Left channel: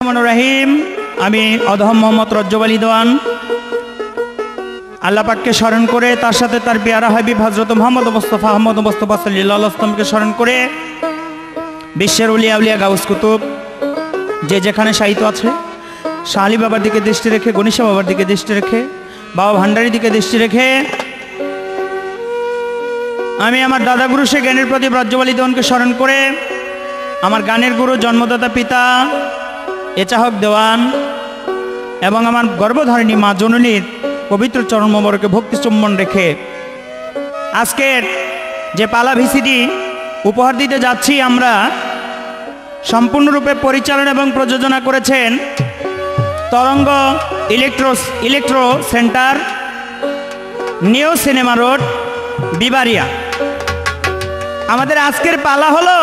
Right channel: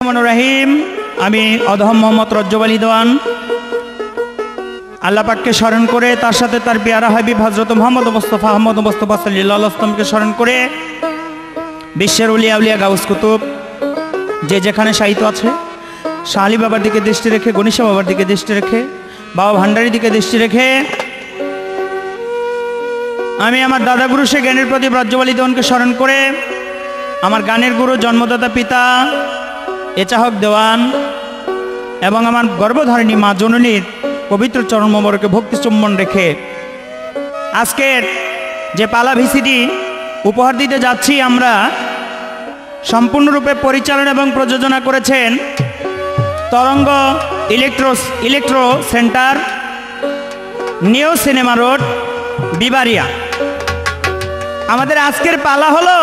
রহিম আমি অধম মোহাম্মদ রজ্জব আলী দেওয়ান আল্লাহ পাককে স্মরণ করে তার সাথে তার পেয়ারা হাবিব হযরত মুহাম্মদ মুস্তাফা সাল্লাল্লাহু আলাইহি ওয়াসাল্লামকে স্মরণ করে বিশ্বের উলিয়া উলিয়া গাউস কুতুব যে যেখানে শায়িত আছে শাহ আলী বাবার দিকে দৃষ্টি রেখে গণেশ বাবার দিকে দৃষ্টি রেখে বাবা ভান্ডারীর দিকে দৃষ্টি রেখে আমি আমার দাদা গুরু শেখ জ্ঞানের প্রদীপ রজ্জব আলী দেওয়ানকে স্মরণ করে আমার গানের গুরু জন্মদাতা পিতা এচাহক দেওয়ান এবং আমার গর্ভধারিণী মা জননীর পবিত্র চরণ মোবারকে ভক্তি চুম্বন রেখে আজকের যে পালা ভিসিডি উপহার দিতে যাচ্ছি আমরা সম্পূর্ণরূপে পরিচালনা এবং প্রযোজনা করেছেন Taranga electro centre new cinema road Bibaria. আমাদের আজকের পালা হলো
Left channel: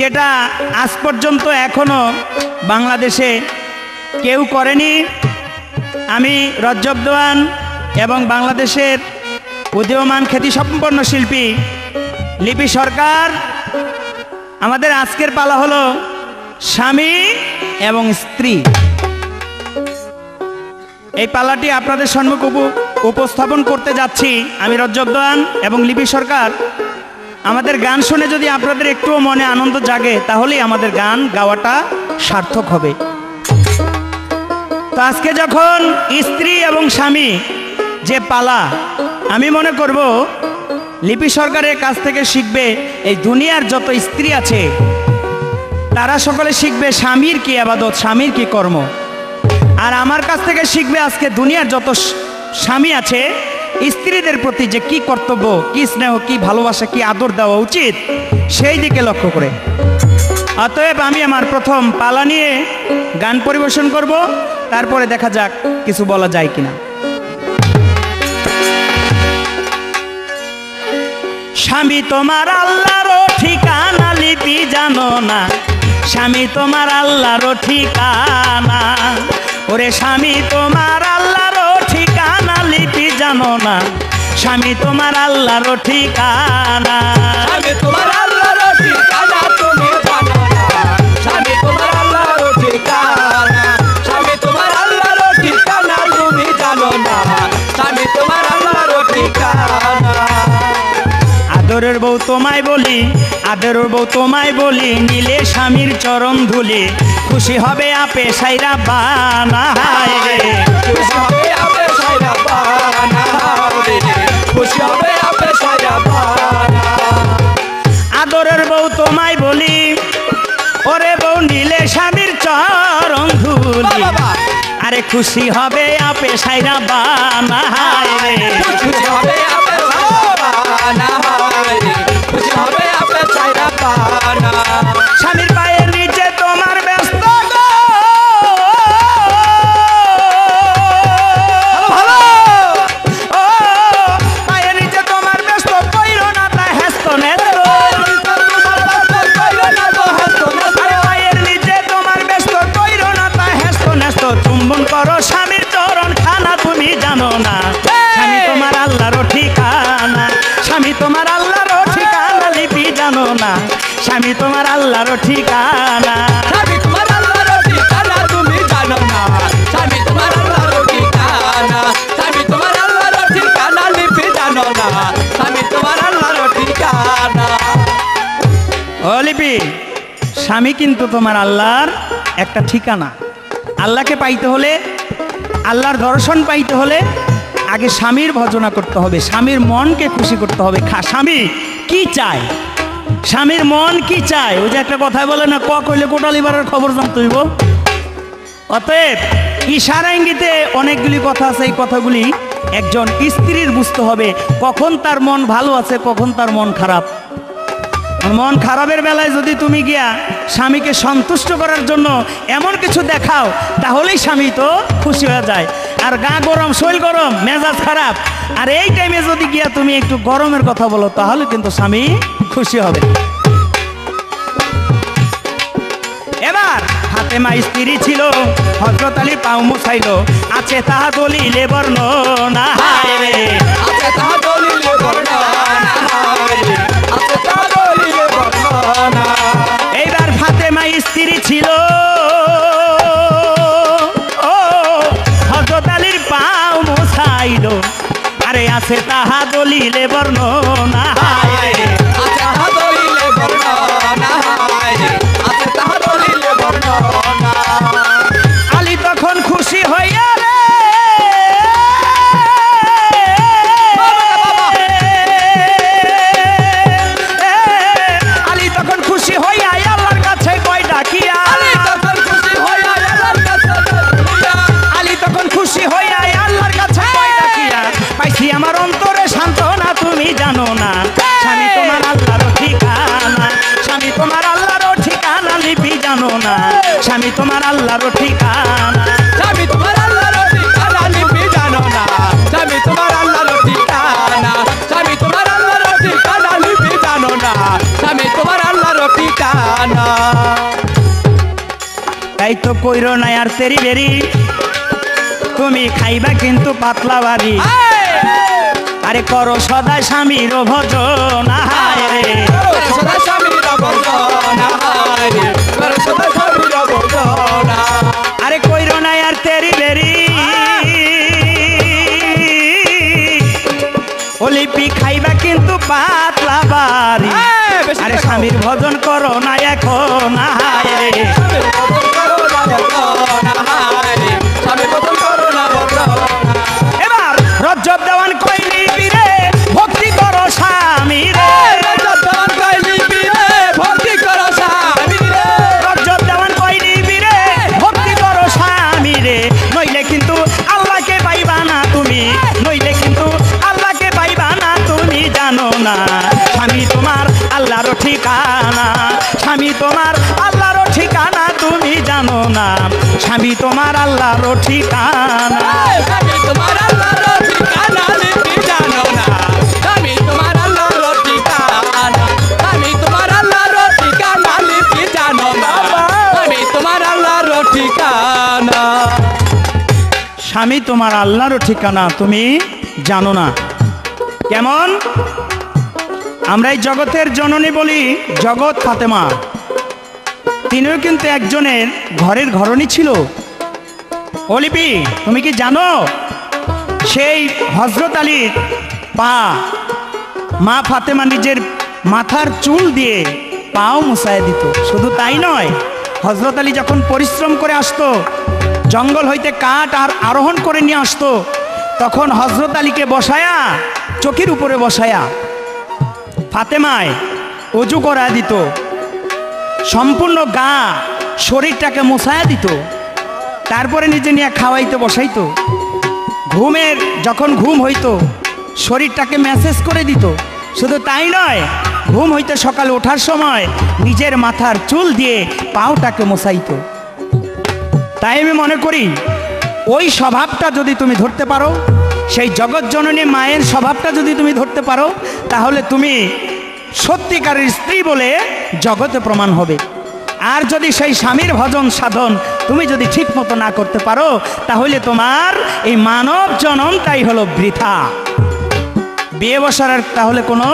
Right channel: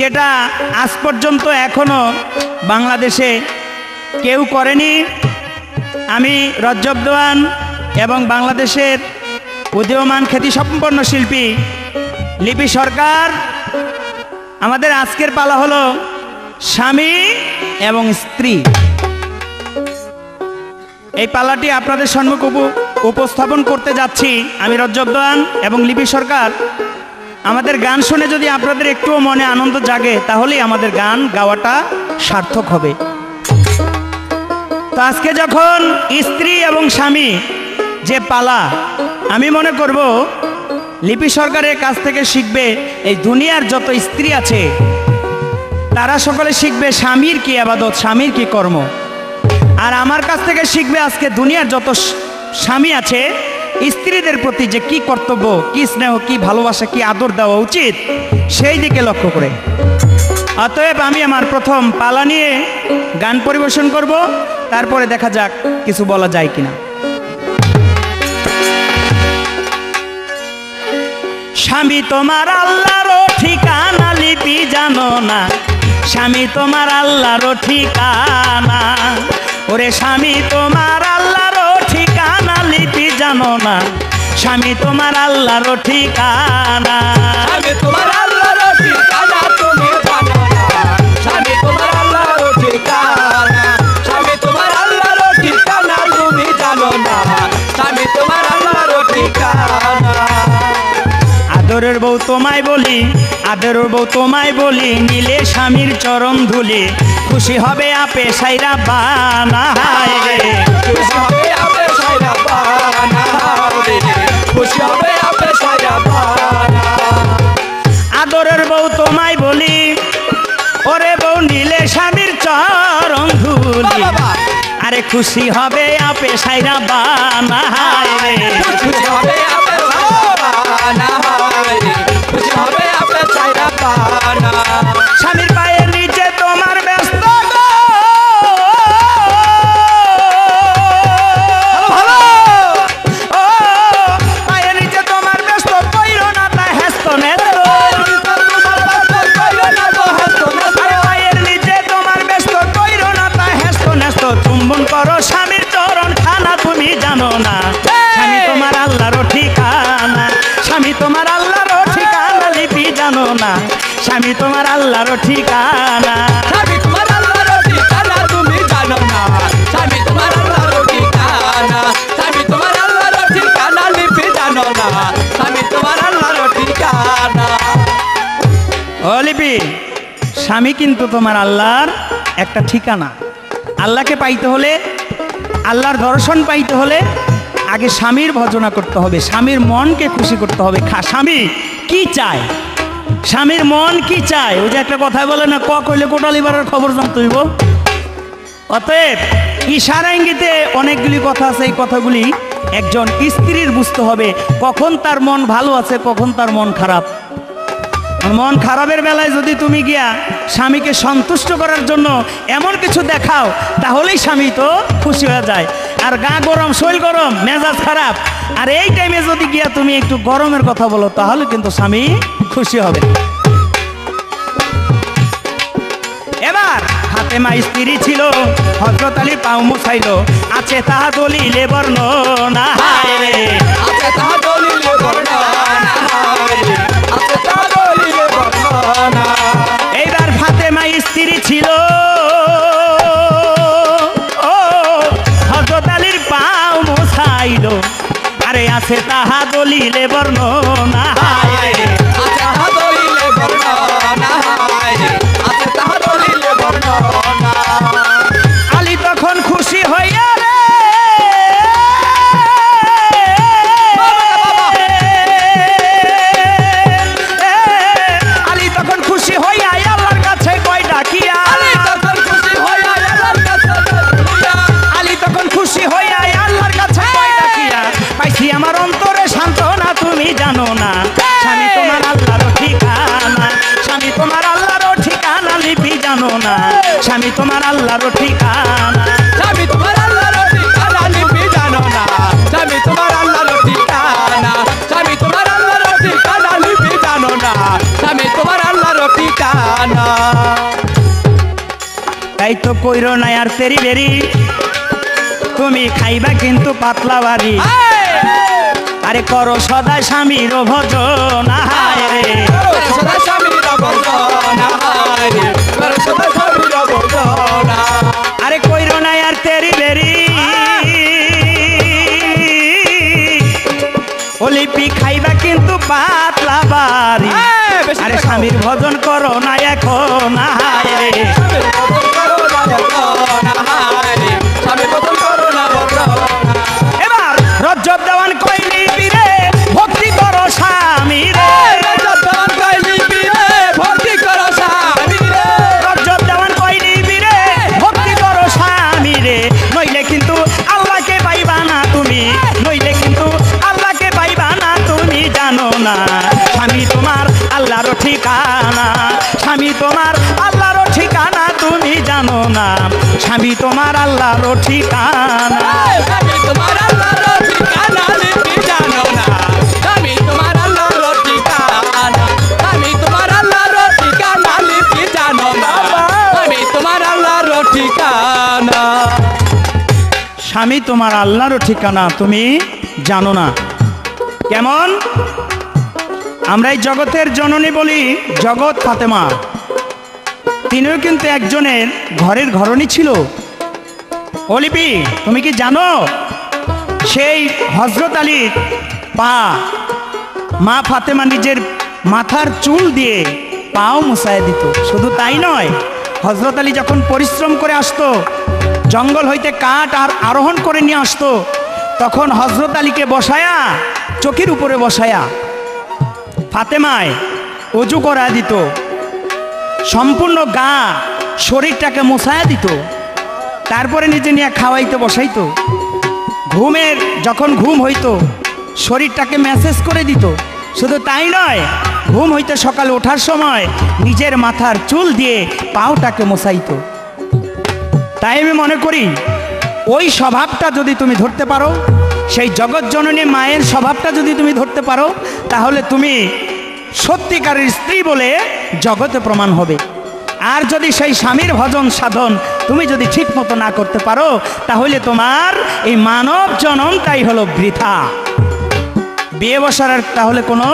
যেটা আজ পর্যন্ত এখনো বাংলাদেশে কেউ করেনি। আমি রজ্জব দেওয়ান এবং বাংলাদেশের উদীয়মান খ্যাতিসম্পন্ন শিল্পী লিপি সরকার, আমাদের আজকের পালা হলো স্বামী এবং স্ত্রী। এই পালাটি আপনাদের সম্মুখে উপস্থাপন করতে যাচ্ছি আমি রজ্জব দেওয়ান এবং লিপি সরকার। আমাদের গান শুনে যদি আপনাদের একটুও মনে আনন্দ জাগে তাহলেই আমাদের গান গাওয়াটা সার্থক হবে। তো আজকে যখন স্ত্রী এবং স্বামী যে পালা, আমি মনে করব লিপি সরকারের কাছ থেকে শিখবে এই দুনিয়ার যত স্ত্রী আছে তারা সকলে শিখবে স্বামীর কি ইবাদত, স্বামীর কি কর্ম। আর আমার কাছ থেকে শিখবে আজকে দুনিয়ার যত স্বামী আছে স্ত্রীদের প্রতি যে কি কর্তব্য, কি স্নেহ, কি ভালোবাসা, কি আদর দেওয়া উচিত সেই দিকে লক্ষ্য করে। অতএব আমি আমার প্রথম পালা নিয়ে গান পরিবেশন করব, তারপরে দেখা যাক কিছু বলা যায় কিনা। স্বামী তোমার আল্লাহর ঠিকানা লিপি জানো না, স্বামী তোমার আল্লাহর ঠিকানা। ওরে স্বামী তোমার আল্লাহর ঠিকানা লিপি জানো না, স্বামী তোমার আল্লাহর ঠিকানা। স্বামী তোমার আল্লাহর ঠিকানা তুমি জানো না, স্বামী তোমার আল্লাহর ঠিকানা। স্বামী তোমার আল্লাহর ঠিকানা তুমি জানো না, স্বামী তোমার আল্লাহর ঠিকানা। আদরের বউ তোমায় বলি, আদরের বউ তোমায় বলি, নিলে স্বামীর চরণ ধুলে খুশি হবে আপে সাইরা বানা। খুশি হবে আপে সাইরা বানা, খুশি হবে আপে সাইরা বানা। আদরের বউ তোমায় বলি, ওরে বউ নিলে স্বামীর চরণ ধুলি, আরে খুশি হবে আপে সাইরা বানা। খুশি হবে আপে সাইরা বানা, খুশি হবে আপে সাইরা বানা। স্বামীর পায়ের নিচে তোমার ব্যস্ত চুম্বন করো স্বামীর চরণ খানা তুমি জানো না, স্বামী তোমার আল্লাহর ঠিকানা। স্বামী তোমার আল্লাহর ঠিকানা লিপি জানো না, স্বামী তোমার আল্লাহর ঠিকানা। স্বামী তোমার আল্লাহর ঠিকানা তুমি জানো না, স্বামী তোমার আল্লাহর ঠিকানা। স্বামী তোমার আল্লাহর ঠিকানা লিপি জানো না, স্বামী তোমার আল্লাহর ঠিকানা। ও লিপি, স্বামী কিন্তু তোমার আল্লাহর একটা ঠিকানা। আল্লাহকে পাইতে হলে, আল্লাহর দর্শন পাইতে হলে আগে স্বামীর ভজনা করতে হবে, স্বামীর মনকে খুশি করতে হবে। স্বামী কি চায়, স্বামীর মন কি চায়, ওই যে একটা কথায় বলে না, ক কইলে কোটালি বাড়ার খবর জানতে হইব। অতএব ইশারা ইঙ্গিতে অনেকগুলি কথা আছে, এই কথাগুলি একজন স্ত্রীর বুঝতে হবে কখন তার মন ভালো আছে, কখন তার মন খারাপ। মন খারাপের বেলায় যদি তুমি গিয়া স্বামীকে সন্তুষ্ট করার জন্য এমন কিছু দেখাও তাহলেই স্বামী তো খুশি হয়ে যায়। আর গা গরম, শরীর গরম, মেজাজ খারাপ, আর এই টাইমে যদি গিয়া তুমি একটু গরমের কথা বলো তাহলে কিন্তু স্বামী খুশি হবে। এবার ফাতেমা স্ত্রী ছিল, হযরত আলী পাও মুছাইল, আছে তাহা দলিলে বর্ণনা। আছে তাহা দলিলে বর্ণনা, আছে তাহা দলিলে বর্ণনা। এইবার ফাতেমা স্ত্রী ছিল তোমার আল্লাহর ঠিকানা। স্বামী তোমার আল্লাহর ঠিকানা লিপি জানো না, স্বামী তোমার আল্লাহর ঠিকানা, স্বামী তোমার আল্লাহর ঠিকানা লিপি জানো না, স্বামী তোমার আল্লাহর ঠিকানা। তাই তো কইরো না আর তেরি বেরি, তুমি খাইবা কিন্তু পাতলা বাড়ি। আরে করো সদা স্বামীর ভজন, হায় রে সদা স্বামীর ভজন, হায় রে সদা স্বামীর ভজন। আরে কইরো না আর তেরি বেরি, ওলিপি খাইবা কিন্তু পাতলা বাড়ি। আরে স্বামীর ভজন করো না এখন, হায় রে এবার রজ্জব দেওয়ান কইলি বীরে ভক্তি করো স্বামী রে, রজ্জব দেওয়ান কইলি বীরে ভক্তি করো স্বামী রে, রজ্জব দেওয়ান কইলি বীরে ভক্তি করো স্বামী রে। নইলে কিন্তু আল্লাহকে পাইবা না তুমি, নইলে কিন্তু আল্লাহকে পাইবা না তুমি জানো না। স্বামী তোমার আল্লাহর ঠিকানা, স্বামী তোমার আল্লাহর ঠিকানা তুমি জানো না। স্বামী তোমার আল্লাহর ঠিকানা, স্বামী তোমার আল্লাহর ঠিকানা লিপি জানো না, স্বামী তোমার আল্লাহর ঠিকানা, স্বামী তোমার আল্লাহর ঠিকানা লিপি জানো না, স্বামী তোমার আল্লাহর ঠিকানা। স্বামী তোমার আল্লাহর ঠিকানা তুমি জানো না। কেমন? আমরা এই জগতের জননী বলি জগৎ ফাতেমা, তিনিও কিন্তু একজনের ঘরের ঘরণী ছিল। ওলিপি তুমি কি জানো সেই হযরত আলীর পা মা ফাতেমা নিজের মাথার চুল দিয়ে পাও মুছায় দিত। শুধু তাই নয়, হযরত আলী যখন পরিশ্রম করে আসতো, জঙ্গল হইতে কাঠ আর আরোহণ করে নিয়ে আসতো, তখন হযরত আলীকে বসায়া চকির উপরে বসায়া ফাতেমায় অজু করা দিত, সম্পূর্ণ গা শরীরটাকে মোছায়া দিত, তারপরে নিজে নিয়ে খাওয়াইতে বসাইতো। ঘুমের যখন ঘুম হইতো শরীরটাকে ম্যাসেজ করে দিত। শুধু তাই নয়, ঘুম হইতে সকালে ওঠার সময় নিজের মাথার চুল দিয়ে পাওটাকে মোছাইতো। তাই আমি মনে করি ওই স্বভাবটা যদি তুমি ধরতে পারো, সেই জগৎজননী মায়ের স্বভাবটা যদি তুমি ধরতে পারো, তাহলে তুমি সত্যিকারের স্ত্রী বলে জগতে প্রমাণ হবে। আর যদি সেই স্বামীর ভজন সাধন তুমি যদি ঠিক মতো না করতে পারো, তাহলে তোমার এই মানব জনমটাই হলো বৃথা। বিয়ে বসার আর তাহলে কোনো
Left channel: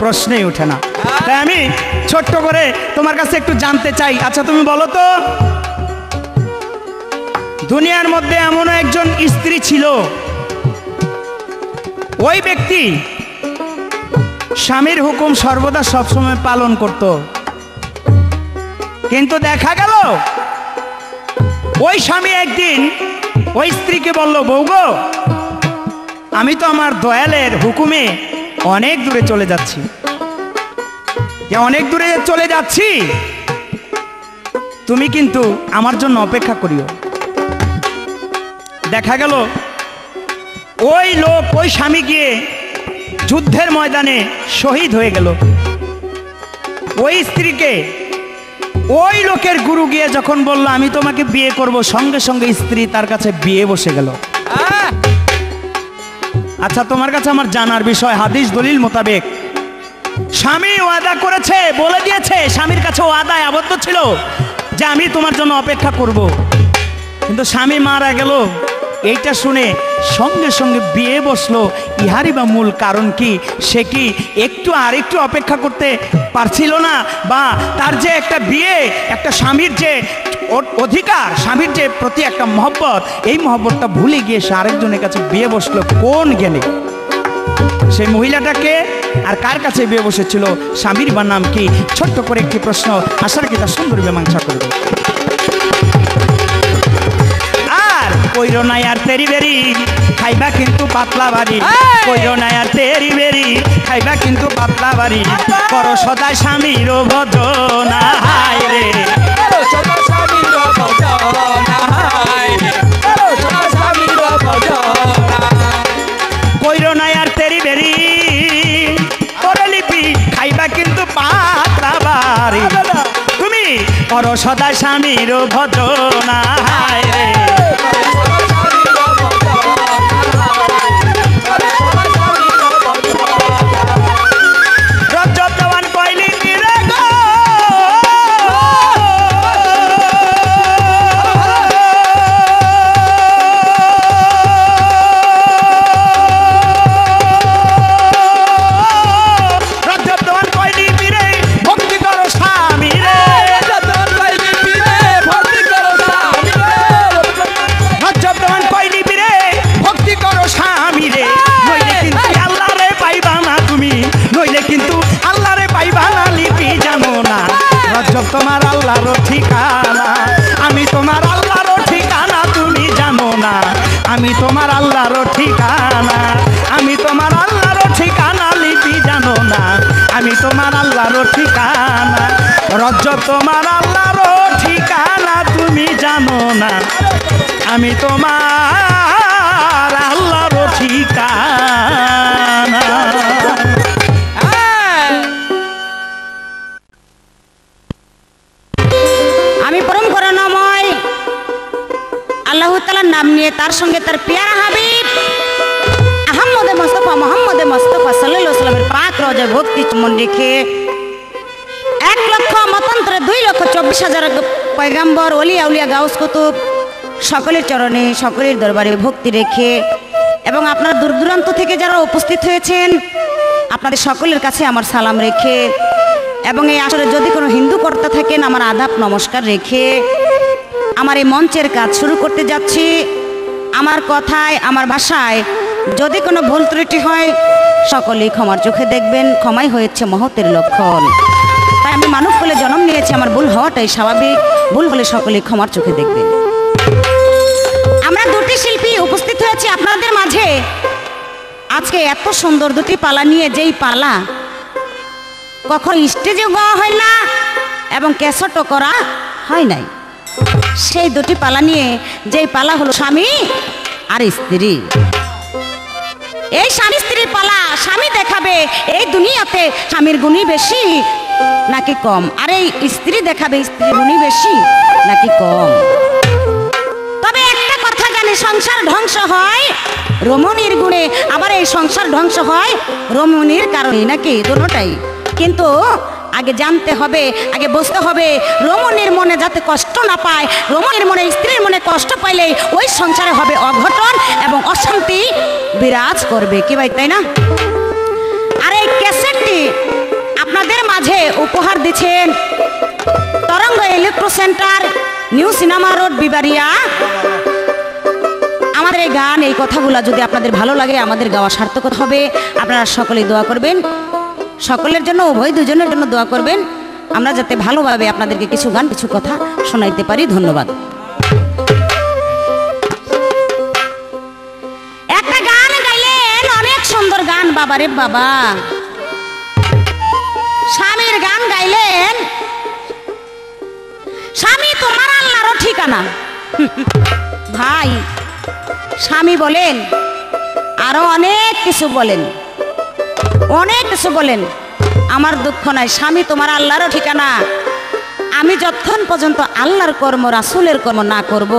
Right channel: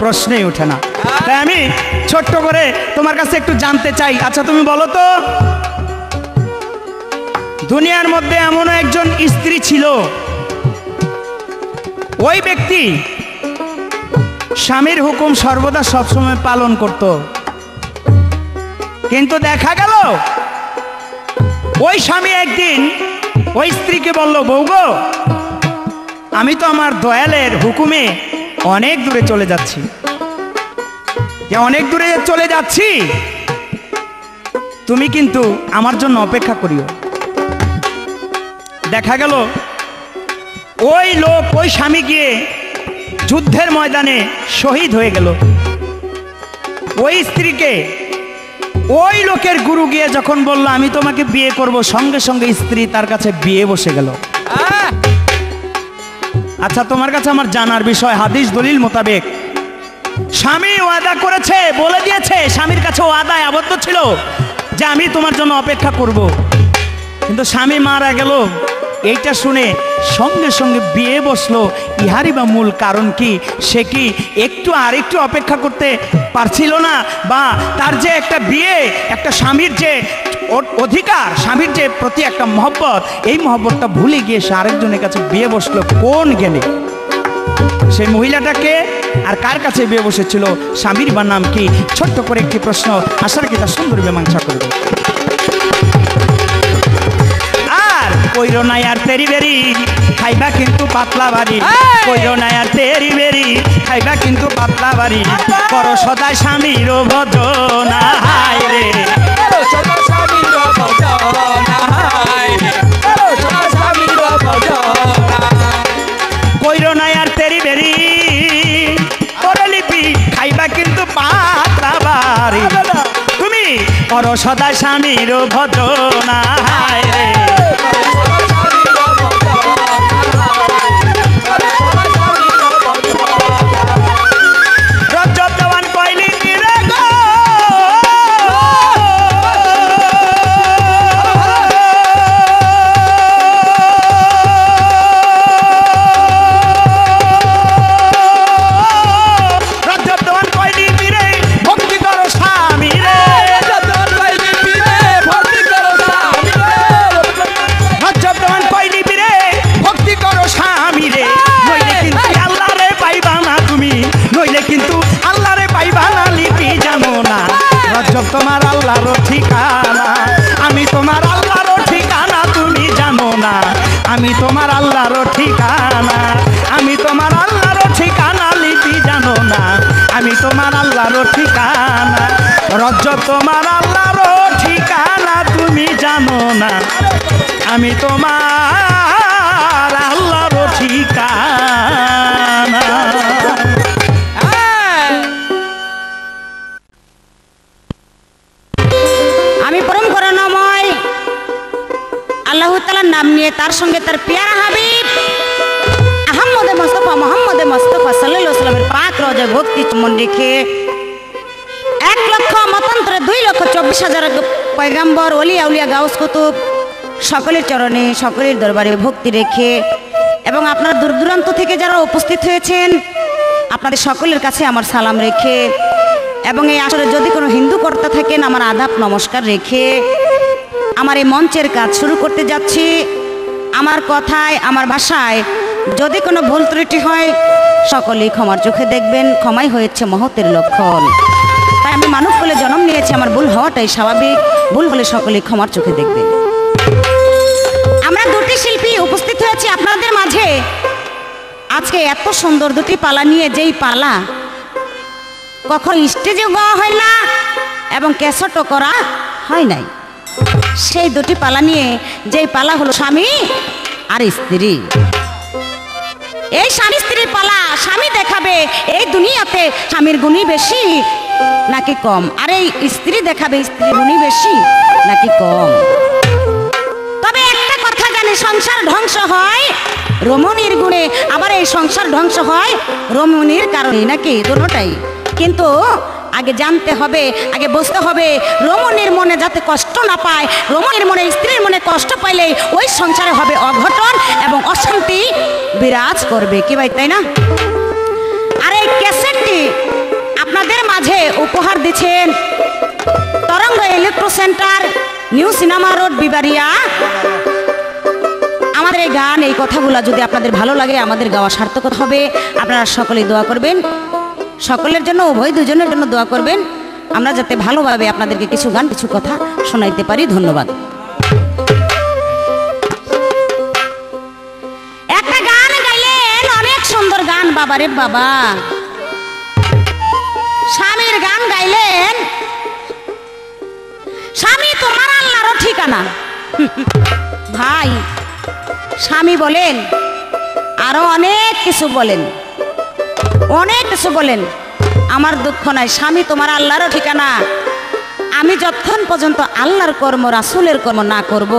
প্রশ্নই ওঠে না। তাই আমি ছোট্ট করে তোমার কাছে একটু জানতে চাই, আচ্ছা তুমি বলো তো, দুনিয়ার মধ্যে এমন একজন স্ত্রী ছিল, ওই ব্যক্তি স্বামীর হুকুম সর্বদা সবসময় পালন করত, কিন্তু দেখা গেল ওই স্বামী একদিন ওই স্ত্রীকে বলল, বউ গো, আমি তো আমার দয়ালের হুকুমে অনেক দূরে চলে যাচ্ছি, অনেক দূরে চলে যাচ্ছি, তুমি কিন্তু আমার জন্য অপেক্ষা করিও। দেখা গেল ওই লোক, ওই স্বামী গিয়ে যুদ্ধের ময়দানে শহীদ হয়ে গেল। ওই স্ত্রীকে ওই লোকের গুরু গিয়ে যখন বলল আমি তোমাকে বিয়ে করব, সঙ্গে সঙ্গে স্ত্রী তার কাছে বিয়ে বসে গেল। আচ্ছা তোমার কাছে আমার জানার বিষয়, হাদিস দলিল মোতাবেক স্বামী ওয়াদা করেছে, বলে দিয়েছে, স্বামীর কাছে ওয়াদায় আবদ্ধ ছিল যে আমি তোমার জন্য অপেক্ষা করব, কিন্তু স্বামী মারা গেল। এইটা শুনে সঙ্গে সঙ্গে বিয়ে বসলো। ইহারই বা মূল কারণ কি? সে কি একটু আর একটু অপেক্ষা করতে পারছিল না? বা তার যে একটা বিয়ে, একটা স্বামীর যে অধিকার, স্বামীর যে প্রতি একটা মহব্বত, এই মহব্বতটা ভুলে গিয়ে সে আরেকজনের কাছে বিয়ে বসলো কোন জ্ঞানে? সেই মহিলাটাকে আর কার কাছে বিয়ে বসেছিল? স্বামীর বা নাম কি? ছোট্ট করে একটি প্রশ্ন, আশার কি তা সুন্দর মীমাংসা করবে। আর কইরো না আর তেরি বেরি, খাইবা কিন্তু পাতলা বাড়ি। কইরো না আর তেরি বেরি, খাইবা কিন্তু পাতলা বাড়ি। করো সদা স্বামীর ভজন, হায় রে সদা স্বামীর ভজন, হায় রে সদা স্বামীর ভজন। কইরো না আর তেরি বেরি, ওরে লিপি খাইবা কিন্তু পাতলা বাড়ি। তুমি করো সদা স্বামীর ভজনা হায় রে রজব দেওয়ান কইলি রে গো রজব তোমার আল্লাহর ঠিকানা আমি তোমার আল্লাহর ঠিকানা তুমি জানো না আমি তোমার আল্লাহর ঠিকানা আমি তোমার আল্লাহর ঠিকানা লিপি জানো না আমি তোমার আল্লাহর ঠিকানা রজব তোমার আল্লাহর ঠিকানা তুমি জানো না আমি তোমার আল্লাহর ঠিকানা আল্লাহ তাআলার নাম নিয়ে তার সঙ্গে তার পেয়ারা হাবিব আহমদে মুস্তাফা মুহাম্মদে মুস্তাফা সাল্লাল্লাহু আলাইহি ওয়াসাল্লামের পাক রোজায় ভক্তি চুম্বন রেখে 1 লক্ষ মতান্তরে 2,24,000 পয়গম্বর ওলি আউলিয়া গাউস কুতুব সকলের চরণে সকলের দরবারে ভক্তি রেখে এবং আপনারা দূর দূরান্ত থেকে যারা উপস্থিত হয়েছেন আপনাদের সকলের কাছে আমার সালাম রেখে এবং এই আসরে যদি কোনো হিন্দু কর্তা থাকেন আমার আদাব নমস্কার রেখে আমার এই মঞ্চের কাজ শুরু করতে যাচ্ছি। আমার কথায় আমার ভাষায় যদি কোনো ভুল ত্রুটি হয় সকলেই ক্ষমার চোখে দেখবেন, ক্ষমাই হয়েছে মহতের লক্ষণ। তাই আমি মানব বলে জন্ম নিয়েছি, আমার ভুল হওয়াটাই স্বাভাবিক, ভুল হলে সকলেই ক্ষমার চোখে দেখবেন। আমরা দুটি শিল্পী উপস্থিত হয়েছি আপনাদের মাঝে আজকে এত সুন্দর দুটি পালা নিয়ে, যেই পালা কখনো স্টেজেও গাওয়া হয় না এবং ক্যাসেটও করা হয় নাই। সেই দুটি পালা নিয়ে, যেই পালা হলো স্বামী আর স্ত্রী। এই স্বামী স্ত্রীর পালা, স্বামী দেখাবে এই দুনিয়াতে স্বামীর গুণই বেশি নাকি কম, আর এই স্ত্রী দেখাবে স্ত্রীর গুণই বেশি নাকি কম। তবে একটা কথা জানি, সংসার ধ্বংস হয় রমণীর গুণে, আবার এই সংসার ধ্বংস হয় রমণীর কারণে, নাকি দুটোটাই। কিন্তু আগে জানতে হবে, আগে বুঝতে হবে রমণীর মনে যাতে কষ্ট না পায়, রমণীর মনে স্ত্রীর মনে কষ্ট পাইলে ওই সংসারে হবে অঘটন এবং অশান্তি বিরাজ করবে, কি ভাই তাই না? আর এই ক্যাসেটটি আপনাদের মাঝে উপহার দিচ্ছেন Taranga electro centre, new cinema road, Bibaria. আমাদের এই গান, এই কথাগুলো যদি আপনাদের ভালো লাগে, আমাদের গাওয়া সার্থক হবে। আপনারা সকলেই দোয়া করবেন, সকলের জন্য, উভয় দুজনের জন্য দোয়া করবেন, আমরা যাতে ভালোভাবে আপনাদেরকে কিছু গান কিছু কথা শোনাইতে পারি। ধন্যবাদ। একটা গান গাইলেন, অনেক সুন্দর গান, বাবারে বাবা। স্বামীর গান গাইলেন, স্বামী তোমার আল্লাহর ঠিকানা। ভাই, স্বামী বলেন, আরো অনেক কিছু বলেন, অনেক কিছু বলেন, আমার দুঃখ নাই, স্বামী তোমার আল্লাহর ঠিকানা। আমি যতক্ষণ পর্যন্ত আল্লাহর কর্ম, রাসূলের কর্ম না করব,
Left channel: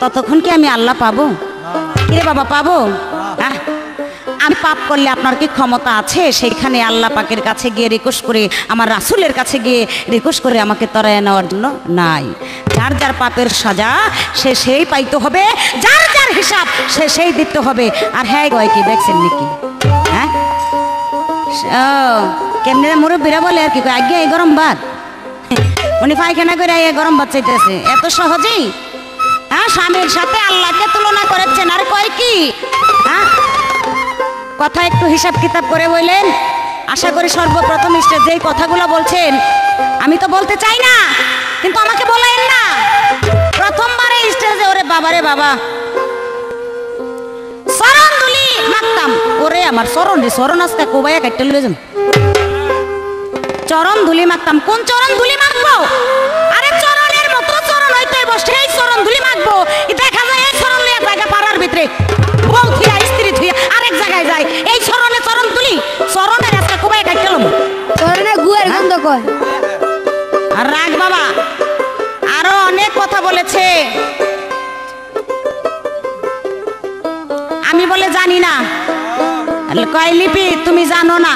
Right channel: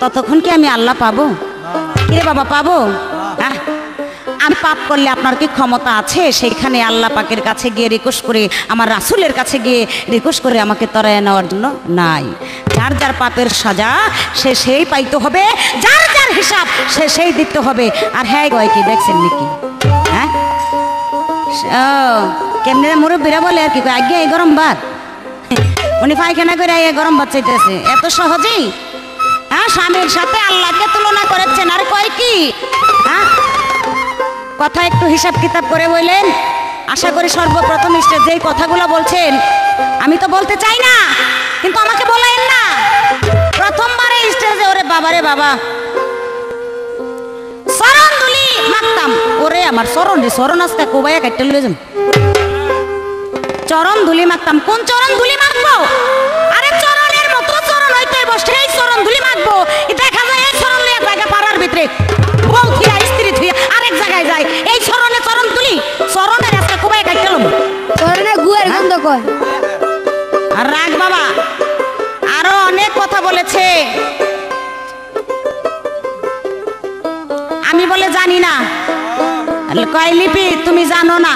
ততক্ষণ কি আমি আল্লাহ পাবো? রে বাবা, পাবো? আমি পাপ করলে আপনার কি ক্ষমতা আছে সেইখানে আল্লাহ পাকের কাছে গিয়ে রিকোয়েস্ট করে, আমার রাসূলের কাছে গিয়ে রিকোয়েস্ট করে আমাকে তরায় নেওয়ার জন্য? নাই। যার যার পাপের সাজা সে সেই পাইতে হবে, যার যার হিসাব সে সেই দিতে হবে। আর হ্যাঁ গয় কি দেখছেন নাকি? হ্যাঁ, কেমনে মুরব্বীরা বলে আর কি, আগে এই গরম ভাত, উনি পায়খানা করে গরম ভাত চাইতেছে এত সহজেই। হ্যাঁ, স্বামীর সাথে আল্লাহকে তুলনা করেছেন, আর কয় কি? হ্যাঁ, কথা একটু হিসাব কিতাব করে বললেন। আশা করি সর্বপ্রথম স্টেজে যেই কথাগুলো বলছেন, আমি তো বলতে চাই না, কিন্তু আমাকে বলেন না। প্রথমবারে স্টেজে ওরে বাবারে বাবা চরণ ধুলি মাখতাম, ওরে আমার চরণ রে, চরণ আজকে কোবাইয়া কাটতে লয়ে যাম, চরণ ধুলি মাখতাম। কোন চরণ ধুলি মাখবো? আরে চরণের মতো চরণ হইতে সেই চরণ ধুলি মাখবো। দেখা যায় এই চরণ লইয়া জায়গা পাড়ার ভিতরে বউ থিয়া স্ত্রী থিয়া আরেক জায়গায় যায়, এই চরণে চরণ তুলি, চরণের আজকে কোবাইয়া কাটতে লম, চরণে গুয়ের গন্ধ কয়। আর রাগ বাবা, বলেছে, আমি বলে জানি না। কয় লিপি তুমি জানো না?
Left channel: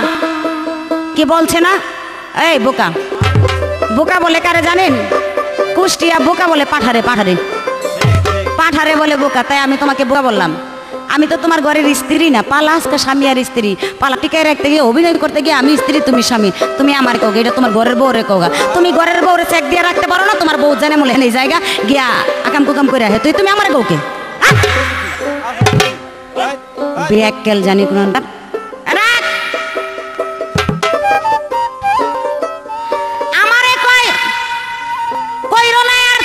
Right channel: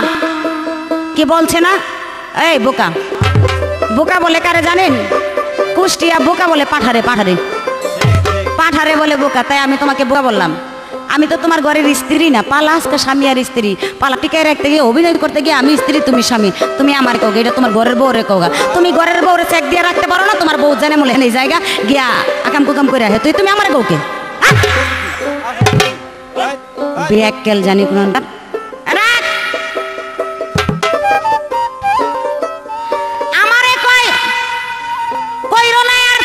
কি বলছে না? এই বোকা, বোকা বলে কারে জানেন? কুষ্টিয়া বোকা বলে পাঠারে, পাঠারে পাঠারে বলে বোকা। তাই আমি তোমাকে বোকা বললাম। আমি তো তোমার ঘরের স্ত্রী না, পালা আজকে স্বামী আর স্ত্রী। পালা টিকায় রাখতে গিয়ে, অভিনয় করতে গিয়ে আমি স্ত্রী তুমি স্বামী। তুমি আমার কৌগা, এটা তোমার ঘরের বউরে কৌগা। তুমি ঘরের বউরে চেক দিয়ে রাখতে পারো না? তোমার বউ জানে মনে এই জায়গা গিয়া আকাম কুকাম করে আহে, তুই তুমি আমার কৌকে বেয়াক্কেল জানি কোন আমারে কয় কইরো না আর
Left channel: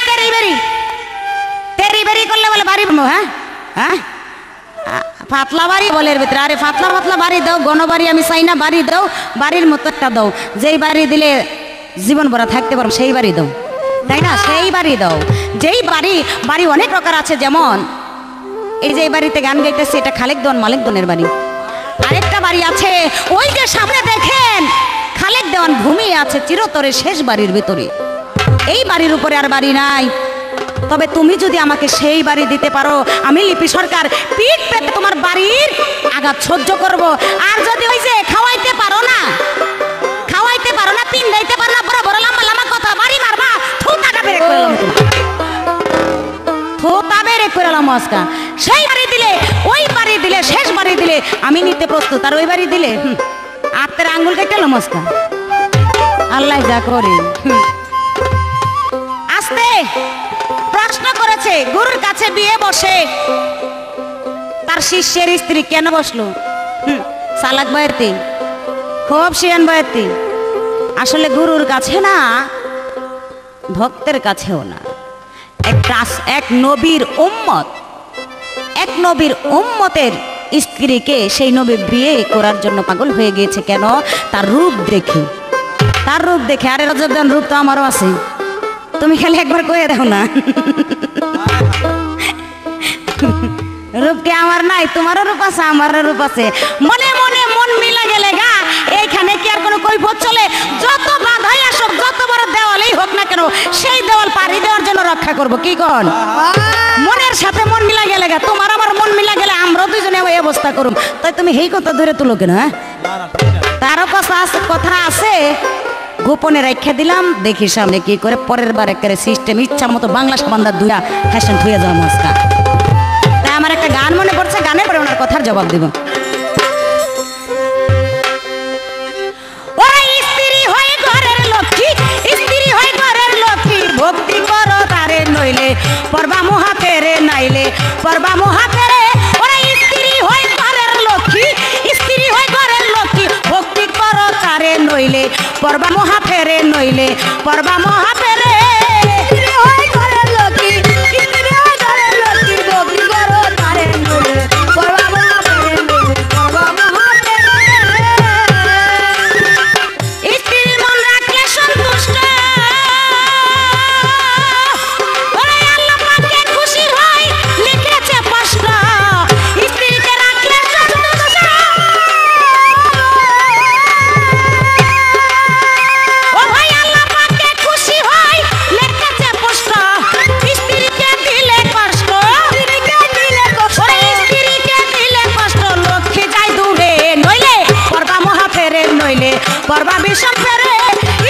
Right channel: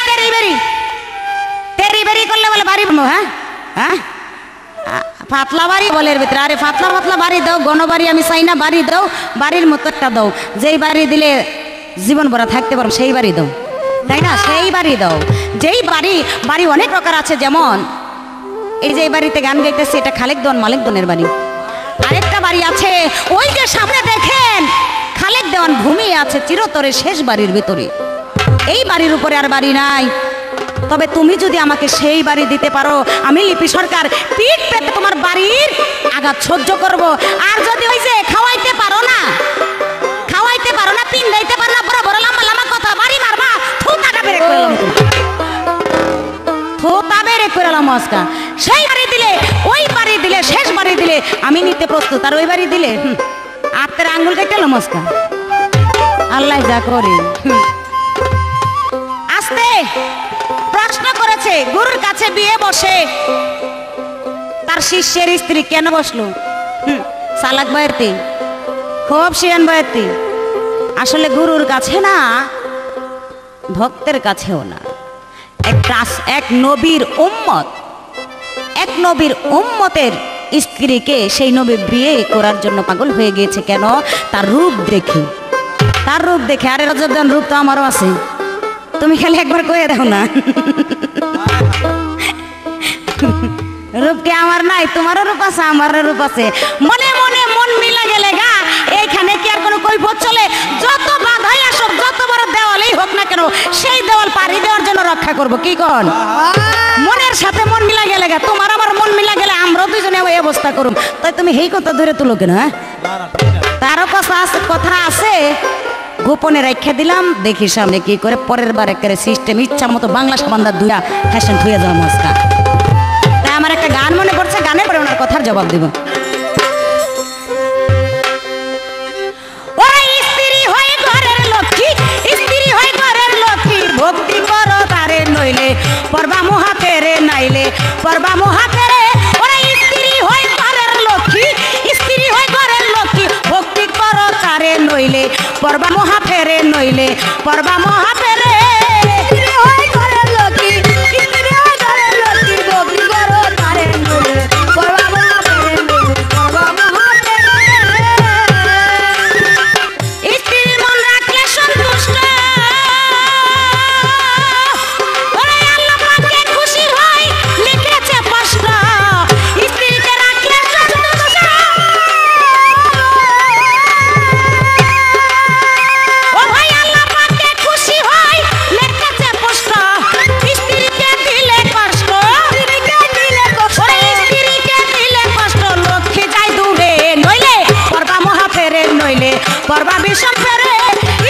তেরি বেরি করলে বলে বাড়ি। হ্যাঁ হ্যাঁ, পাতলা বাড়ি বলে এর ভিতরে। আরে পাতলা পাতলা বাড়ি দাও, গণবাড়ি আমি চাই না। বাড়ি দাও, বাড়ির মতো একটা দাও, যেই বাড়ি দিলে জীবন ভরা থাকতে পারো সেই বাড়ি দাও, তাই না? সেই বাড়ি দাও। যেই বাড়ি, বাড়ি অনেক প্রকার আছে, যেমন এই যে এই বাড়িতে গান গাইতেছে, এটা খালেক দেওয়ান মালিক দনের বাড়ি। আরেকটা বাড়ি আছে ওই যে সামনে দেখেন, খালেক দেওয়ান ভূমি আছে চিরতরে শেষ বাড়ির ভিতরে। এই বাড়ির উপরে আর বাড়ি নাই। তবে তুমি যদি আমাকে সেই বাড়ি দিতে পারো, আমি লিপি সরকার পিঠ পেতে তোমার বাড়ির আঘাত সহ্য করব। আর যদি ওই যে খাওয়াইতে পারো না, পিন্দাইতে পারো না, বড় বড় লম্বা লম্বা কথা বাড়ি মারবা, থুতাটা বেরে করলাম, থুতা বেরে করলাম আজকা। সেই বাড়ি দিলে, ওই বাড়ি দিলে, শেষ বাড়ি দিলে আমি নিতে প্রস্তুত। আর ওই বাড়ি দিলে আত্মের আঙ্গুল কেটে এলাম আজকা। আল্লাহ যা করে। আস্তে প্রশ্ন করেছে, গুরুর কাছে বিয়ে বসে তার শিষ্যের স্ত্রী কেন বসলো? চালাক বয়াতি, খুব শিয়ান বয়াতি। আসলে গুরুর কাছে না, ভক্তের কাছেও না, এক নবীর উম্মতের স্ত্রীকে সেই নবী বিয়ে করার জন্য পাগল হয়ে গিয়েছে। কেন? তার রূপ দেখে, তার রূপ দেখে। আরে রজবদান রূপ তো আমারও আছে, তুমি খালি একবার কয়ে দেখো না। রূপ কি আমার নাই? তোমারও রূপ আছে, আমারও রূপ আছে। মনে মনে মন মিলা গেলে গা, এইখানে কি আর কোনো কৈফিয়ত চলে? যত বাধাই আসুক, যত বড় দেওয়ালেই হোক না কেন, সেই দেওয়াল পাড়ি দেওয়ার জন্য রক্ষা করব। কি কন? মনের সাথে মন মিলা গেলে গা, তোমার আমার মন মিলা গেলে আমরাও দুজনে ওই অবস্থা করুম। তাই তুমি এই কথা ধরে তুলো কেন? হ্যাঁ, তারও কথা আছে, গোপনে রেখে দিলাম, দেখি সামনে কি করে। পরের বার একেবারে সিস্টেম ইচ্ছা মতো বাংলা সাবান্দা দুইটা ফ্যাশন থুয়ে যাওয়া মস্কা। তাই আমার একটা গান মনে পড়ছে, গানের পরে ওনার কথার জবাব দিব। স্ত্রী হয়ে ঘরের লক্ষ্মী, স্ত্রী হয়ে ঘরের লক্ষ্মী, ভক্তি করো তারে নইলে পরবা মহাতেরে, নাইলে পরবা মহাতেরে। ওরা স্ত্রী হয়ে ঘরের লক্ষ্মী, স্ত্রী হয়ে ঘরের লক্ষ্মী, ভক্তি করো তারে নইলে পরবা মহাতেরে, নইলে পরবা মহাতেরে। পরবা বিষম ফেরে,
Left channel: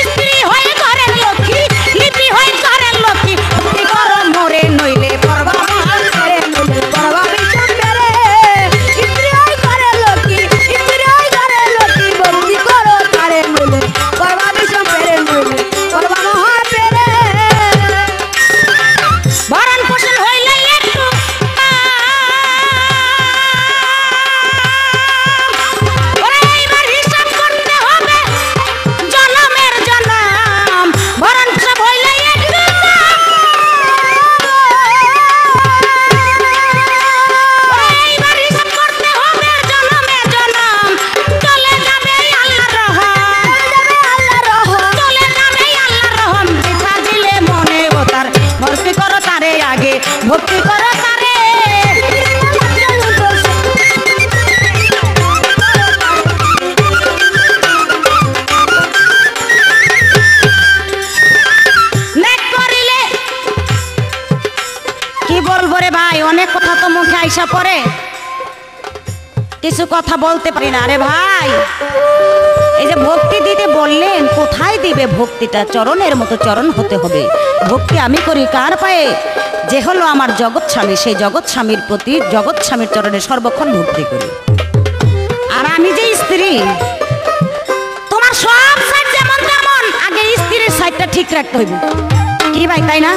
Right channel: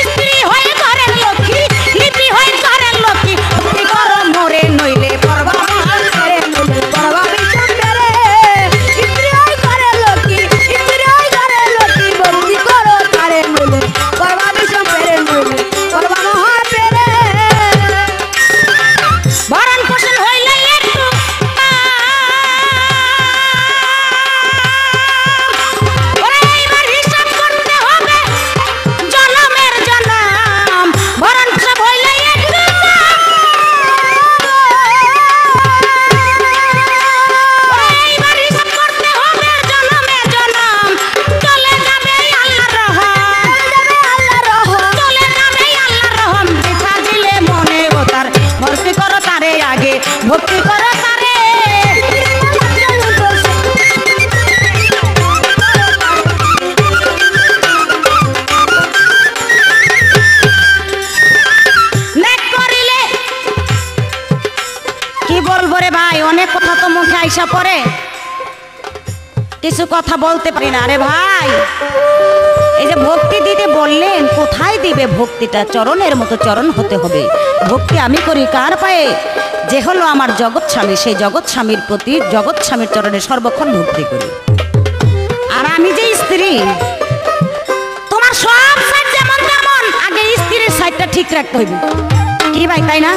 স্ত্রী হয়ে ঘরের লক্ষ্মী, লিপি হয়ে ঘরের লক্ষ্মী, ভক্তি করো মোরে নইলে পরবা ফেরে, পরবা বিষম ফেরে। স্ত্রী হয়ে ঘরের লক্ষ্মী, স্ত্রী হয়ে ঘরের লক্ষ্মী, ভক্তি করো তারে নইলে পরবা বিষম ফেরে, নইলে পরবা মহা ফেরে। ভরণ পোষণ হইলে একটু ভক্তি করো তারে। নেক করিলে বলবো রে ভাই, অনেক কথা তো মুখে আইসা পড়ে, কিছু কথা বলতে পারি না রে ভাই। এই যে ভক্তি দিতে বললেন, কোথায় দিবে ভক্তিটা? চরণের মতো চরণ হতে হবে। ভক্তি আমি করি কার পায়ে? যে হলো আমার জগৎ স্বামী, সেই জগৎ স্বামীর প্রতি জগৎ স্বামীর চরণে সর্বক্ষণ ভক্তি করি। আর আমি যে স্ত্রী, তোমার সব সাইড যেমন তেমন, আগে স্ত্রীর সাইডটা ঠিক রাখতে হইবে কি ভাই, তাই না?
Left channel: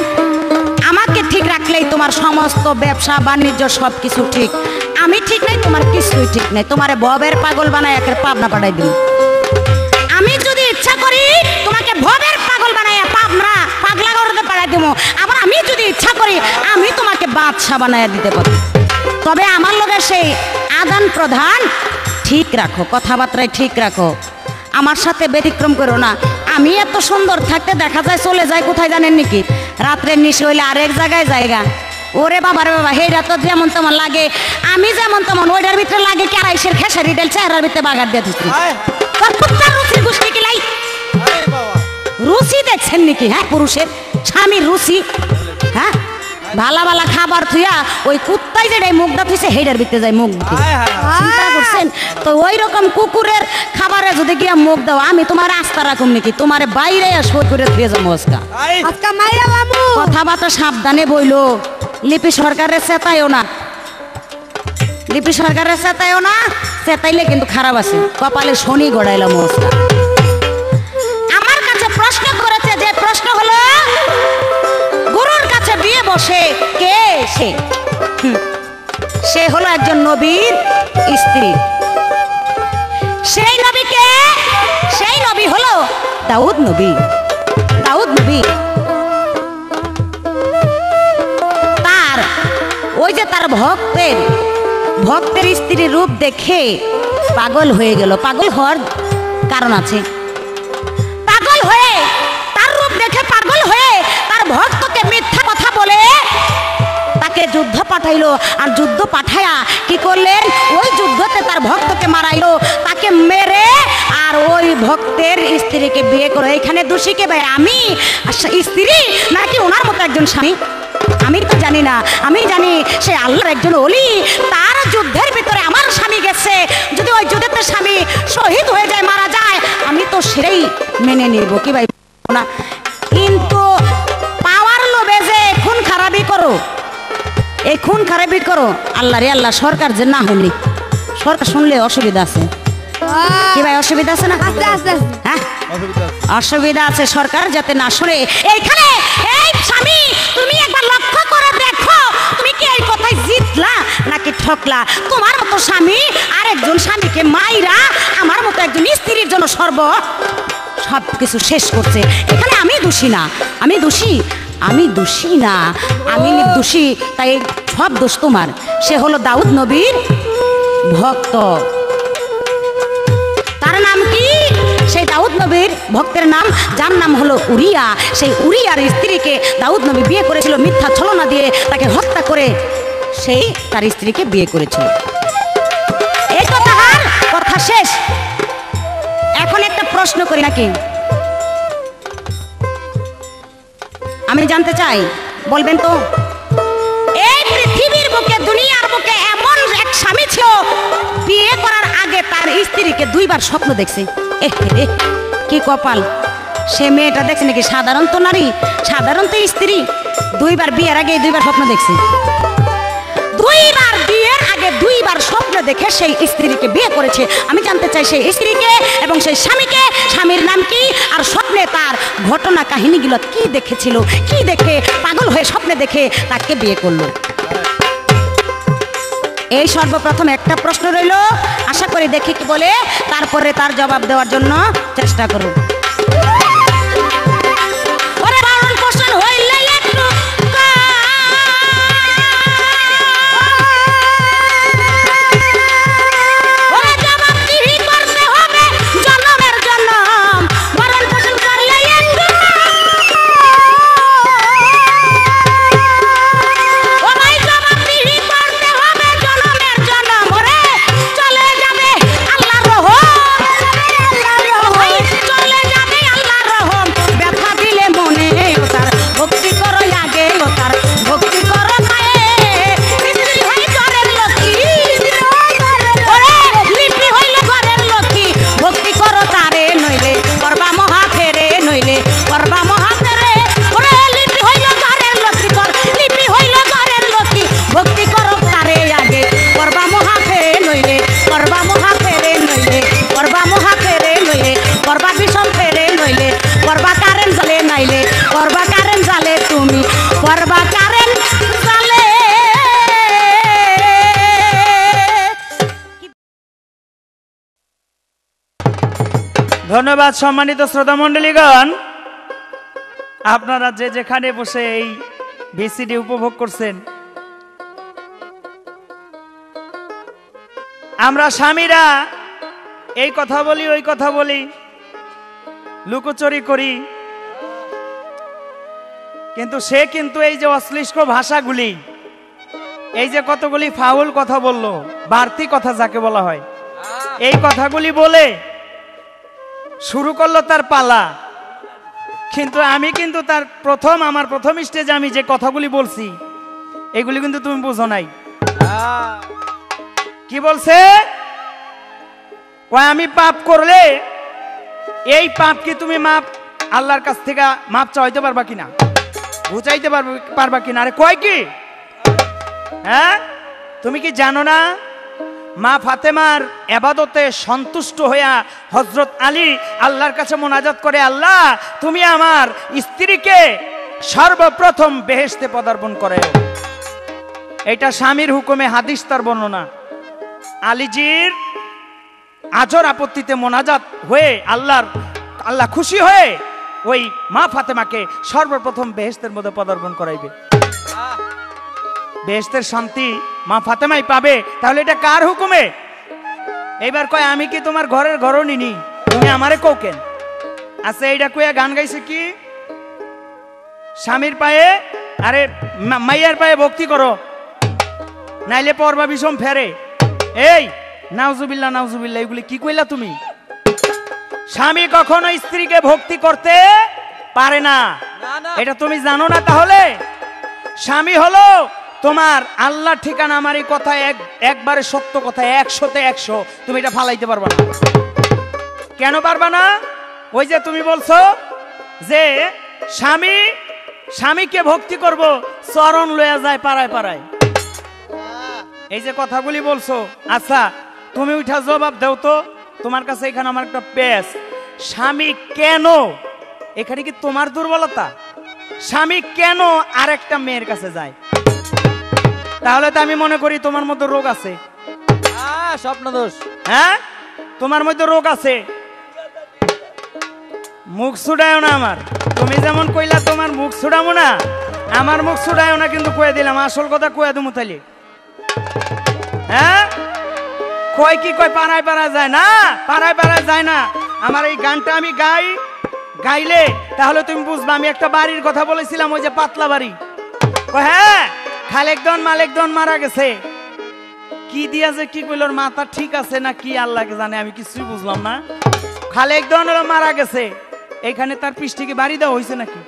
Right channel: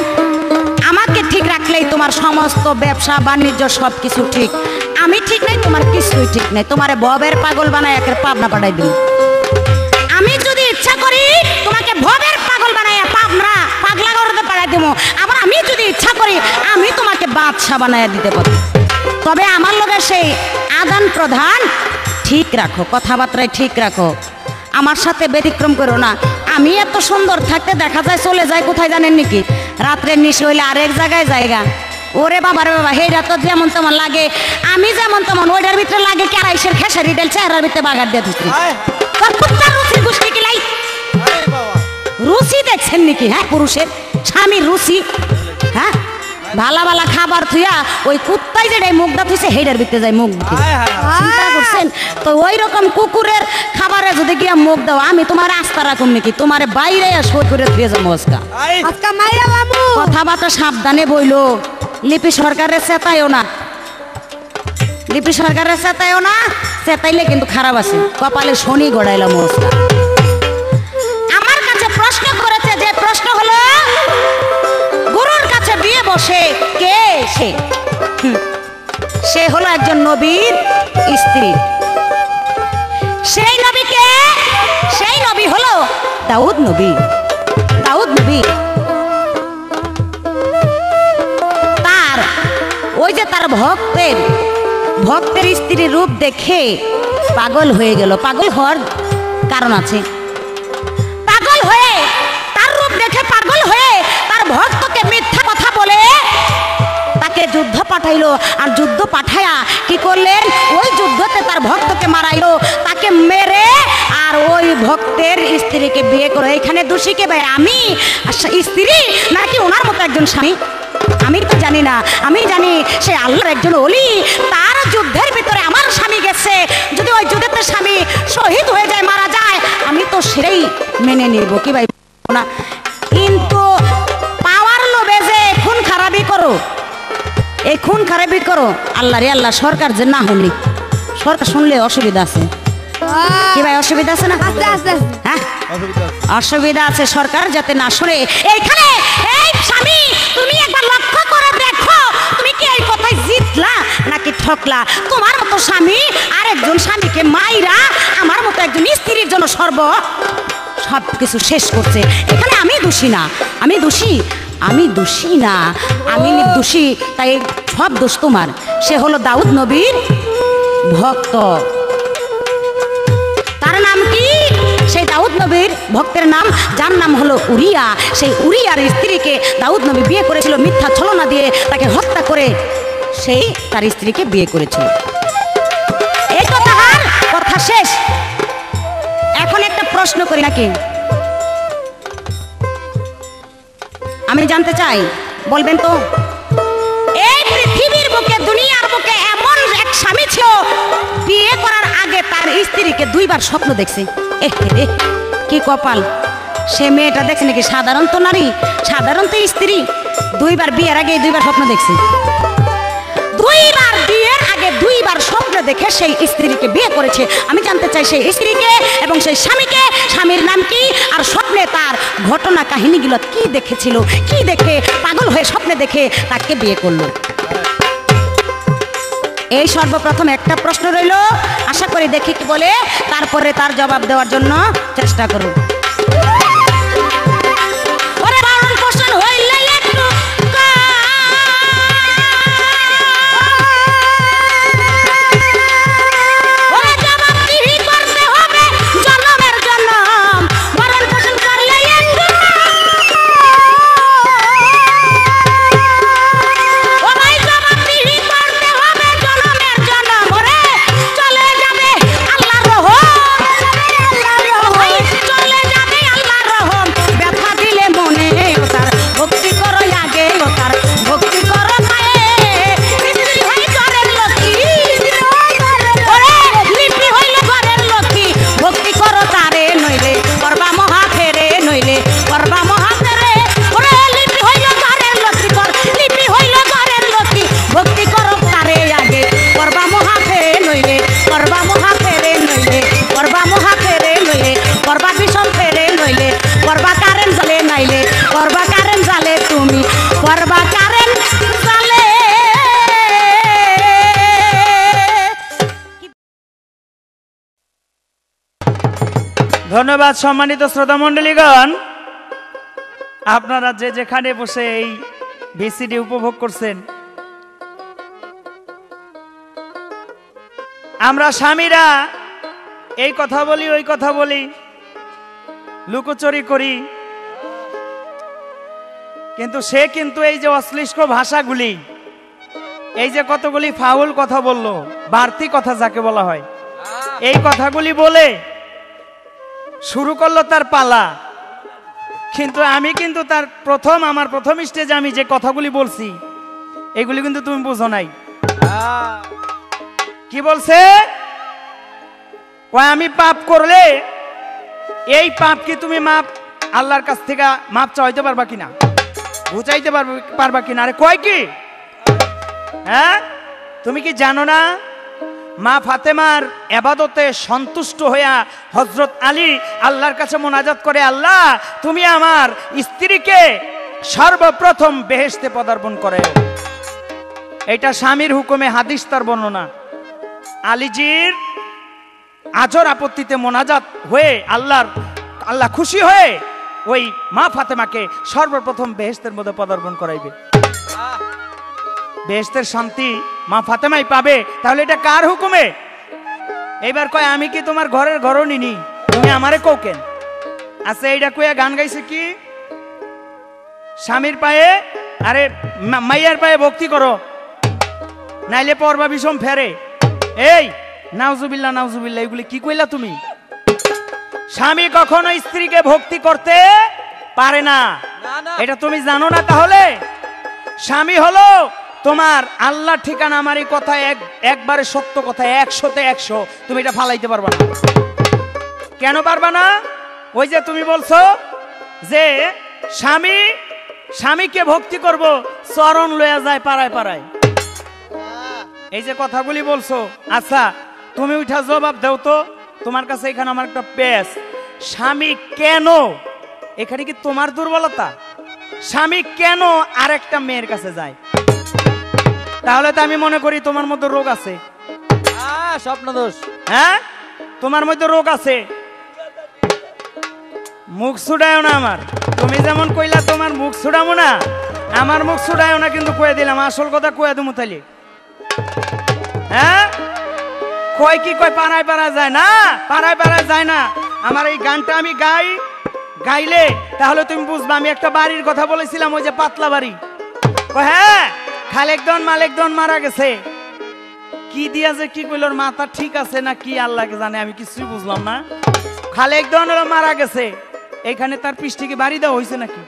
আমাকে ঠিক রাখলেই তোমার সমস্ত ব্যবসা বাণিজ্য সব কিছু ঠিক। আমি ঠিক নাই, তোমার কিছুই ঠিক নাই। তোমারে ভবের পাগল বানায় একের পাবনা পাঠাই দিই। আমি যদি ইচ্ছা করি তোমাকে ভবের পাগল বানায় পাবনা পাগলা করতে পাঠাই দেবো। আবার আমি যদি ইচ্ছা করি আমি তোমাকে বাদশা বানায় দিতে পারি। তবে আমার লগে সেই আদান প্রদান ঠিক রাখো, কথাবার্তায় ঠিক রাখো, আমার সাথে ব্যতিক্রম করো না। আমি এত সুন্দর থাকতে দেখা যায় চলে যায় কোথায় জানেন নাকি? রাত্রের নিশে হইলে আরেক জায়গায় জায়গা। ওরে বাবারে বাবা, হেরা তো যেমন তেমন লাগে, আমি যেমন তেমন ওইটার ভিতরে লাগে ক্যারাইশের খেসারি ডাল চেহারার ভিতরে বাগার দিয়ে দিচ্ছি। রুচি গোষ্ঠী কিলাই রুচি দেখছেন নাকি? হ্যাঁ, পুরুষের স্বামীর রুচি। হ্যাঁ, ভালা ভালা খাবার থুইয়া ওই কুত্তাই যেটাই মুখটা থুইছে হেডার ভিতরে যায় মুখ দিতে। চিন্তা করছেন তো? ওই রকম কুকুরের খাবারে যদি গিয়া মুখ দাও, আমি তোমার আস্থা রাখুম নাকি? তোমার বাইরে সই করে ধুয়ে যাবো আজকা। কথাবার্তা সাবধানে বইলো। লিপি সরকারের চেতায়ও না, লিপি সরকারের চেতায়ও না, চেতাইলে কিন্তু খারাপ আছে। কপালে শনি গড়াইলাম আজকা। আমার কাছে প্রশ্ন করেছে, যে প্রশ্ন হলো গুরুর কাছে বিয়ে বসে কে সে? সে হলো একজন নবীর স্ত্রী। সেই নবীকে, সেই নবী হলো দাউদ নবী। দাউদ নবী তার ওই যে তার ভক্তের স্ত্রীর রূপ দেখে পাগল হয়ে গেল। পাগল হওয়ার কারণ আছে। পাগল হয়ে, তার রূপ দেখে পাগল হয়ে তার ভক্তকে মিথ্যা কথা বলে তাকে যুদ্ধ পাঠাইলো। আর যুদ্ধ পাঠায়া কি করলেন? ওই যুদ্ধতে তার ভক্তকে মারাইলো, তাকে মেরে আর ওই ভক্তের স্ত্রীকে বিয়ে করে। এখানে দোষী কে ভাই? আমি স্ত্রী নাকি ওনার মতো একজন স্বামী? আমি তো জানি না। আমি জানি সে আল্লাহর একজন ওলি। তার যুদ্ধের ভিতরে আমার স্বামী গেছে, যদি ওই যুদ্ধেতে স্বামী শহীদ হয়ে যায়, মারা যায়, আমি তো সেটাই মেনে নিব কি ভাই না? কিন্তু পাওয়ার লোভে যে খুন খারাপই করো, এই খুন খারাপই করো, আল্লাহ রে আল্লাহ, সরকার যে না হলি, সরকার শুনলে অসুবিধা আছে কি ভাই? অসুবিধা আছে না? হ্যাঁ, অসুবিধা আছে। সরকার যাতে না শুনে। এইখানে এই স্বামী, তুমি একবার লক্ষ্য করে দেখো, তুমি কি এই কথায় জিতলা নাকি ঠকলা? তোমার মতো স্বামী আর একজন স্বামীকে মাইরা আমার মতো একজন স্ত্রীর জন্য সব কিছু শেষ করছে। এখানে আমি দোষী না, আমি দোষী, আমি দোষী না, আমি দোষী, তাই সব দোষ তোমার। সে হলো দাউদ নবীর ভক্ত। তার নাম কি? সেই দাউদ নবীর ভক্তের নাম, যার নাম হলো উরিয়া। সেই উরিয়ার স্ত্রীকে দাউদ নবী বিয়ে করেছিল মিথ্যা ছলনা দিয়ে, তাকে হত্যা করে সেই তার স্ত্রীকে বিয়ে করেছিল। এই তো তাহার কথা শেষ। এখন একটা প্রশ্ন করি নাকি? আমি জানতে চাই, বলবেন তো? এই পৃথিবীর বুকে, দুনিয়ার বুকে এমন এক স্বামী ছিল, বিয়ে করার আগে তার স্ত্রীকে দুইবার স্বপ্ন দেখছে। কি কপাল! সে মেয়েটা দেখছে নাকি সাধারণত নারী, সাধারণত স্ত্রী দুইবার বিয়ের আগে দুইবার স্বপ্ন দেখছে। দুইবার বিয়ের আগে দুইবার স্বপ্ন দেখে সেই স্ত্রীকে বিয়ে করেছে। আমি জানতে চাই সেই স্ত্রীকে এবং সেই স্বামীকে, স্বামীর নাম কি, আর স্বপ্নে তার ঘটনা কাহিনীগুলো কি দেখেছিল, কি দেখে পাগল হয়ে স্বপ্নে দেখে তাকে বিয়ে করলো। এই সর্বপ্রথম একটা প্রশ্ন রইল, আশা করি দেখি কি বলে, তারপরে তার জবাব দেওয়ার জন্য চেষ্টা করুন। ভক্তি করো আগে ও তার ভক্তি করো মায়ে তুমি করবা কারেন্ট জালে। ধন্যবাদ সম্মানিত শ্রোতা মণ্ডলীগণ, আপনারা যে যেখানে বসে এই ভিসিডি উপভোগ করছেন। আমরা স্বামীরা এই কথা বলি ওই কথা বলি, লুকোচুরি করি, কিন্তু সে কিন্তু এই যে অশ্লীল ভাষাগুলি, এই যে কতগুলি ফাউল কথা বললো, বাড়তি কথা যাকে বলা হয়, এই কথাগুলি বলে শুরু করলো তার পালা। কিন্তু আমি কিন্তু তার আমার প্রথম স্টেজে আমি যে কথাগুলি বলছি এগুলি কিন্তু তুমি বুঝো নাই। কি বলছে? আমি পাপ করলে এই পাপ কি তুমি মাপ আল্লাহর কাছ থেকে মাপ চাইতে পারবা কিনা, বুঝাইতে পারবা কিনা? আরে কয় কি, হ্যাঁ তুমি কি জানো না মা ফাতেমার ইবাদতে সন্তুষ্ট হইয়া হযরত আলী আল্লাহর কাছে মুনাজাত করে, আল্লাহ তুমি আমার স্ত্রীকে সর্বপ্রথম বেহেশতে পদার্পণ করে। এটা স্বামীর হুকুমে, হাদিস তার বর্ণনা। আলীজির আজর আপত্তিতে মোনাজাত হয়ে আল্লাহ খুশি হয়ে ওই মা ফাতেমাকে সর্বপ্রথম বেহেশতের মধ্যে পদার্পণ করাইবে। বেহেশতের শান্তি মা ফাতেমাই পাবে। তাহলে এটা কার হুকুমে? এবার কয় আমি কি তোমার ঘরের ঘরণী নি, তুমি আমারে কোকেন? আচ্ছা এইটা কইয়া গান গাইছে কি? স্বামীর পায়ে আরে মাইয়ার পায়ে ভক্তি করো, নাইলে পরবা বিষম ফেরে। এই নাউজুবিল্লাহ নাউজুবিল্লাহ, এগুলি কি কইলা তুমি? স্বামী কখনো স্ত্রীকে ভক্তি করতে পারে না, এটা তুমি জানো না? তাহলে স্বামী হলো তোমার আল্লাহ ঠিকানা। আমার এই কথা একবারে সত্য কথা, 100-তে 100। তুমি এটা ফালাইতে পারবা না। কেন পারবা না? ওই যে তুমি বলছো যে স্বামীকে ভক্তি করব, চরণ লয়ে যায় পাড়ায় পাড়ায়, এই যে কথাগুলি বলছো। আচ্ছা তুমি উঠা জবাব দাও তো, তোমার কাছে এখানে আমার একটা পেশ। স্বামী কেন, এখানে কি তোমার দুর্বলতা? স্বামী কেন আর একটা মেয়ের কাছে যায়? তাহলে তো আমি মনে করি তোমার মধ্যে রোগ আছে, স্বপ্ন দোষ। হ্যাঁ তোমার মধ্যে রোগ আছে। মুখ ছুড়ায়ও না আমার, তুমি যেমন কইলা তোমার মুখ ছুড়ামো না, আমার মুখ ছুড়ায়ও না, কিন্তু কয়ে দিলাম আসল কথা কয়ে দেবো তাইলে। হ্যাঁ কয় কি কয় পাড়ায় পাড়া যায় না, পাড়ায় পাড়া যায় না। আমার এই গানটা আমি গাইলে তাহলে তুমি বুঝবা আমি একটা বাড়ির কথা বলেছিলাম, ওই যে পাতলা বাড়ি। হ্যাঁ খালেকদন মালেকদন মারা গেছে, কি দিয়েছে কি কইলোর মাথা ঠিক আছে না কি আল্লাহকে জানে, আমি কিছুই বুঝলাম না। খালেকদন মারা গেছে, এখানে তার পিঠে বাড়ি দেওয়া হয়েছে নাকি?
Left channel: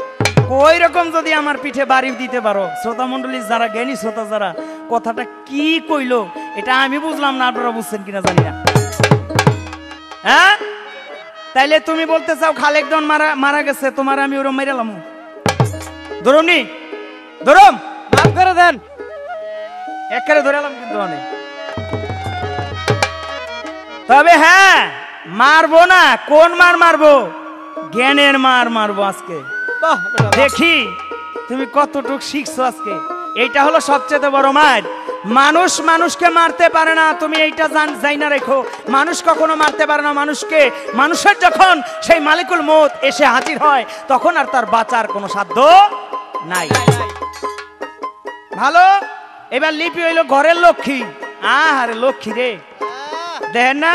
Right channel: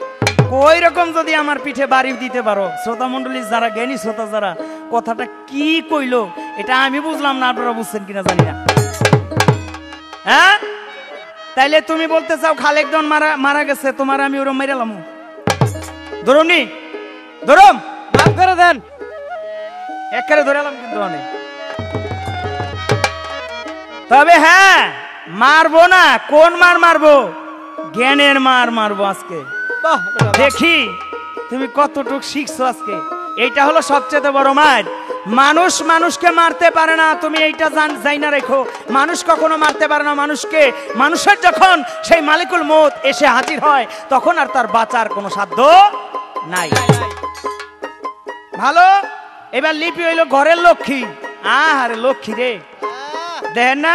ওই রকম যদি আমার পিঠে বাড়ি দিতে পারো, শ্রোতা মন্ডলী যারা জ্ঞানী শ্রোতা যারা, কথাটা কি কইলো এটা আমি বুঝলাম না, আপনারা বুঝছেন কিনা জানি না। হ্যাঁ তাইলে তুমি বলতে চাও খালেকদন মারা গেছে, তোমার আমি ওরম মেরালাম? ধরুনি ধরম ফেরত দেন, একেবারে ধরেলাম কিন্তু অনেক। তবে হ্যাঁ মারবো না, কোন মার মারবো? জ্ঞানের মার মারবো আজকে। দেখি তুমি কতটুকু শিখছো আজকে। এইটা হলো সবচেয়ে বড় মার। মানুষ মানুষকে মারতে পারে না, তুমি এইটা যাই না রেখো। মানুষ কখনো মারতে পারে না মানুষকে। মানুষের যখন সেই মালিকুল মউত এসে হাজির হয় তখন আর তার বাঁচার কোনো সাধ্য নাই। ভালো, এবার লিপি হইলো ঘরের লক্ষ্মী। আরে লক্ষ্মী রে, দেন না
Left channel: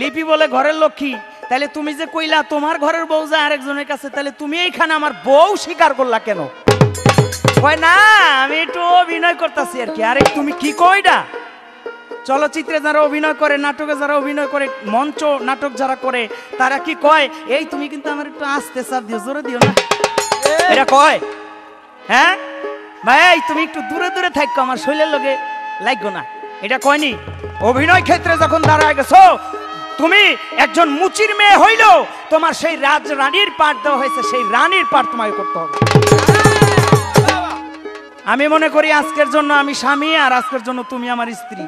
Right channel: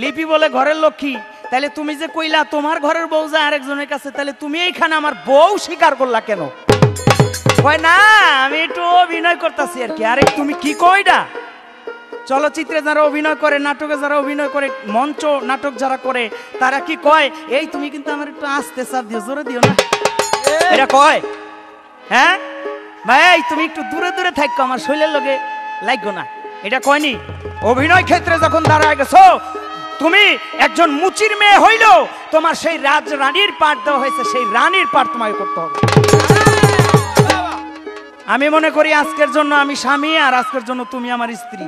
লিপি বলে ঘরের লক্ষ্মী। তাহলে তুমি যে কইলা তোমার ঘরের বউ যায় আরেকজনের কাছে, তাহলে তুমি এইখানে আমার বউ স্বীকার করলা কেন? কয় না আমি একটু অভিনয় করতেছি আর কি। আরে তুমি কি কইডা? চলচ্চিত্রে যারা অভিনয় করে, নাটকে যারা অভিনয় করে, মঞ্চ নাটক যারা করে, তারা কি কয় এই তুমি কিন্তু আমার একটু আস্তে চাপ দিও, জোরে দিও না, এটা কয়। হ্যাঁ ভাই তুমি একটু দূরে দূরে থাকো, আমার শরীরের লোকে লাগো না, এটা কয়নি? অভিনয় ক্ষেত্রে যখন দাঁড়ায় গেছো, তুমি একজন মুচির মেয়ে হইল, তোমার সেই রানীর পাঠ দেওয়া হয়েছে, সেই রানীর পাঠ তোমাকে করতে হবে। আমি মনে করি আজকের জন্য আমি স্বামী, আর আজকের জন্য তুমি আমার স্ত্রী।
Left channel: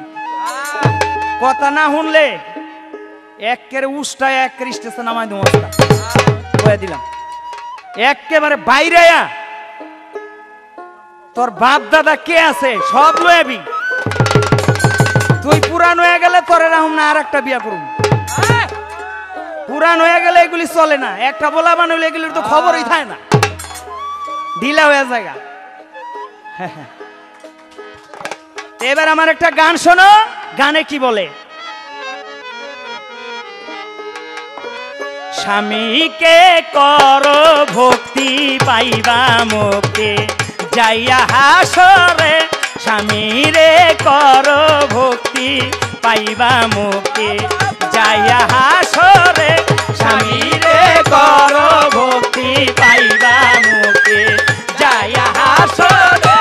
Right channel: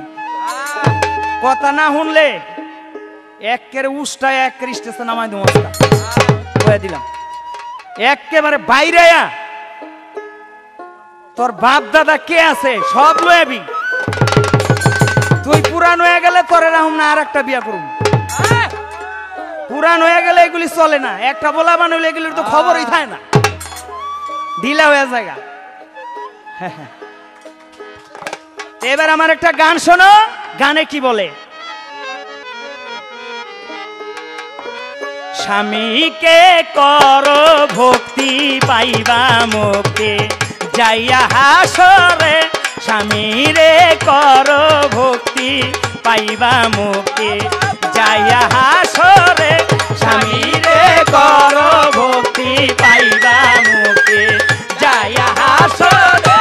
কথা না শুনলে একের উষ্টায় একের স্টেশন আমায় দিলাম, একেবারে বাইরে তোর বাপ দাদা কে আছে সব লয়াবি। তুই পুরান হয়ে গেলে তোরে নাম না আর একটা বিয়া করবি। পুরান হয়ে গেলে এগুলি চলে না, একটা বলা বানালে এগুলির তো খবরই থাকে না, ঢিলা হয়ে জায়গা। এবার আমার একটা গান শোনো, গানে কি বলে? স্বামীকে করো ভক্তি পাইবা মুখে যাইয়া হাসরে, স্বামীরে করো ভক্তি পাইবা মুখে যাইয়া হাসরে, স্বামীরে করো ভক্তি পাইবা মুখে যাইয়া হাসরে।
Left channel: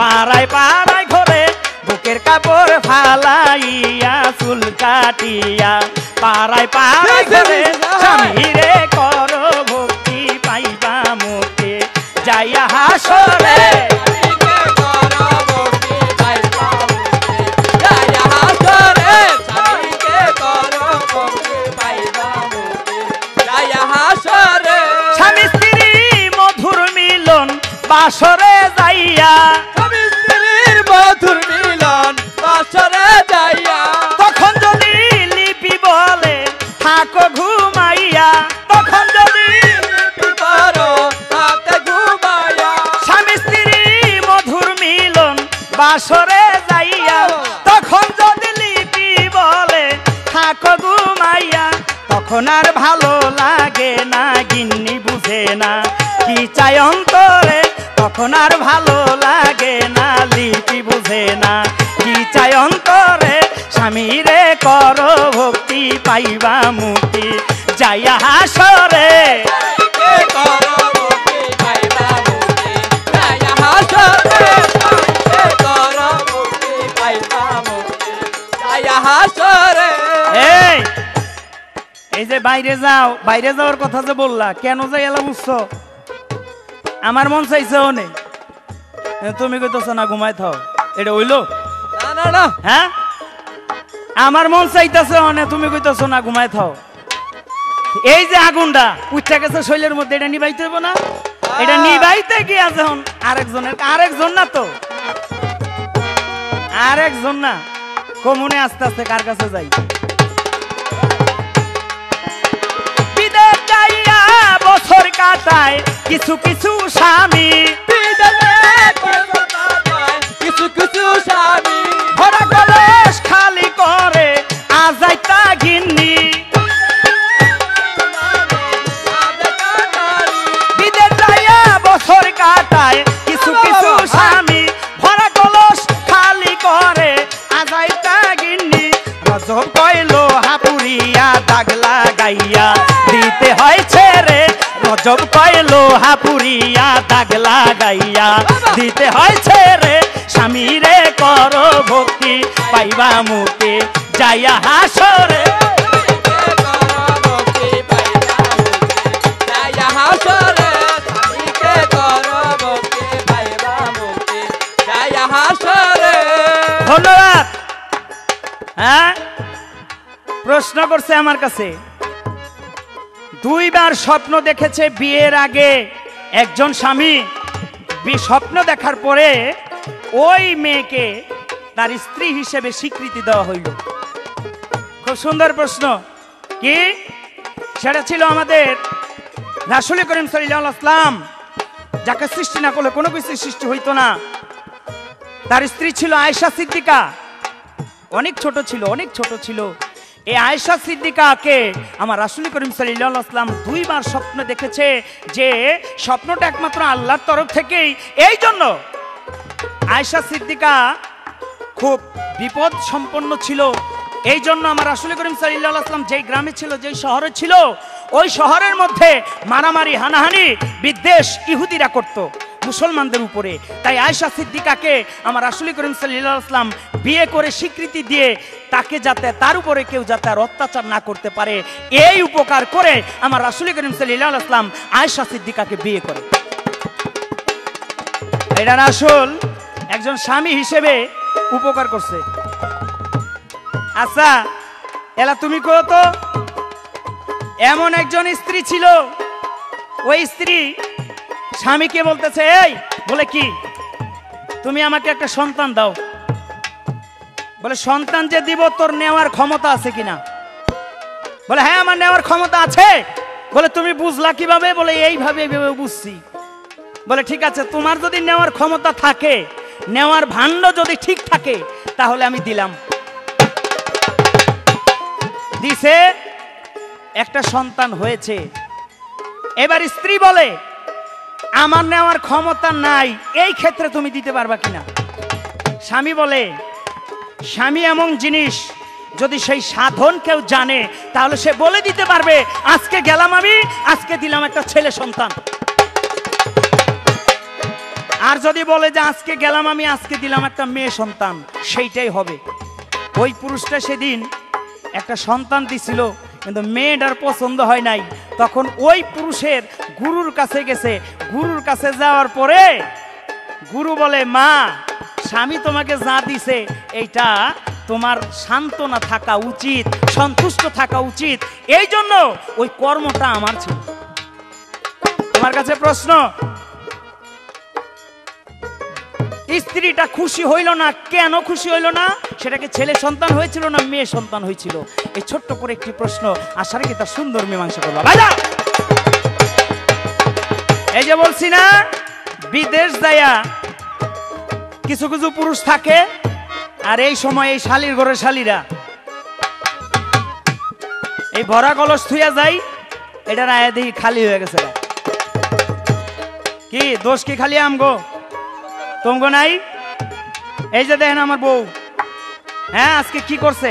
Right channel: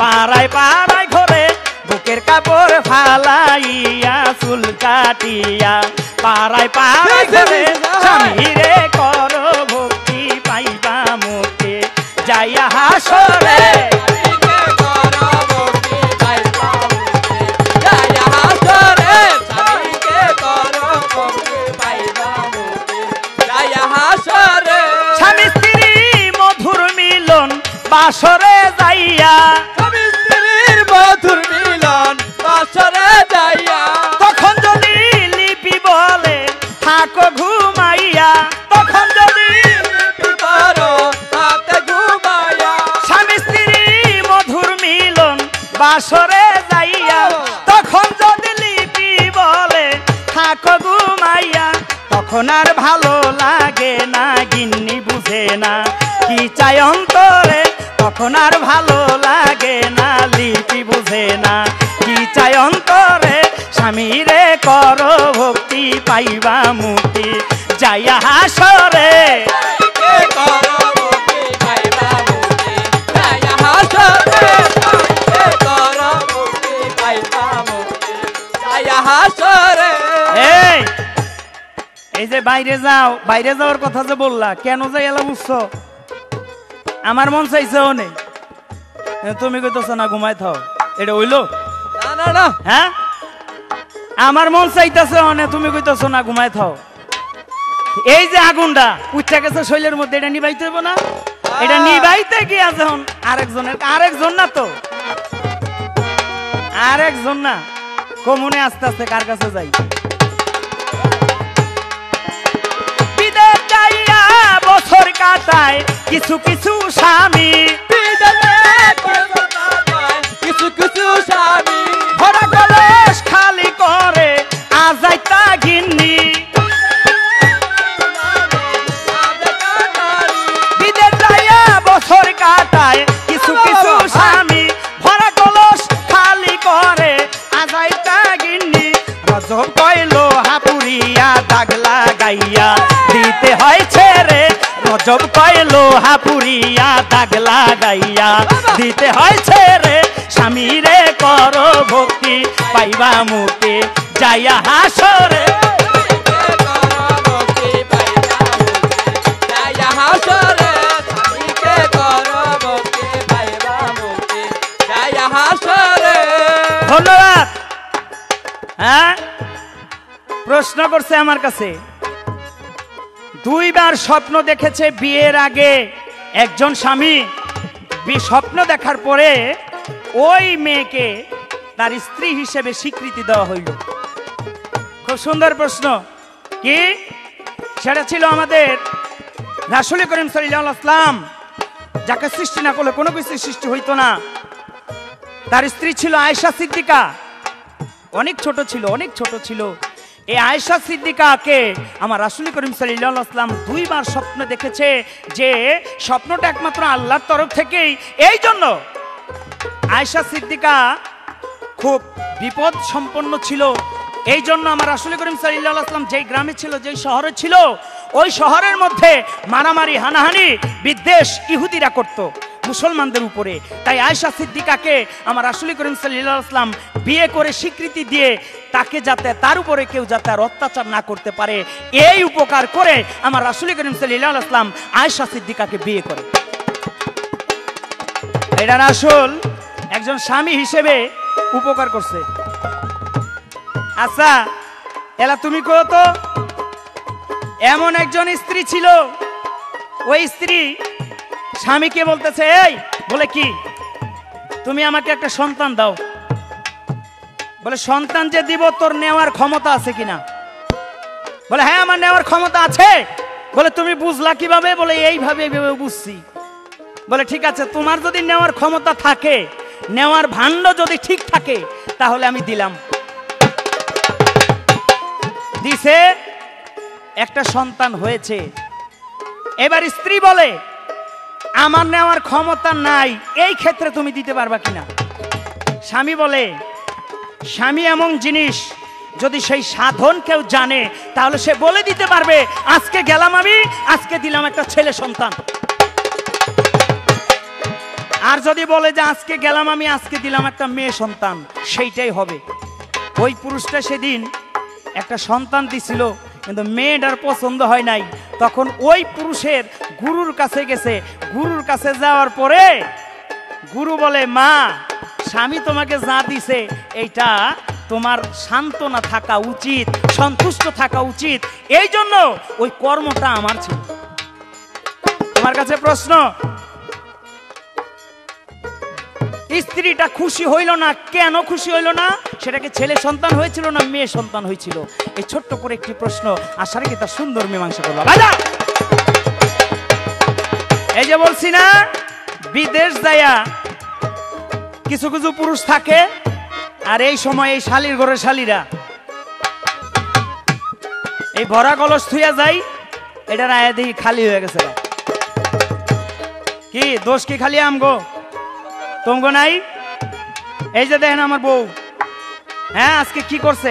পাড়ায় পাড়ায় ঘরে বুকের কাপড় ফালাইয়া চুল কাটিয়া, পাড়ায় পাড়ায় ঘরে স্বামীরে করো ভক্তি পাইবা মুখে যাইয়া হাসরে। স্বামী স্ত্রী মধুর মিলন বাসরে যাইয়া, মধুর মিলন বাসরে যাইয়া, তখন যদি লিপি বলে থাকো ঘুমাইয়া, তখন যদি লিপি করো তাতে ঘুমাইয়া, স্বামী স্ত্রী মধুর মিলন বাসরে যাইয়া, তখন যদি লিপি বলে থাকো ঘুমাইয়া, তখন আর ভালো লাগে না, গিন্নি বুঝে না কি চাই অন্তরে, তখন আর ভালো লাগে না, লিপি বুঝে না কি চাই অন্তরে, স্বামীরে করো ভক্তি পাইবা মুক্তি যাইয়া হাসরে। এই যে বাইরে যাও, বাইরে যাওয়ার কথা যে বললা, কেন যাই এলাম বুঝছো? আমার মন চাইছে নেই, তুমি কইতেছো না ঘুমাই থাও, এটা হইলো? হ্যাঁ, আমার মন চাইতেছে মানে তুমি কইতেছো না ঘুমাই থাও। এই যে আগুনটা উঠে গেছে শৈলের মধ্যে, এটা নিবাইতে হইব না? এটা নিবাইতে গিয়া যখন আরেকজন না তো, আরেকজন না, কমনে আস্তে আস্তে কার কাছে যাই? বিদেশ যাইয়া বছর কাটায় কিছু কিছু স্বামী, কিছু কিছু স্বামী ভরা কলস খালি করে আজাইতা গিন্নি, বিদেশ যাইয়া বছর কাটায় কিছু কিছু স্বামী, ভরা কলস খালি করে আজাইতা গিন্নি, গজব কইল হাপুরিয়া দাগ লাগাইয়া দিতে হয় ছেড়ে, গজব কইল হাপুরিয়া দাগ লাগাইয়া দিতে হয় ছেড়ে, স্বামীরে করো ভক্তি পাইবা মুখে যাইয়া হাসরে। ধন্যবাদ। হ্যাঁ, প্রশ্ন করছে আমার কাছে, দুইবার স্বপ্ন দেখেছে বিয়ের আগে একজন স্বামী, স্বপ্ন দেখার পরে ওই মেয়েকে তার স্ত্রী হিসেবে স্বীকৃতি দেওয়া হইল। খুব সুন্দর প্রশ্ন। কি সেটা ছিল আমাদের রাসূল করিম সাল্লাল্লাহু আলাইহি ওয়াসাল্লাম, যাকে সৃষ্টি না করলে কোনো কিছু সৃষ্টি হইতো না। তার স্ত্রী ছিল আয়েশা সিদ্দিকা, অনেক ছোট ছিল, অনেক ছোট ছিল। এই আয়েশা সিদ্দিকাকে আমার রাসূল করিম সাল্লাল্লাহু আলাইহি ওয়াসাল্লাম দুইবার স্বপ্ন দেখেছে, যে স্বপ্নটা একমাত্র আল্লাহর তরফ থেকেই। এই জন্য আয়েশা সিদ্দিকা খুব বিপদ সম্পন্ন ছিল। এই জন্য আমার রাসূল করিম সাল্লাল্লাহু আলাইহি ওয়াসাল্লাম যেই গ্রামে ছিল, যেই শহরে ছিল, ওই শহরের মধ্যে মারামারি হানাহানি বিদ্বেষ ইহুদিরা করত মুসলমানদের উপরে। তাই আয়েশা সিদ্দিকাকে আমার রাসূল করিম সাল্লাল্লাহু আলাইহি ওয়াসাল্লাম বিয়ে করে স্বীকৃতি দিয়ে তাকে যাতে তার উপরে কেউ যাতে আর অত্যাচার না করতে পারে, এই উপকার করে আমার রাসূল করিম সাল্লাল্লাহু আলাইহি ওয়াসাল্লাম আয়েশা সিদ্দিকাকে বিয়ে করে। এটা রাসূল একজন স্বামী হিসেবে উপকার করছে। আচ্ছা এলা তুমি কও তো, এমন একজন স্ত্রী ছিল, ওই স্ত্রী স্বামীকে বলতেছে, এই বলে কি তুমি আমাকে একটা সন্তান দাও। বলে সন্তান যে দিব তোর নেওয়ার ক্ষমতা আছে কিনা? বলে হ্যাঁ আমার নেওয়ার ক্ষমতা আছে। বলে তুমি বুঝলা কিভাবে? বলে এইভাবে বুঝছি। বলে ঠিক আছে, তোমার যদি নেওয়ার ক্ষমতা থাকে, নেওয়ার ভাণ্ড যদি ঠিক থাকে, তাহলে আমি দিলাম। দিছে, একটা সন্তান হয়েছে। এবার স্ত্রী বলে আমার নেওয়ার ক্ষমতা নাই, এই ক্ষেত্রে তুমি দিতে পারবা কিনা? স্বামী বলে স্বামী এমন জিনিস, যদি সেই সাধন কেউ জানে তাহলে সে বলে দিতে পারবে আজকে গেলাম আমি, আজকে দিলাম একটা ছেলে সন্তান। আর যদি বলে যে আজকে গেলাম আমি, আজকে দিলাম একটা মেয়ে সন্তান, সেইটাই হবে। ওই পুরুষটা সেদিন একটা সন্তান দিছিল, কিন্তু মেয়েটার পছন্দ হয় নাই। তখন ওই পুরুষের গুরুর কাছে গেছে। গুরুর কাছে যাওয়ার পরে গুরু বলে, মা স্বামী তোমাকে যা দিছে এটা তোমার সান্ত্বনা থাকা উচিত, সন্তুষ্ট থাকা উচিত, এই জন্য ওই কর্মটা আমার ছিল। তোমার কাছে প্রশ্ন, স্ত্রীটা খুশি হইল না, কেন খুশি হইল না? সেটাকে ছেলে সন্তান হয়েছিল না মেয়ে সন্তান হয়েছিল? এই ছোট্ট করে একটি প্রশ্ন, আশা রাখি তার সুন্দর মীমাংসা করবো। এই যে বলছি না, বিদেশ যাইয়া কিছু কিছু পুরুষ থাকে, আর এই সময় এই শালির ঘরে শালিরা এই ভরা কলস থুইয়া যাই, এটার আয়া দেখি খালি হয়ে গেছে। কি দোষ কি খালি আমগো? তোমগো নাই? এই যে দেখেন আমার বউ, হ্যাঁ আজকে কি করছে,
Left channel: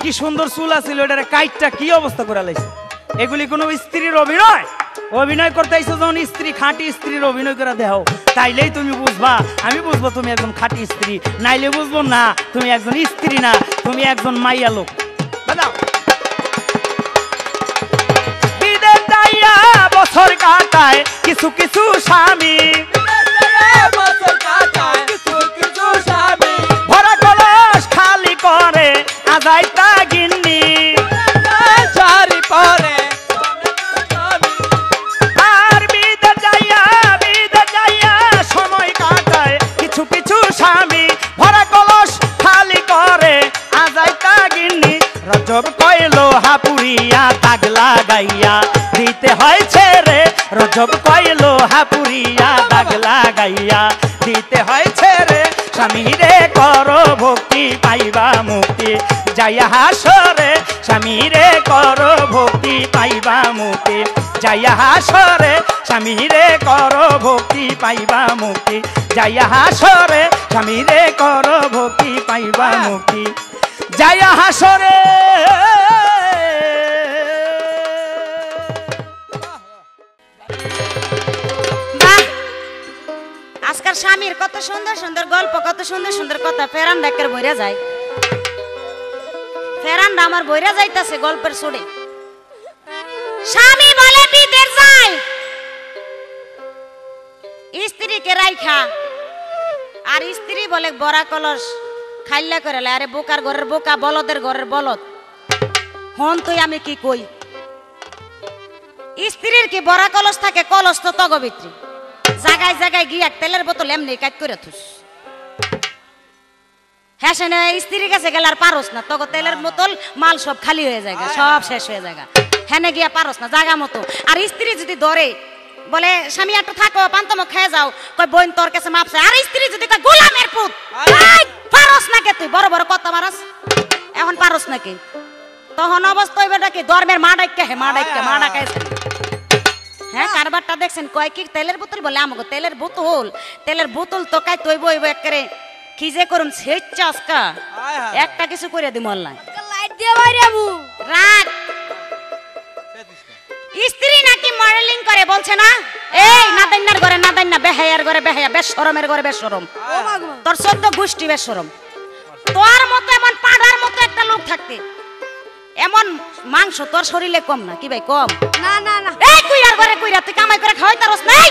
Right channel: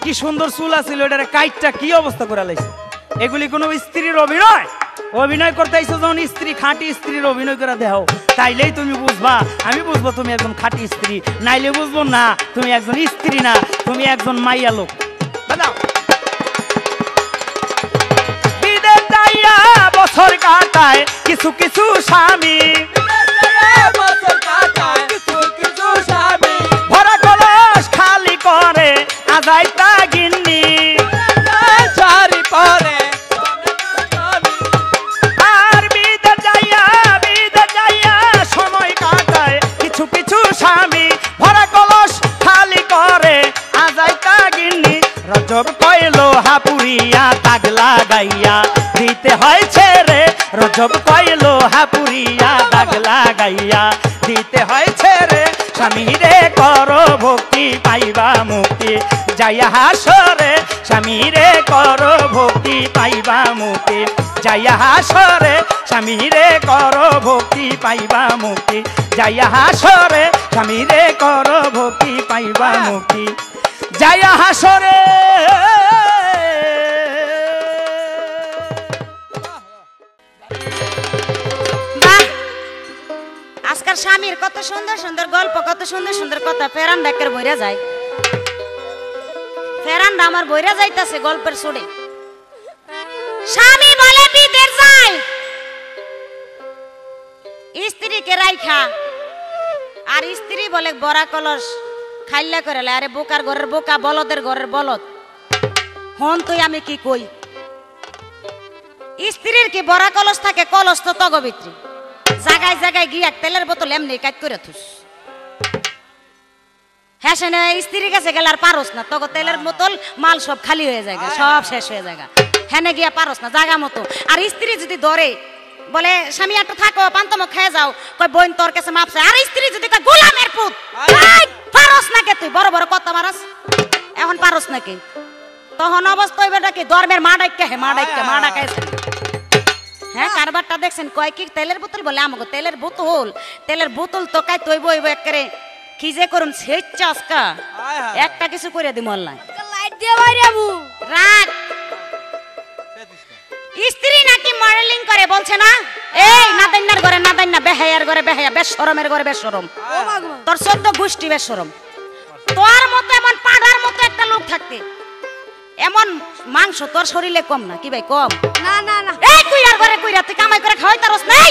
কি সুন্দর চুল আছিল, এটার কাইটটা কি অবস্থা করে লাইছে। এগুলি কোন স্ত্রীর অভিনয়? অভিনয় করতে আইছো যখন স্ত্রী, খাঁটি স্ত্রীর অভিনয় করে দেখাও, তাইলেই তুমি বুঝবা, আমি বুঝবো তুমি একজন খাঁটি স্ত্রী, নাইলে বুঝবো না তুমি একজন স্ত্রী না, তুমি একজন মাইয়া লোক। বছর কাটায় কিছু কিছু স্বামী, ভরা কলস খালি করে আজাইটা গিন্নি, আর বিদে যাইয়া সময় কাটায় কিছু কিছু স্বামী, ভরা কলস খালি করে আজাইটা গিন্নি। রজব কইলো হাপুরিয়া দাগ লাগাইয়া দিতে হয়েছে রে, রজব কইলো হাপুরিয়া দাগ লাগাইয়া দিতে হয়েছে রে, স্বামী রে করো ভক্তি পাইবা মুক্তি যাইয়া হাসরে, স্বামী রে করো ভক্তি পাইবা মুক্তি যাইয়া হাসরে, স্বামী রে করো ভক্তি পাইবা মুক্তি যাইয়া হাসরে, স্বামী রে করো ভক্তি পাইবা মুক্তি যাইয়া হাসরে। আজকাল স্বামীর কত সুন্দর সুন্দর গল্প, কত সুন্দর সুন্দর কথা ফেরান ডাকের বইরা যায়, ফেরান আমার বইরা যাইতাছে গল্পের সুরে। স্বামী বলে বিদেশ যায় স্ত্রীকে রাইখা, আর স্ত্রী বলে বড়া কলস খাইলা করে। আরে বোকার ঘরের বোকা, বলদের ঘরের বলদ, হন তুই আমি কি কই? স্ত্রীর কি বড়া কলস থাকে? কলস তো তগবিত্রী, জায়গায় জায়গায় গিয়া তেলের বোতল এমনি কাট করে থুস। হ্যাঁ সে স্ত্রীর কাছে গেলে আর পারস না, তখন তেলের বোতল মাল সব খালি হয়ে যায়, সব শেষ হয়ে যায়, হ্যাঁ গিয়া পারস না জায়গা মতো। আর স্ত্রী যদি ধরে বলে স্বামী একটু থাকো পান্তম খেয়ে যাও, কই বোন তোর কাছে মাপছে। আর স্ত্রী যদি কয় গোলামের পুত, পারস না কে তুই? বড় বড় কত পারস, এখন পারস নাকি? তখন অবস্থা হইবে নাকি ধর্মের মা ডাইকে হে মা ডাকে হ্যাঁ কারবারটা দেখছেন কয় কি তেলের বোতল বলে আমাগো তেলের বোতল তো কাই তৈব হইব একবারে কি যে করুন সেচ্ছা আজকা একটা কিছু করে দিমু আল্লাহ লাইট দিয়ে বাইরে আমু রাত স্ত্রী নাকি মডেলিং করে বলছে না এই নাদাইনার ঘরে নাদাইনা বেহায়ার ঘরে বেহায়া বেশরমের ঘরে বেশরম তোর সদ্য গোষ্ঠী বেশরম তোর মতো এমন পাড়ার মতো একটা লোক থাকতে এমন মাংস তোর শরীরে কম না কি ভাই কম না না না এই কুইরার ঘরে কুইরা তুই কামাই করে খাওয়াই তারস নাই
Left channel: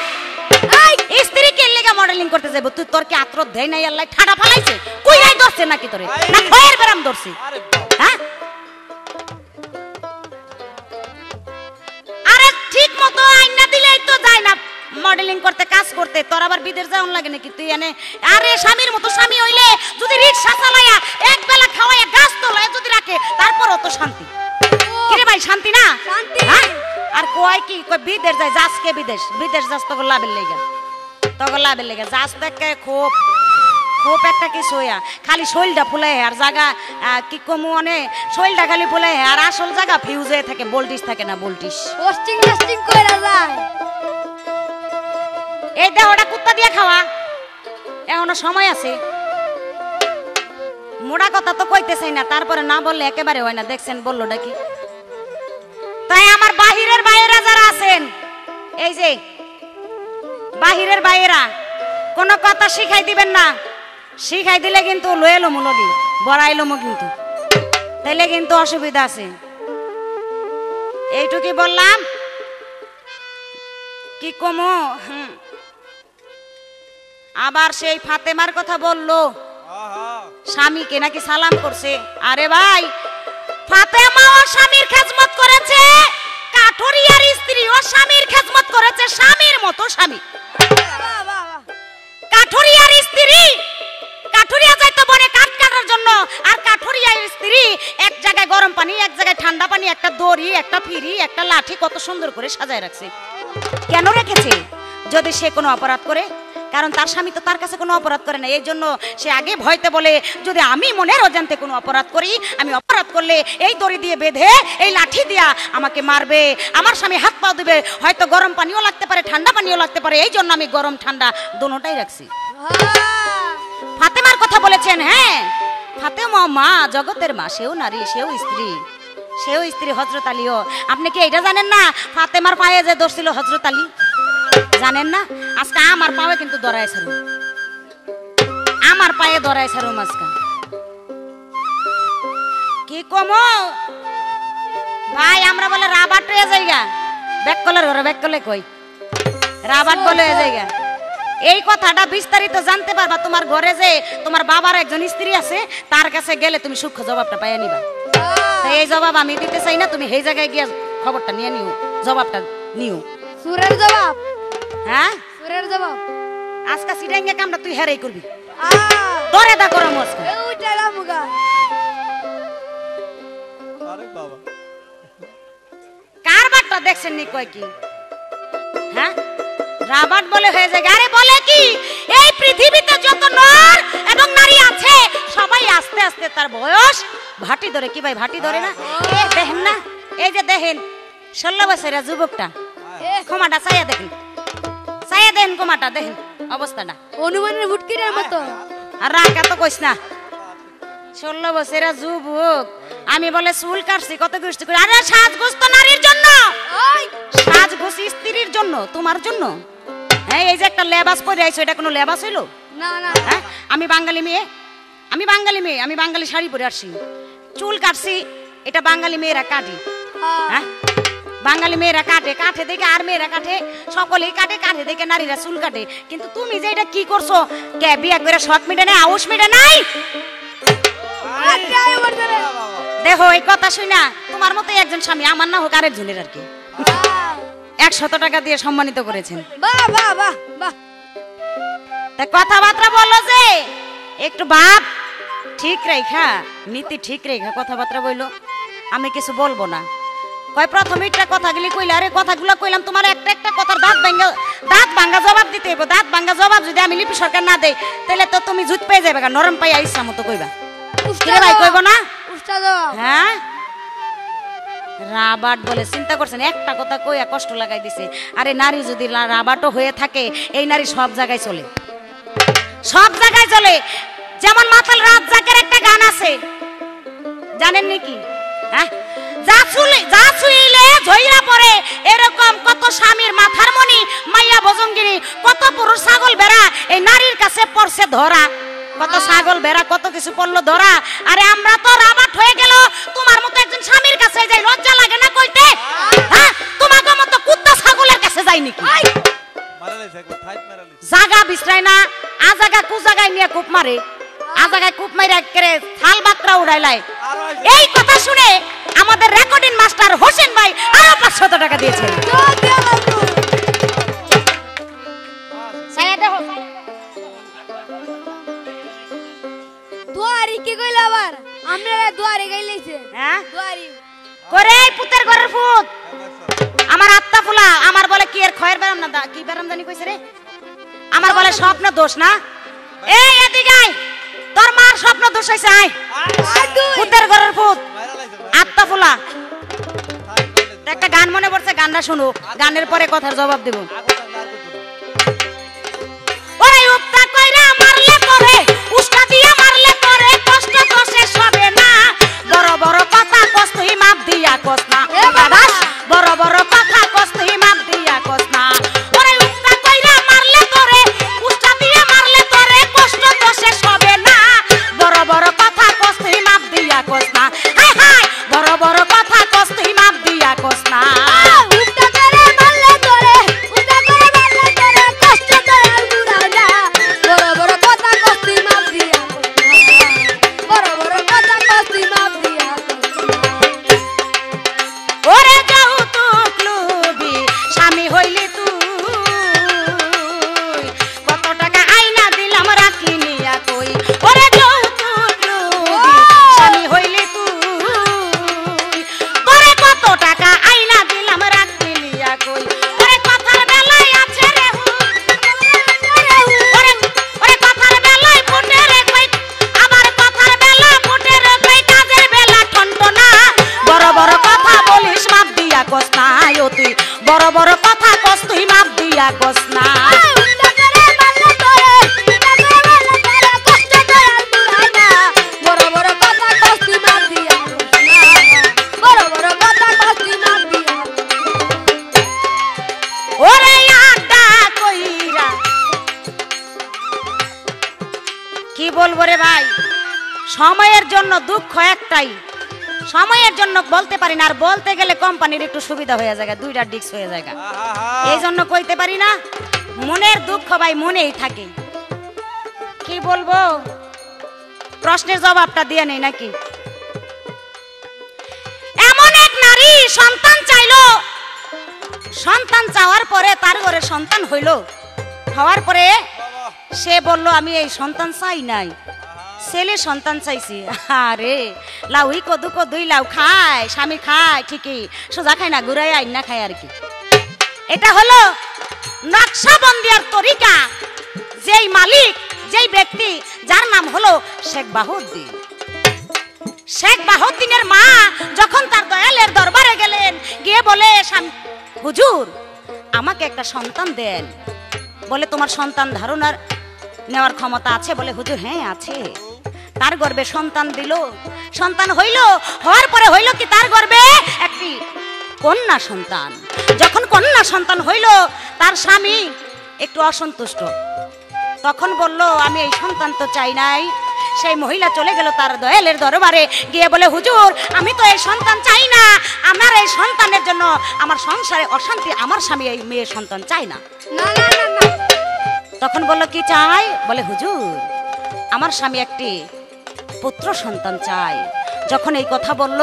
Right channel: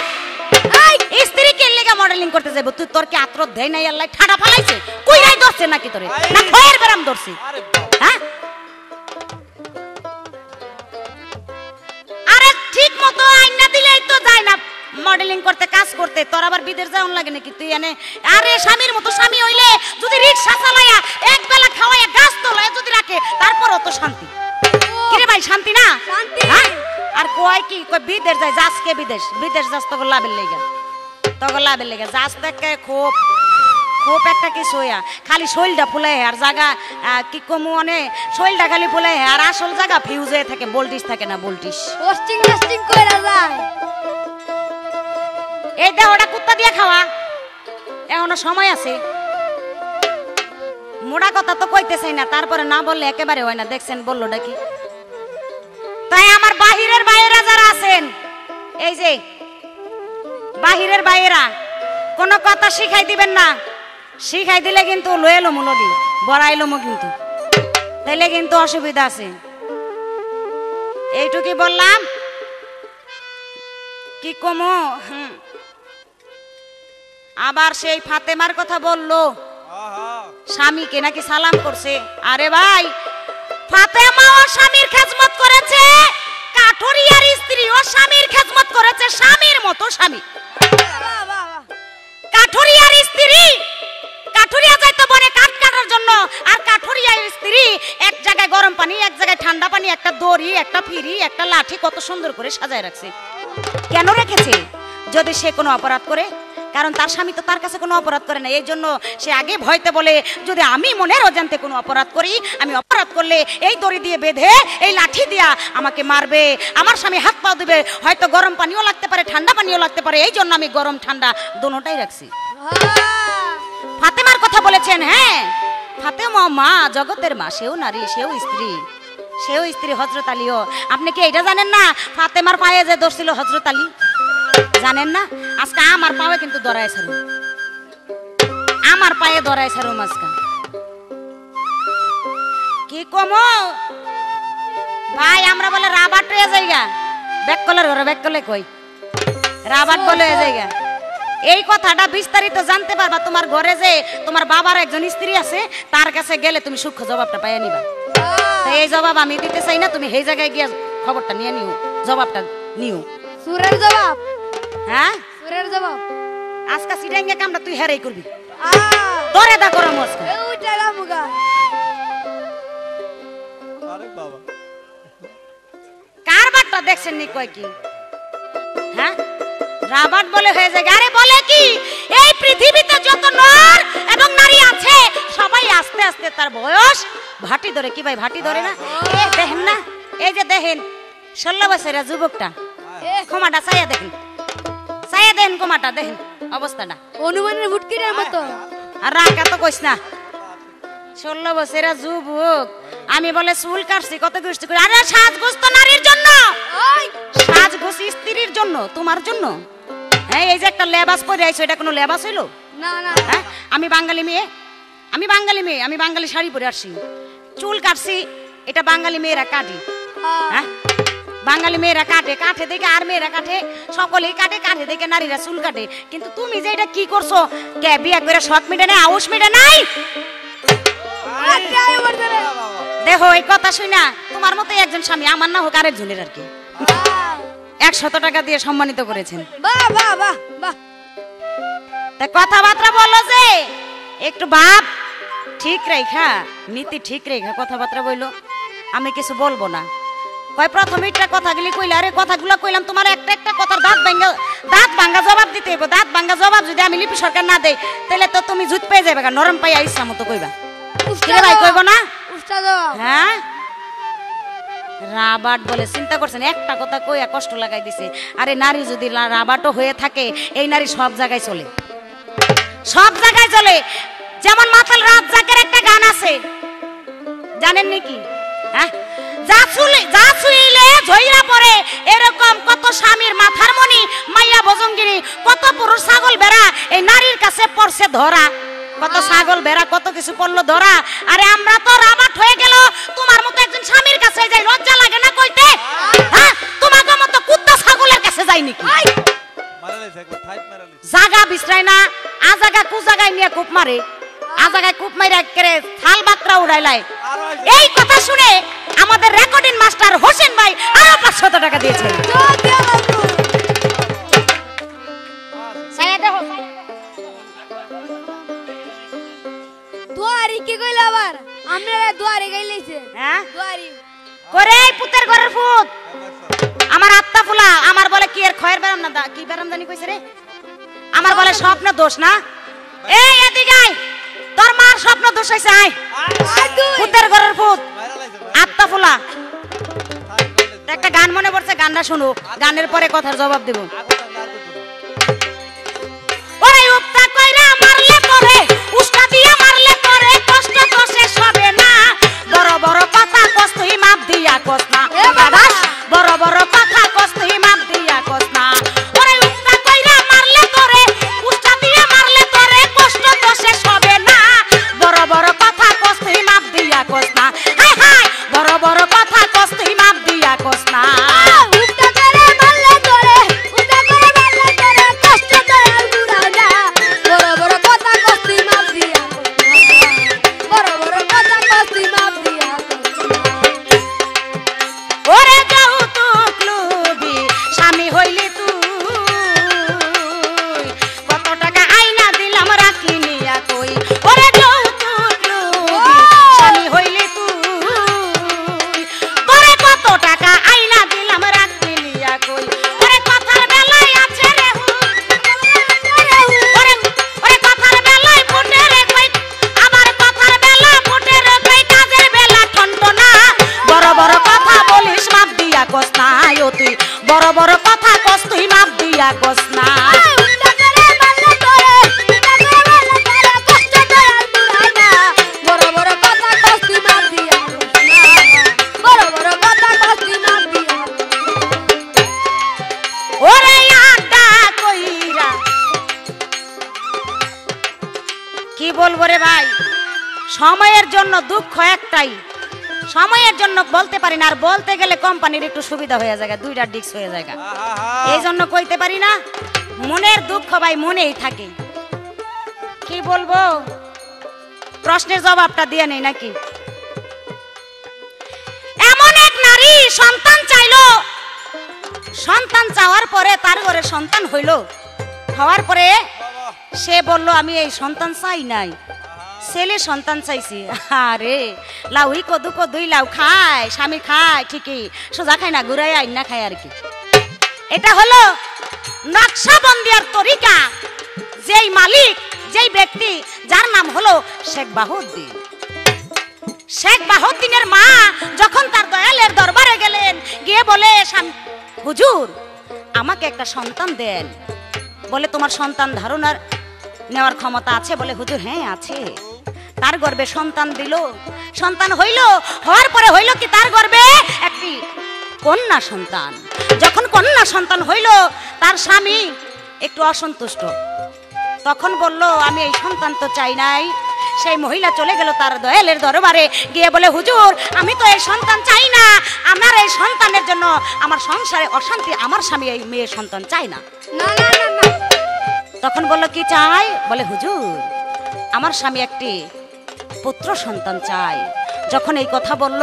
এই স্ত্রী কে লিগা মডেলিং করতে যাইবো তুই তোর কি আত্র দেই নাই আল্লাহ ঠাড়া ফালাইছে কুইরাই ধরছে নাকি তোরে না খয়ের গরম ধরছে হ্যাঁ আরে ঠিক মতো আইনা দিলেই তো যায় না মডেলিং করতে কাজ করতে তোর আবার বিদেশ যাওন লাগে নাকি তুই এনে আরে স্বামীর মতো স্বামী হইলে যদি রিকশা চালায়া এক বেলা খাওয়ায়া গাছ তোলায় যদি রাখে তারপরও তো শান্তি কি রে ভাই শান্তি না শান্তি হ্যাঁ? আর কয় কি কয় বিদেশ যায় যাসকে বিদেশ যাস তো লাভের লেগে যাস থেকে খুব একটা কিছু হইয়া খালি শৈলটা ফুলাই আর জায়গা কি কমু মানে শৈলটা খালি ফুলাই আর আসল জায়গা ফিউজ হয়ে থাকে ভোল্টেজ থাকে না ভোল্টেজ পোস্টিং কইরা যায় এই দেহটা কুত্তা দিয়ে খাওয়া এখনো সময় আছে মোড়া কথা তো কইতে চাই না তারপরে না বললে একেবারে হয় না দেখছেন বললো নাকি তাই আমার বাহিরের বাইরা যারা আছেন এই যে বাহিরের বাইরা কোনো কথা শিখাই দিবেন না শিখাই দিলে কিন্তু লয়েলো মনলি বড়াইলো মো কিন্তু তাইলে কিন্তু অসুবিধা আছে এইটুকুই বললাম কি কমো আবার সেই ফাতেমার কথা বললো স্বামীকে নাকি সালাম করছে আরে ভাই ফাতেমা ওর স্বামীর খেদমত করেছে কাঠুরিয়ার স্ত্রী ওর স্বামীর খেদমত করেছে স্বামীর মতো স্বামী কাঠুরিয়ার স্ত্রী কাঠুরিয়া যাইতো বনে কাঠ কাটার জন্য আর কাঠুরিয়ার স্ত্রী এক জায়গায় গরম পানি এক জায়গায় ঠান্ডা পানি একটা দড়ি একটা ফিরি একটা লাঠি কত সুন্দর করে সাজায় রাখছে কেন রেখেছে যদি সে কোনো অপরাধ করে কারণ তার স্বামী তো তার কাছে কোনো অপরাধ করে না এই জন্য সে আগে ভয়তে বলে যদি আমি মনের অজান্তে কোনো অপরাধ করি আমি অপরাধ করলে এই দড়ি দিয়ে বেঁধে এই লাঠি দিয়া আমাকে মারবে আমার স্বামী হাত পা দিবে হয়তো গরম পানিও লাগতে পারে ঠান্ডা পানিও লাগতে পারে এই জন্য আমি গরম ঠান্ডা দোনোটাই রাখছি ফাতেমার কথা বলেছেন হ্যাঁ ফাতেমা মা জগতের মা সেও নারী সেও স্ত্রী হযরত আলীও আপনি কি এটা জানেন না ফাতেমার পায়ে যে দোষ ছিল হযরত আলী জানেন না আজকে আমার পায়ে কিন্তু দরাইছিল আমার পায়ে দরাইছিল মাসকা কি কমো ভাই আমরা বলে রাবাট হয়ে যাইগা ব্যাককলের ঘরে ব্যাককলে কই রাবাট বলে হয়ে যাইগা এই কথাটা বিস্তারিত জানতে পারবা তোমার ঘরে যে তোমার বাবার একজন স্ত্রী আছে তার কাছে গেলে তুমি সূক্ষ্ম জবাবটা পাইয়া নিবা এই জবাব আমি দিতে চাই না তুমি এই জায়গায় গিয়ে খবরটা নিয়ে নিও জবাবটা নিও সুরের জবাব হ্যাঁ সুরের জবাব আজকে সিটাঙ্গে কামটা তুই হেরাই করবি তোরে দা গরম হচ্ছে ওইটারা মুগা আরে বাবা কারবারটা দেখছেন নি কয় কি হ্যাঁ রাবাট বলে হয়ে যায় আরে বলে কি এই পৃথিবীতে যত নর এবং নারী আছে সবাই আস্তে আস্তে তার বয়স ভাটি ধরে কি ভাই ভাটি ধরে না এই দেখেন না এই যে দেখেন 16 বছরের যুবকটা ক্ষমাটা চাইয়া দেখেন ক্ষমাটা দেখেন অবস্থাটা অনুমানের ফুটকিরের মতো আর রাখা তো কইস না 16 বছরের যুবক আমি বলে চুল কাটছি কত দুষ্ট করে আরে সাজগোজ তো নারীর জন্য ওই সাজগোজ স্ত্রীর জন্য তোমার জন্য হ্যাঁ এই যে একটা লেবাস পরে আইছো এটা কোনো লেবাস হইলো না না হ্যাঁ আমি বাঙালি মেয়ে আমি বাঙালি শাড়ি পরে আসছি চুল কাটছি এটা বাঙালি মেয়েরা কাটে হ্যাঁ বাঙালি মেয়েরা কাটে দেখে আর মেয়েরা কাটে সকলেই কাটে দেখে নারীরা চুল কাটে কিন্তু তুমি যে এটা কি করছো কে বিয়ে করে সৎ মিটে না আউশ মিটে নাই দেখো এই কথা শুনা তোমার মতো একজন স্বামী আমার না হোক আরেকজনের আর কি 100 টাকা দিয়ে সম্মানিত করেছেন বাহ বাহ বাহ বাহ তাই কথাবার্তা বলো যে একটু বাপ ঠিক রেখা নীতি ঠিক রেখা কথাবার্তা বইলো আমি কিছু বলবো না কয় প্রথমে একটা কথাগুলি কইলে আরে কথাগুলো কইলাম তোমার একটা কথা দাঁত ভাঙা জবাব দিতে হইব দাঁত ভাঙা জবাব যদি আমি লিপি সরকার না দেই তাহলে তো তুমি জুত পেয়ে যাবে নরম পাইয়া ইচ্ছা মতো কইবা কে ভাই কইব না উস্তাদ হ্যাঁ রাবাট বলে, চিন্তা করছেন একটা কথা কইয়া কষ্ট লাগাই দিছে। আরে নারী যদি রাবাটও হয়ে থাকে, এই নারী সব জায়গায় চলে, সব জায়গায় চলে। যেমন মাতাল রাজ্জাকের একটা গান আছে, জানেন নাকি? হ্যাঁ, যা ছুঁইলে ঝইরা পড়ে, এরকম কত স্বামীর মাথার মণি মাইয়া ভজঙ্গিনী, কত পুরুষ ছাগল ভেড়া এই নারীর কাছে পড়ছে ধরা, কত ছাগল ভেড়া কত কিছু পড়লো ধরা। আরে আমরা তো রাবাট হয়ে গেল, তোমার মতো একজন স্বামীর কাছে যাই, লজ্জা লাগে না কইতে? হ্যাঁ, তোমাদের মতো কুত্তা ছাগলের কাছে যাই নাকি? জাগা বিছরাই না, আজাগা কুজাগায় নিয়ে কূপ মারে, আজাগায় কূপ মারে করে থাল বাকরা উড়াইলাই। এই কথা শুনে আমাদের রেকর্ডিং মাস্টার হোসেন ভাই আরো 500 টাকা দিয়েছে। দুয়ারি কি কইলা আবার? আপনারা দুয়ারি গাইলেছে। হ্যাঁ দুয়ারি করে পুতের ঘরের ফুট আমার আত্মা ফুলা, আমার বলে কি এর খয়ের বেরাম না, কি বেরাম জানি কইছে রে, আমার বলে স্বপ্ন দোষ না। এই এদিকে আয়, তোর মার স্বপ্ন দোষ হইছে, আয় পুতের ঘরের ফুট আত্মা ফুলা। একটা গান মনে পড়ছে, গানটা শুনুক, গানের পরে কথার জবাব দেব। ওরে উত্তা কইরা মারলে পরে, উস্তা দিয়া মারলে পরে, কষ্ট তো শেষ হবে না। বড় বড় কথা কষ্ট হি মাপ দিয়া কস না, বাবাস বড় বড় কথা কষ্ট হি মাপ দিয়া কস না। ওরে উত্তা কইরা মারলে পরে, উস্তা দিয়া মারলে পরে, কষ্ট তো শেষ হবে না। বড় বড় কথা কষ্ট হি মাপ দিয়া কস না, হায় হায় বড় বড় কথা কষ্ট হি মাপ দিয়া কস না। উস্তা করে মারলে করে, উস্তা করে মারলে করে, কষ্ট দেয় বুড়ানা। বড় বড় কথা কস্তি মাপ দিয়া, বড় বড় কথা কস্তি মাপ দিয়া। ওরে যৌতুক লুবি স্বামী হইলি তুই, কত টাকা আইনা দিলাম রাখলি নিয়া তুই। ওরে যৌতুক লুবি স্বামী হইলি তুই, ওরে কত টাকা আইনা দিলাম রাখলি নিয়া তুই। ওরে কথার বেলায় আছে রে ওরে কথার বেলায় ফুটে রে কই, আবার কথার বেলা ফুটে রে কই, কাজের বেলা ঠন্ড না। বড় বড় কথা বলিস বাপ দিয়া কস না, আয় তুই বড় বড় কথা কস তুই বাপ দিয়া কস না। উস্তা করে মারলে করে, উস্তা করে মারলে করে, কষ্ট দেয় বুড়ানা। বড় বড় কথা কস্তি মাপ দিয়া, বড় বড় কথা কস্তি মাপ দিয়া। ওরে আড্ডা কইরা কি বলবো রে ভাই, সময়ের জন্য দুঃখ একটাই, সময়ের জন্য বলতে পারি না, আর বলতে গেলে কোম্পানির একটু সুবিধা হয়ে যায়, দুইটা ডিস্ক হয়ে যায়, এই জন্য কইতে পারি না। মনের দুঃখ ভাই মনেই থাকে, কি বলবো, প্রশ্নের জবাবটা দিয়ে নেই নাকি। এমন এক নারী সন্তান চাইলো, সন্তান চাওয়ার পরে তার ঘরে সন্তান হইল, হওয়ার পরে সে বলল আমি এই সন্তান চাই নাই, ছেলে সন্তান চাইছি। আরে লাউই কদু কদুই লাউ খায়, স্বামী খায় ঠিকই, সোজা খায় না, ঘুরাই আইন না খায় আর কি। এটা হলো নকশাবন্দিয়ার তরিকা, যেই মালিক, যেই ব্যক্তি, যার নাম হলো শেখ বাহাউদ্দিন। শেখ বাহাউদ্দিনের মা যখন তার দয়ালের দরবারে গেলেন, গিয়ে বলে হুজুর আমাকে একটা সন্তান দেন। বলে তোমার সন্তান ধারণার নেওয়ার ক্ষমতা আছে? বলে হুজুর হ্যাঁ আছে। তার গর্ভে সন্তান দিল, সন্তান হইল, হওয়ার পরে হইল কি তার গর্ভে একটি কন্যা সন্তান। যখন কন্যা সন্তান হইল, তার স্বামী একটু অসন্তুষ্ট, তখন বলল আমি এই সন্তান তো চাই নাই। সেই মহিলা চলে গেল তার দয়ালের দরবারে, গিয়ে বলে হুজুর আমি তো এই সন্তান চাই না, আমার এই সন্তানের জন্য আমার সংসারে অশান্তি, আমার স্বামী এই মেয়ের সন্তান চাই না। না না না না। তখন বলল কি চাই? বলে হুজুর আমার স্বামী একটি পুত্র সন্তান চাই। যখন এই কথা বলল,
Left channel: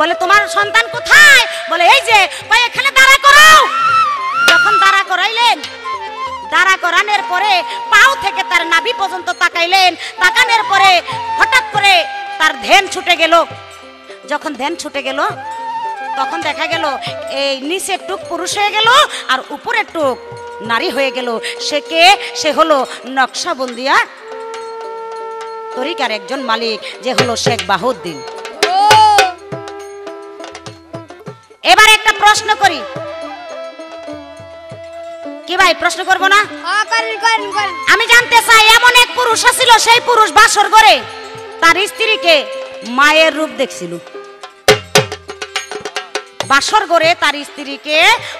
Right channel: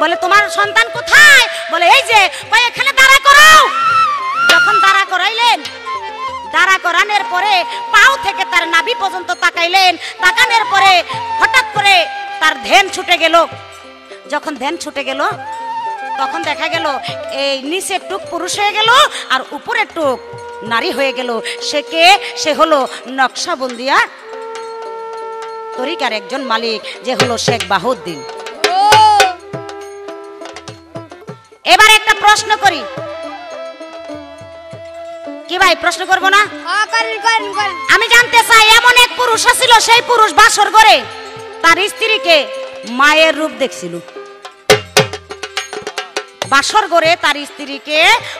বলে তোমার সন্তান কোথায়? বলে এই যে, এখানে দাঁড়া করাও। যখন দাঁড়া করাইলেন, দাঁড়া করানোর পরে পাও থেকে তার নাভি পর্যন্ত তাকাইলেন, তাকানোর পরে হঠাৎ করে তার ধ্যান ছুটে গেল। যখন ধ্যান ছুটে গেল, তখন দেখা গেল এই নিচের টুক পুরুষ হয়ে গেল আর উপরের টুক নারী হয়ে গেল। সে কে? সে হলো নকশাবন্দিয়া তরিকার একজন মালিক, যে হলো শেখ বাহাউদ্দিন। এবার একটা প্রশ্ন করি, কি ভাই প্রশ্ন করব না? হ্যাঁ করেন করেন করেন। আমি জানতে চাই, এমন এক পুরুষ ছিল, সেই পুরুষ বাসর করে তার স্ত্রীকে মায়ের রূপ দেখছিল। বাসর করে তার স্ত্রীকে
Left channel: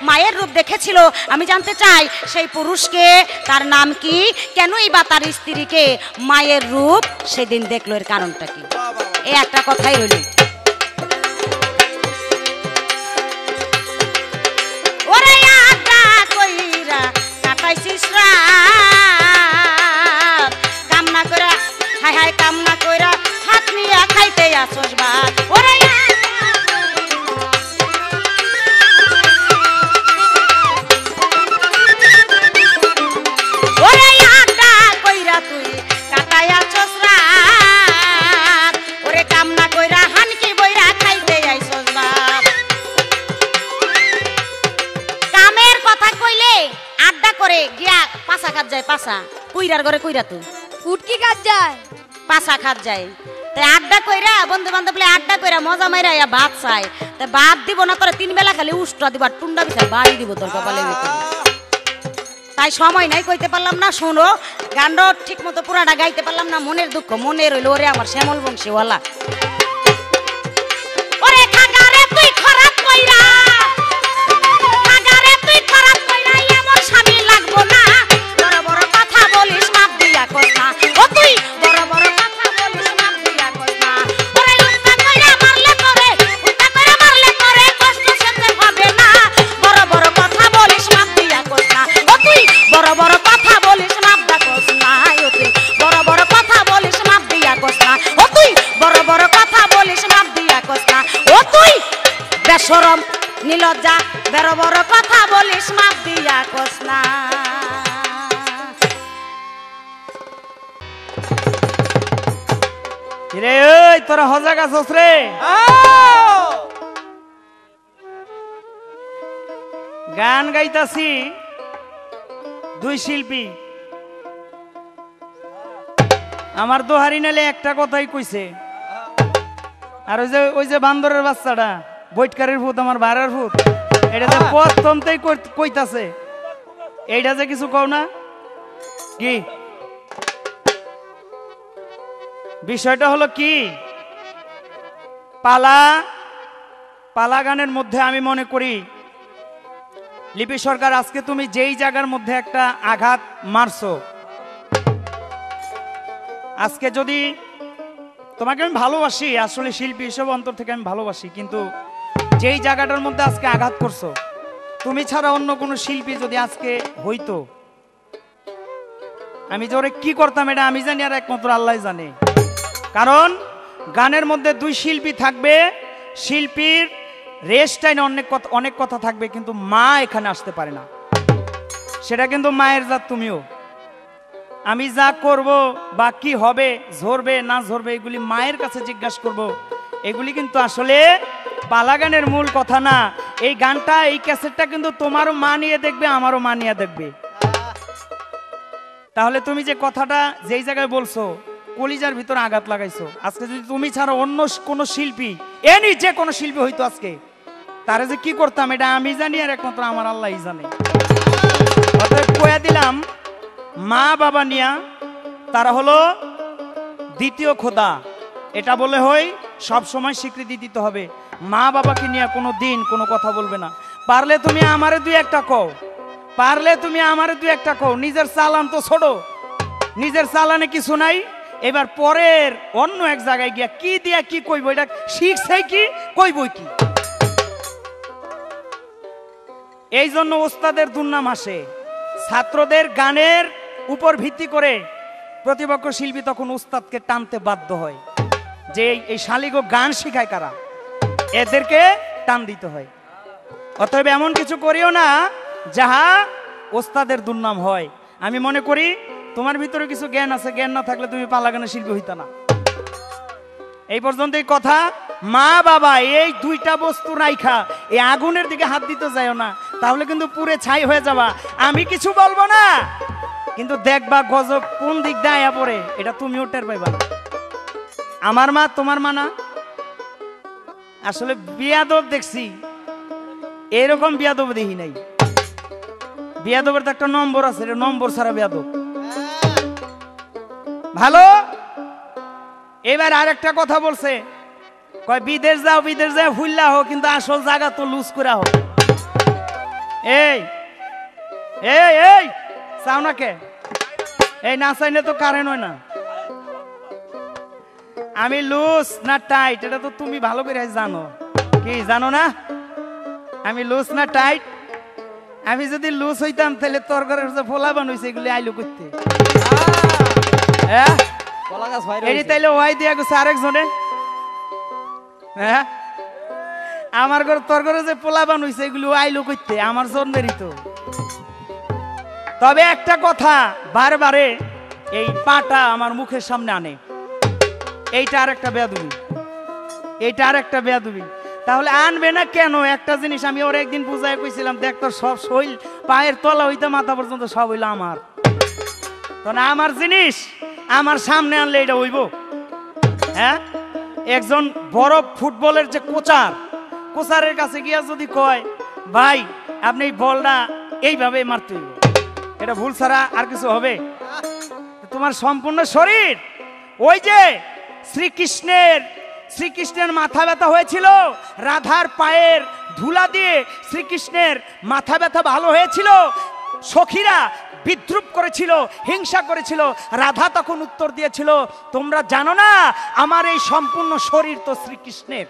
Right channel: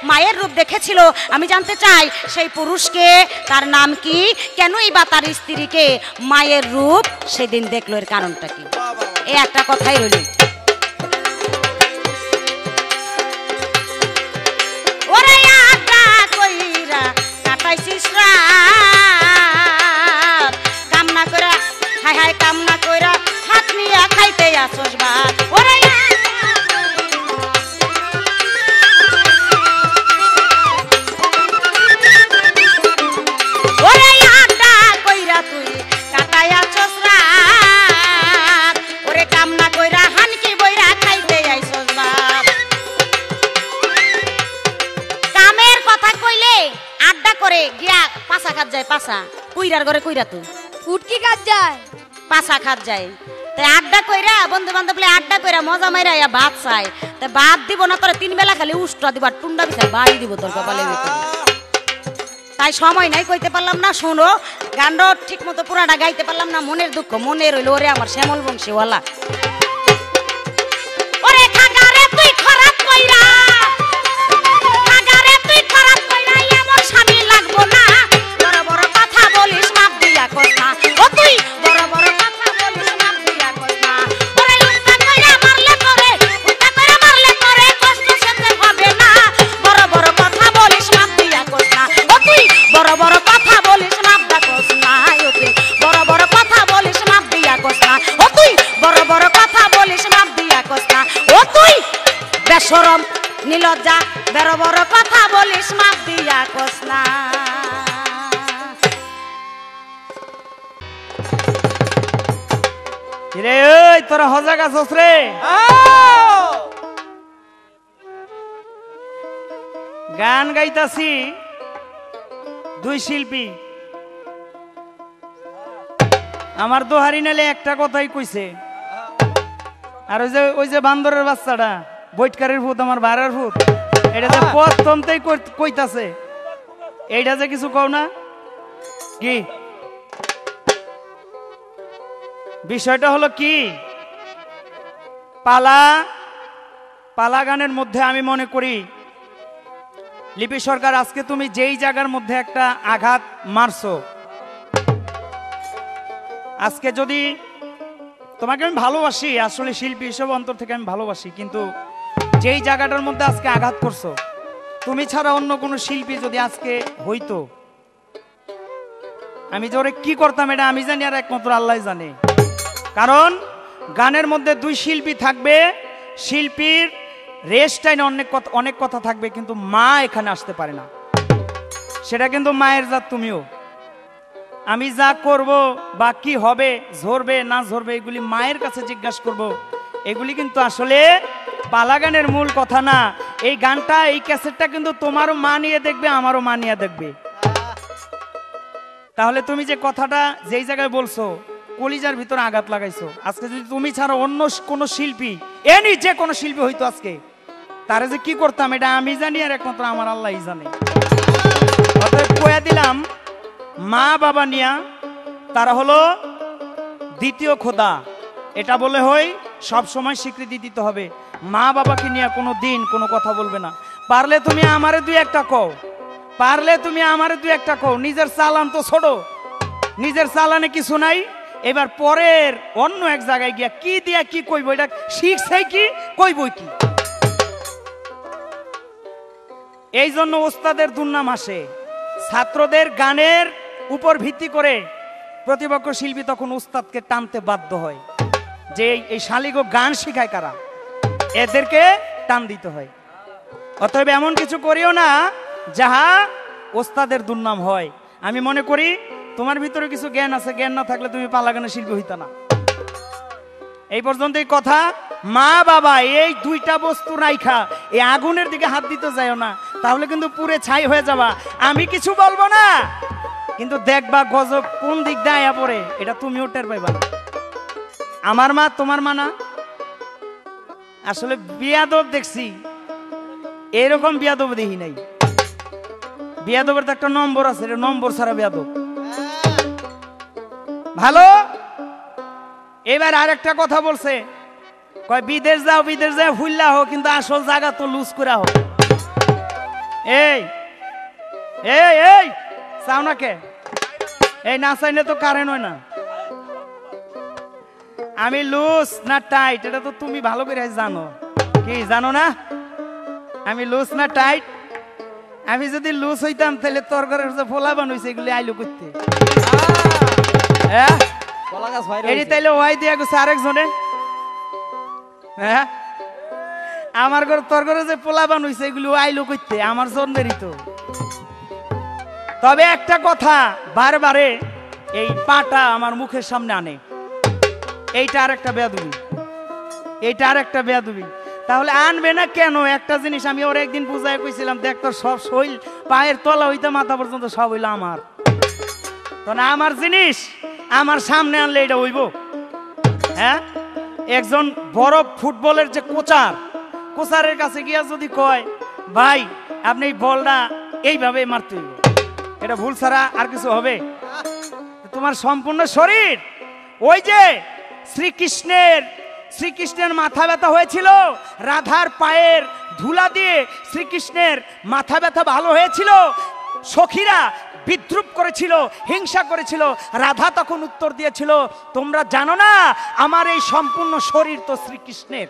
মায়ের রূপ দেখেছিল। আমি জানতে চাই সেই পুরুষকে, তার নাম কি, কেনই বা তার স্ত্রীকে মায়ের রূপ সেদিন দেখলো, এর কারণটা কি? এই একটা কথাই হইল। ওরে আটা কইরা কাটাইছিস রাত, কামনা কইরা হায় হায় কামনা কইরা হাত নিয়া খাইতে আসুস ভাত। ওরে ওরে আটা কইরা তুই কাটাইয়া আসুস রাত, ওরে কামনা কইরা হানকি বইরা খাইতে আইসুস ভাত। কামের কথা কইলে আড্ডা করে গিয়া পাছা খাত যায়, পাছা কুইরার ঘরে কুইরা তুই ফুটকি কাজ যায়। পাছা খাত যায়। তাই আড্ডা কইরা বন্ধু বান্ধব আড্ডা কইরা মজা মাইরা ভাত চাই। তাই ভাত দিব না, তোর 3 বেলা খালি উষ্টা দিব আর টুন্ডা দিব, বাড়ি দিব তোর কপালে। তাই সময় নাই, কইতে পারলাম না। শোনো, গানটা ঠিক মতো পুরাটা গাইতে পারলাম না, মনের দুঃখ মনে রইল। ওরে আমার শ্যামল বংশীওয়ালা, ওরে খাগারে তুই খরাত কইরা, খাগারে তুই খরাত কইরা এমন স্বামী লাগবো না। বড় বড় কথা বলিস মাপ দিয়া কথা, ও তুই বড় বড় কথা বলিস মাপ দিয়া কথা। ওরে উল্টা কইরা মারলে পরে, উল্টা কইরা মারলে পরে কষ্ট সেতে হবে না। বড় বড় কথা বলিস মাপ দিয়া কথা, ও তুই বড় বড় কথা বলিস মাপ দিয়া কথা। ও তুই বড় বড় কথা বলিস মাপ দিয়া কথা, ও তুই বড় বড় কথা বলিস মাপ দিয়া কথা। ও তুই বেশরম নীলজ্জা, বড় বড় কথা বলিস মাপ দিয়া কথা। রে ওই তোরা হজাগ আছস রে? গান গাইতাছি দুই শিল্পী, আমার দোহারি নালে একটা কথাই কইছে। আর ওই যে বান্দরের বাচ্চাটা, বৈটকারের ভূত, আমার ভাড়ার ভূত, এটা যে প্রথমতেই কইতাছে, এইটা যে কিছু কও না কি? বিষয়টা হলো কি, পালা গানের মধ্যে আমি মনে করি লিপি সরকার, আজকে তুমি যেই জায়গার মধ্যে একটা আঘাত মারছো, আজকে যদি তোমাকে আমি ভালোবাসি, আসলে শিল্পী হিসেবে অন্তর থেকে আমি ভালোবাসি, কিন্তু যেই জায়গাটার মধ্যে আজকে আঘাত করছো, তুমি ছাড়া অন্য কোন শিল্পী যদি আজকে হইতো, আমি ধরে কি করতাম এটা আমি জানি, আর একমাত্র আল্লাহ জানে। কারণ গানের মধ্যে দুই শিল্পী থাকবে, শিল্পীর রেস্ট টাইম অনেক কথা থাকবে, কিন্তু মা এখানে আসতে পারে না। সেটা কিন্তু মায়ের জাত তুমিও। আমি যা করব বা কি হবে, ঝরবে না ঝরবে, এগুলি মায়ের কাছে জিজ্ঞাসা করব। এগুলি কিন্তু আসলে পালা গানের মূল কথা না। এই গানটা, এই ক্যাসেটটা কিন্তু তোমারও মা নিয়ে দেখবে, আমারও মা নিয়ে দেখবে। তাহলে তুমি যে কথাটা যেই জায়গায় বলছো, কলিজার ভিতর আঘাত লাগাইছো। আজকে যদি তুমি ছাড়া অন্য কোন শিল্পী, এনি যে কোনো শিল্পী হইতো আজকে, তারা যে কি করতাম এটা আমি জানি, আর একমাত্র আমার আল্লাহই জানে। অতএব কয়ে দিলাম, মা বাবা নিয়া তারা হলো দ্বিতীয় খোদা, এটা বলে হয় সব সময় স্বীকৃতি দিতে হবে। মা বাবাকে নিয়ে কোনো দিন কোনো কথা বলবে না। পারলে তুমি আমারে দুই একটা কও, পারলে তুমি আমারে দুই একটা কও। নিজের চালান তো ছোট, নিজের চালানে কিছু নাই, এবার পরের অন্য এক জায়গায় গিয়া কি দিয়া কি কইব, এটা শিখছে কি কইব কি? এই জন্য ওস্তাদের দুর্নাম আসে। ছাত্রদের গানের উপর ভিত্তি করে প্রতিপক্ষ শিল্পী তখন উস্তাদকে টানতে বাধ্য হয়, যে এই শালিগো গান শিখায় কারা, এদেরকে টান দিতে হয়। অতএব এমন কিছু করিও না যাহা ওস্তাদের দুর্নাম হয়। আমি মনে করি তোমার ভিতরে কিছু জ্ঞান আছে, জ্ঞান না থাকলে তুমি পালা গানের শিল্পী হইতো না। এই পর্যন্তই কথা। মা বাবা এই দুইটা বস্তু রাইখা এই আগুনের দিকে হাত দিতে যাইও না, তাহলে কিন্তু পুরে ছাই হয়ে যাবা। আমি কিছু বলবো না, কিন্তু দেখবা গজব কোন দিক দিয়ে পড়ে, এটা তুমিও টের পাইবা। আমার মা তোমার মা না। আসলে বিয়াদব দেখছি এরকম বিয়াদব দেখি নাই। বিয়াদবের তো একটা নম্বর আছে, নম্বর ছাড়া বিয়াদব। ভালো। এবার আরেকটা কথা বলছে, কয় বিদেশ যাও, বিদেশ যাও হুইল্লা হোক, কিন্তু আসল জায়গা তো লুজ করে হোক। এই এই এই চাও না কে? এই না চাইলে তো কারেন্ট হয় না। আমি লুজ না টাইট এটা তো তুমি ভালো করে জানো। কি জানো না? আমি লুজ না টাইট? আমি যদি লুজ হইতাম তাহলে তোর ঘরের যে ফোলা বানাইছে এগুলি আইলো করতে। হ্যাঁ এটি তাইলে ওয়াই দিয়া গেছে আরেকজনে। হ্যাঁ আমার ঘর তোর ঘরে যে পোলা বানাইছে এগুলো আইলো করতে আমার জন্যেরই তো। তবে একটা কথা বারে এই পাটা আমার মুখের সামনে আনে, এইটা আরেকটা বেয়াদবি, এইটা আরেকটা বেয়াদবি। তাহলে আনবে না কেন? একটা জিনিস আমি ওর একদিন বুঝাই কইছিলাম, দেখ তোর সব শরীর পায়ের তলা হইতে মাথা পর্যন্ত সব হইলো আমার, তখন আমার জিনিস আমার সামনে আনলে এটা হইব? হ্যাঁ একজন বড় ফুটবলের যে কোচারের কাছে গিয়া যদি কয় ভাই আপনি এই বলটা এইভাবে মারতে হইব, এটা ভুল ছাড়া আর কিছু হবে? তোমার সম্পূর্ণ শরীর ওই যে শ্রীকৃষ্ণের মাথা ব্যথা হয়েছিল, রাধার পায়ের ধুলা দিয়ে শ্রীকৃষ্ণের মাথা ব্যথা ভালো হয়েছিল, সখীরা বিদ্রুপ করেছিল, হিংসা করেছিল, রাধা তখন উত্তর দিয়েছিল তোমরা জানো না আমার এই সম্পূর্ণ শরীর তো শ্রীকৃষ্ণের।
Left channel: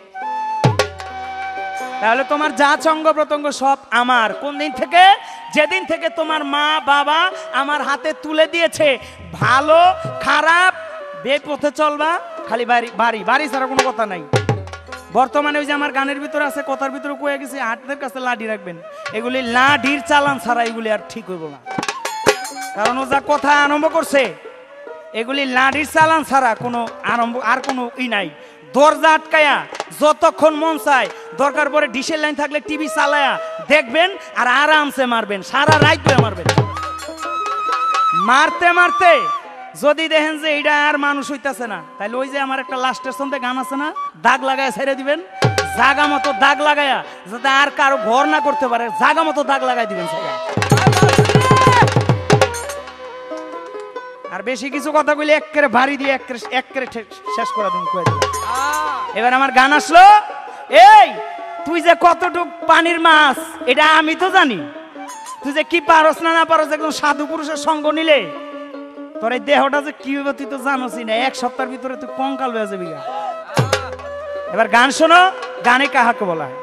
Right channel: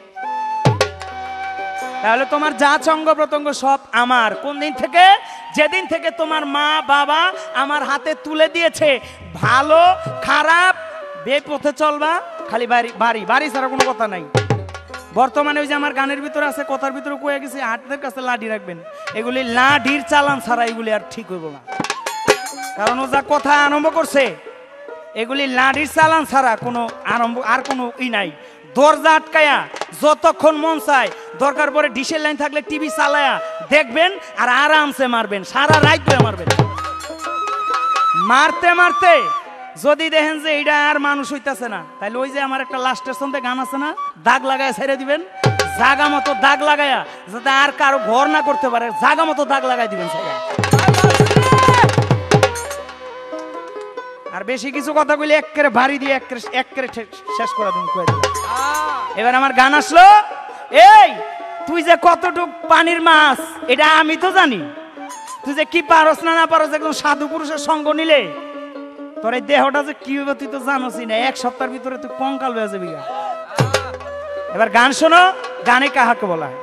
তাহলে তোমার যা অঙ্গ প্রত্যঙ্গ সব আমার। কোন দিন থেকে? যেদিন থেকে তোমার মা বাবা আমার হাতে তুলে দিয়েছে। ভালো খারাপ এই পথে চলবা, খালি বাড়ি বাড়ি বাড়ি ছাড়া কোনো কথা নাই। বর্তমানে ওই যে আমার গানের ভিতরে আছে, কথার ভিতরে কয়ে গেছে হাতের কাছে লাঠি রাখবেন, এগুলি লাঠির চালান ছাড়া এগুলি আর ঠিক হইব না। কারণ ও যা কথা আরম্ভ করছে এগুলি লাঠির চালান ছাড়া কোনো আর কোনো নাই। দরজা আটকায়া যতক্ষণ মন চায় দরকার পরে ডিশের লাইন থাকলে টিভি চালায়া দেখবেন আর আরামসে মারবেন, সারা রাত ধরে মারবেন। মারতে মারতে যদি দেখেন যে এটা আর মানুষ হইতেছে না, তাহলে ওই যে আমার একটা লাস্টের সন্ধ্যে গান আছে না, দাগ লাগায় ছেড়ে দিবেন, জাগা মতো দাগ লাগায়া যাতে আর কারো ঘর না করতে পারে, জাগা মতো দাগ লাগাই দিবেন। আর বেশি কিছু কথা বলি একেবারে ভারী দিয়ে একেবারে শেষ করে দেব। এবার আমার গান আসলো, এই তুই যে কতটুক পানির মাছ এটা আমি তো জানি, তুই যে কি পারস না পারস, একদম সাধু পুরুষের সঙ্গ নিলে তোর এই দেহটা যে কি হবে তুই তো জানোসই না, এক সপ্তাহের ভিতরে তুই কঙ্কাল হয়ে যাবি। এবার গান শোনো, গানে কাহাকে বলা হয়?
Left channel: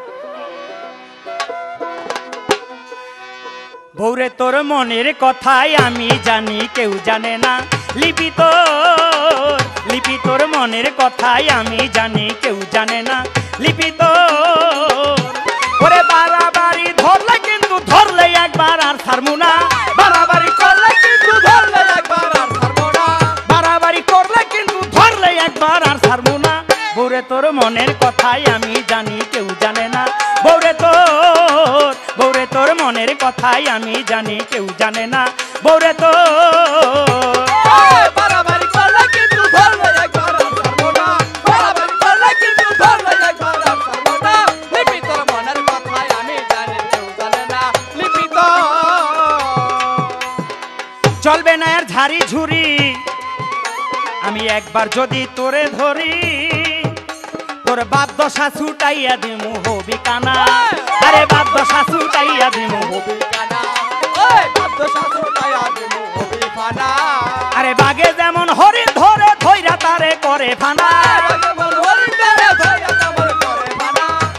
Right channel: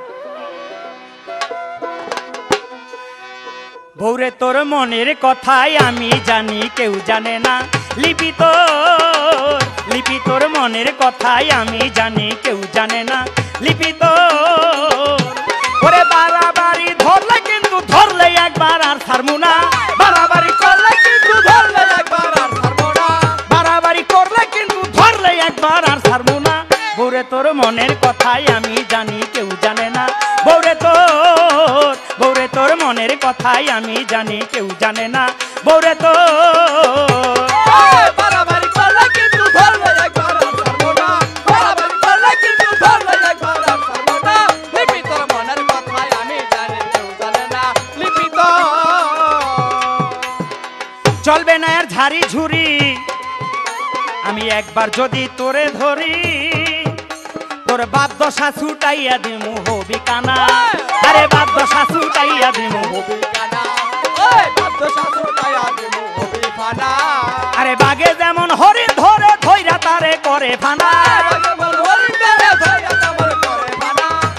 ভোরে তোর মনের কথাই আমি জানি কেউ জানে না, লিপি তোর মনের কথাই আমি জানি কেউ জানে না, লিপি তোরে বাড়াবাড়ি ধরলে কিন্তু ধরলে একবার আর ছাড়বো না, বাড়াবাড়ি করলে কিন্তু ধরলে একবার আর ছাড়বো না, বাড়াবাড়ি করলে কিন্তু ধরলে একবার আর ছাড়বো না। ভোরে তোর মনের কথাই আমি জানি কেউ জানে না, ভোরে তোর মনের কথাই আমি জানি কেউ জানে না, ভোরে চলবে না আর ঝাড়ি ঝুড়ি, আমি একবার যদি তোরে ধরি তোর বাপ দশা ছুটাইয়া দিমু হবি কানা, আরে বাপ দশা ছুটাইয়া দিমু হবি কানা, আরে বাগে যেমন হরিণ ধরে ধইরা তারে করে ফানা,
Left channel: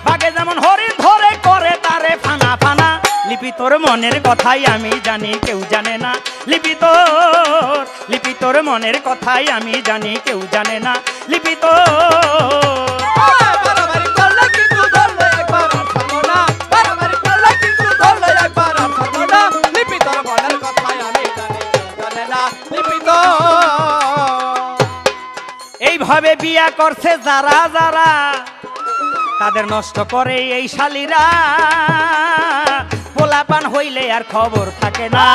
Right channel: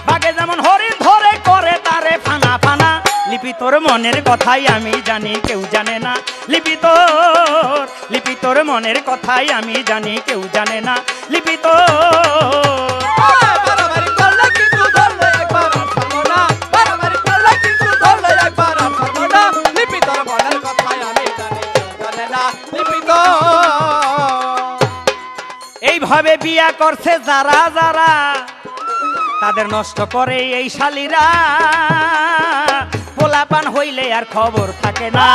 বাগে যেমন হরিণ ধরে করে তারে ফানা ফানা। লিপি তোর মনের কথাই আমি জানি কেউ জানে না, লিপি তোর মনের কথাই আমি জানি কেউ জানে না, লিপি এইভাবে বিয়া করছে যারা যারা তাদের নষ্ট করে এই শালীরা, পোলাপান হইলে আর খবর থাকে না,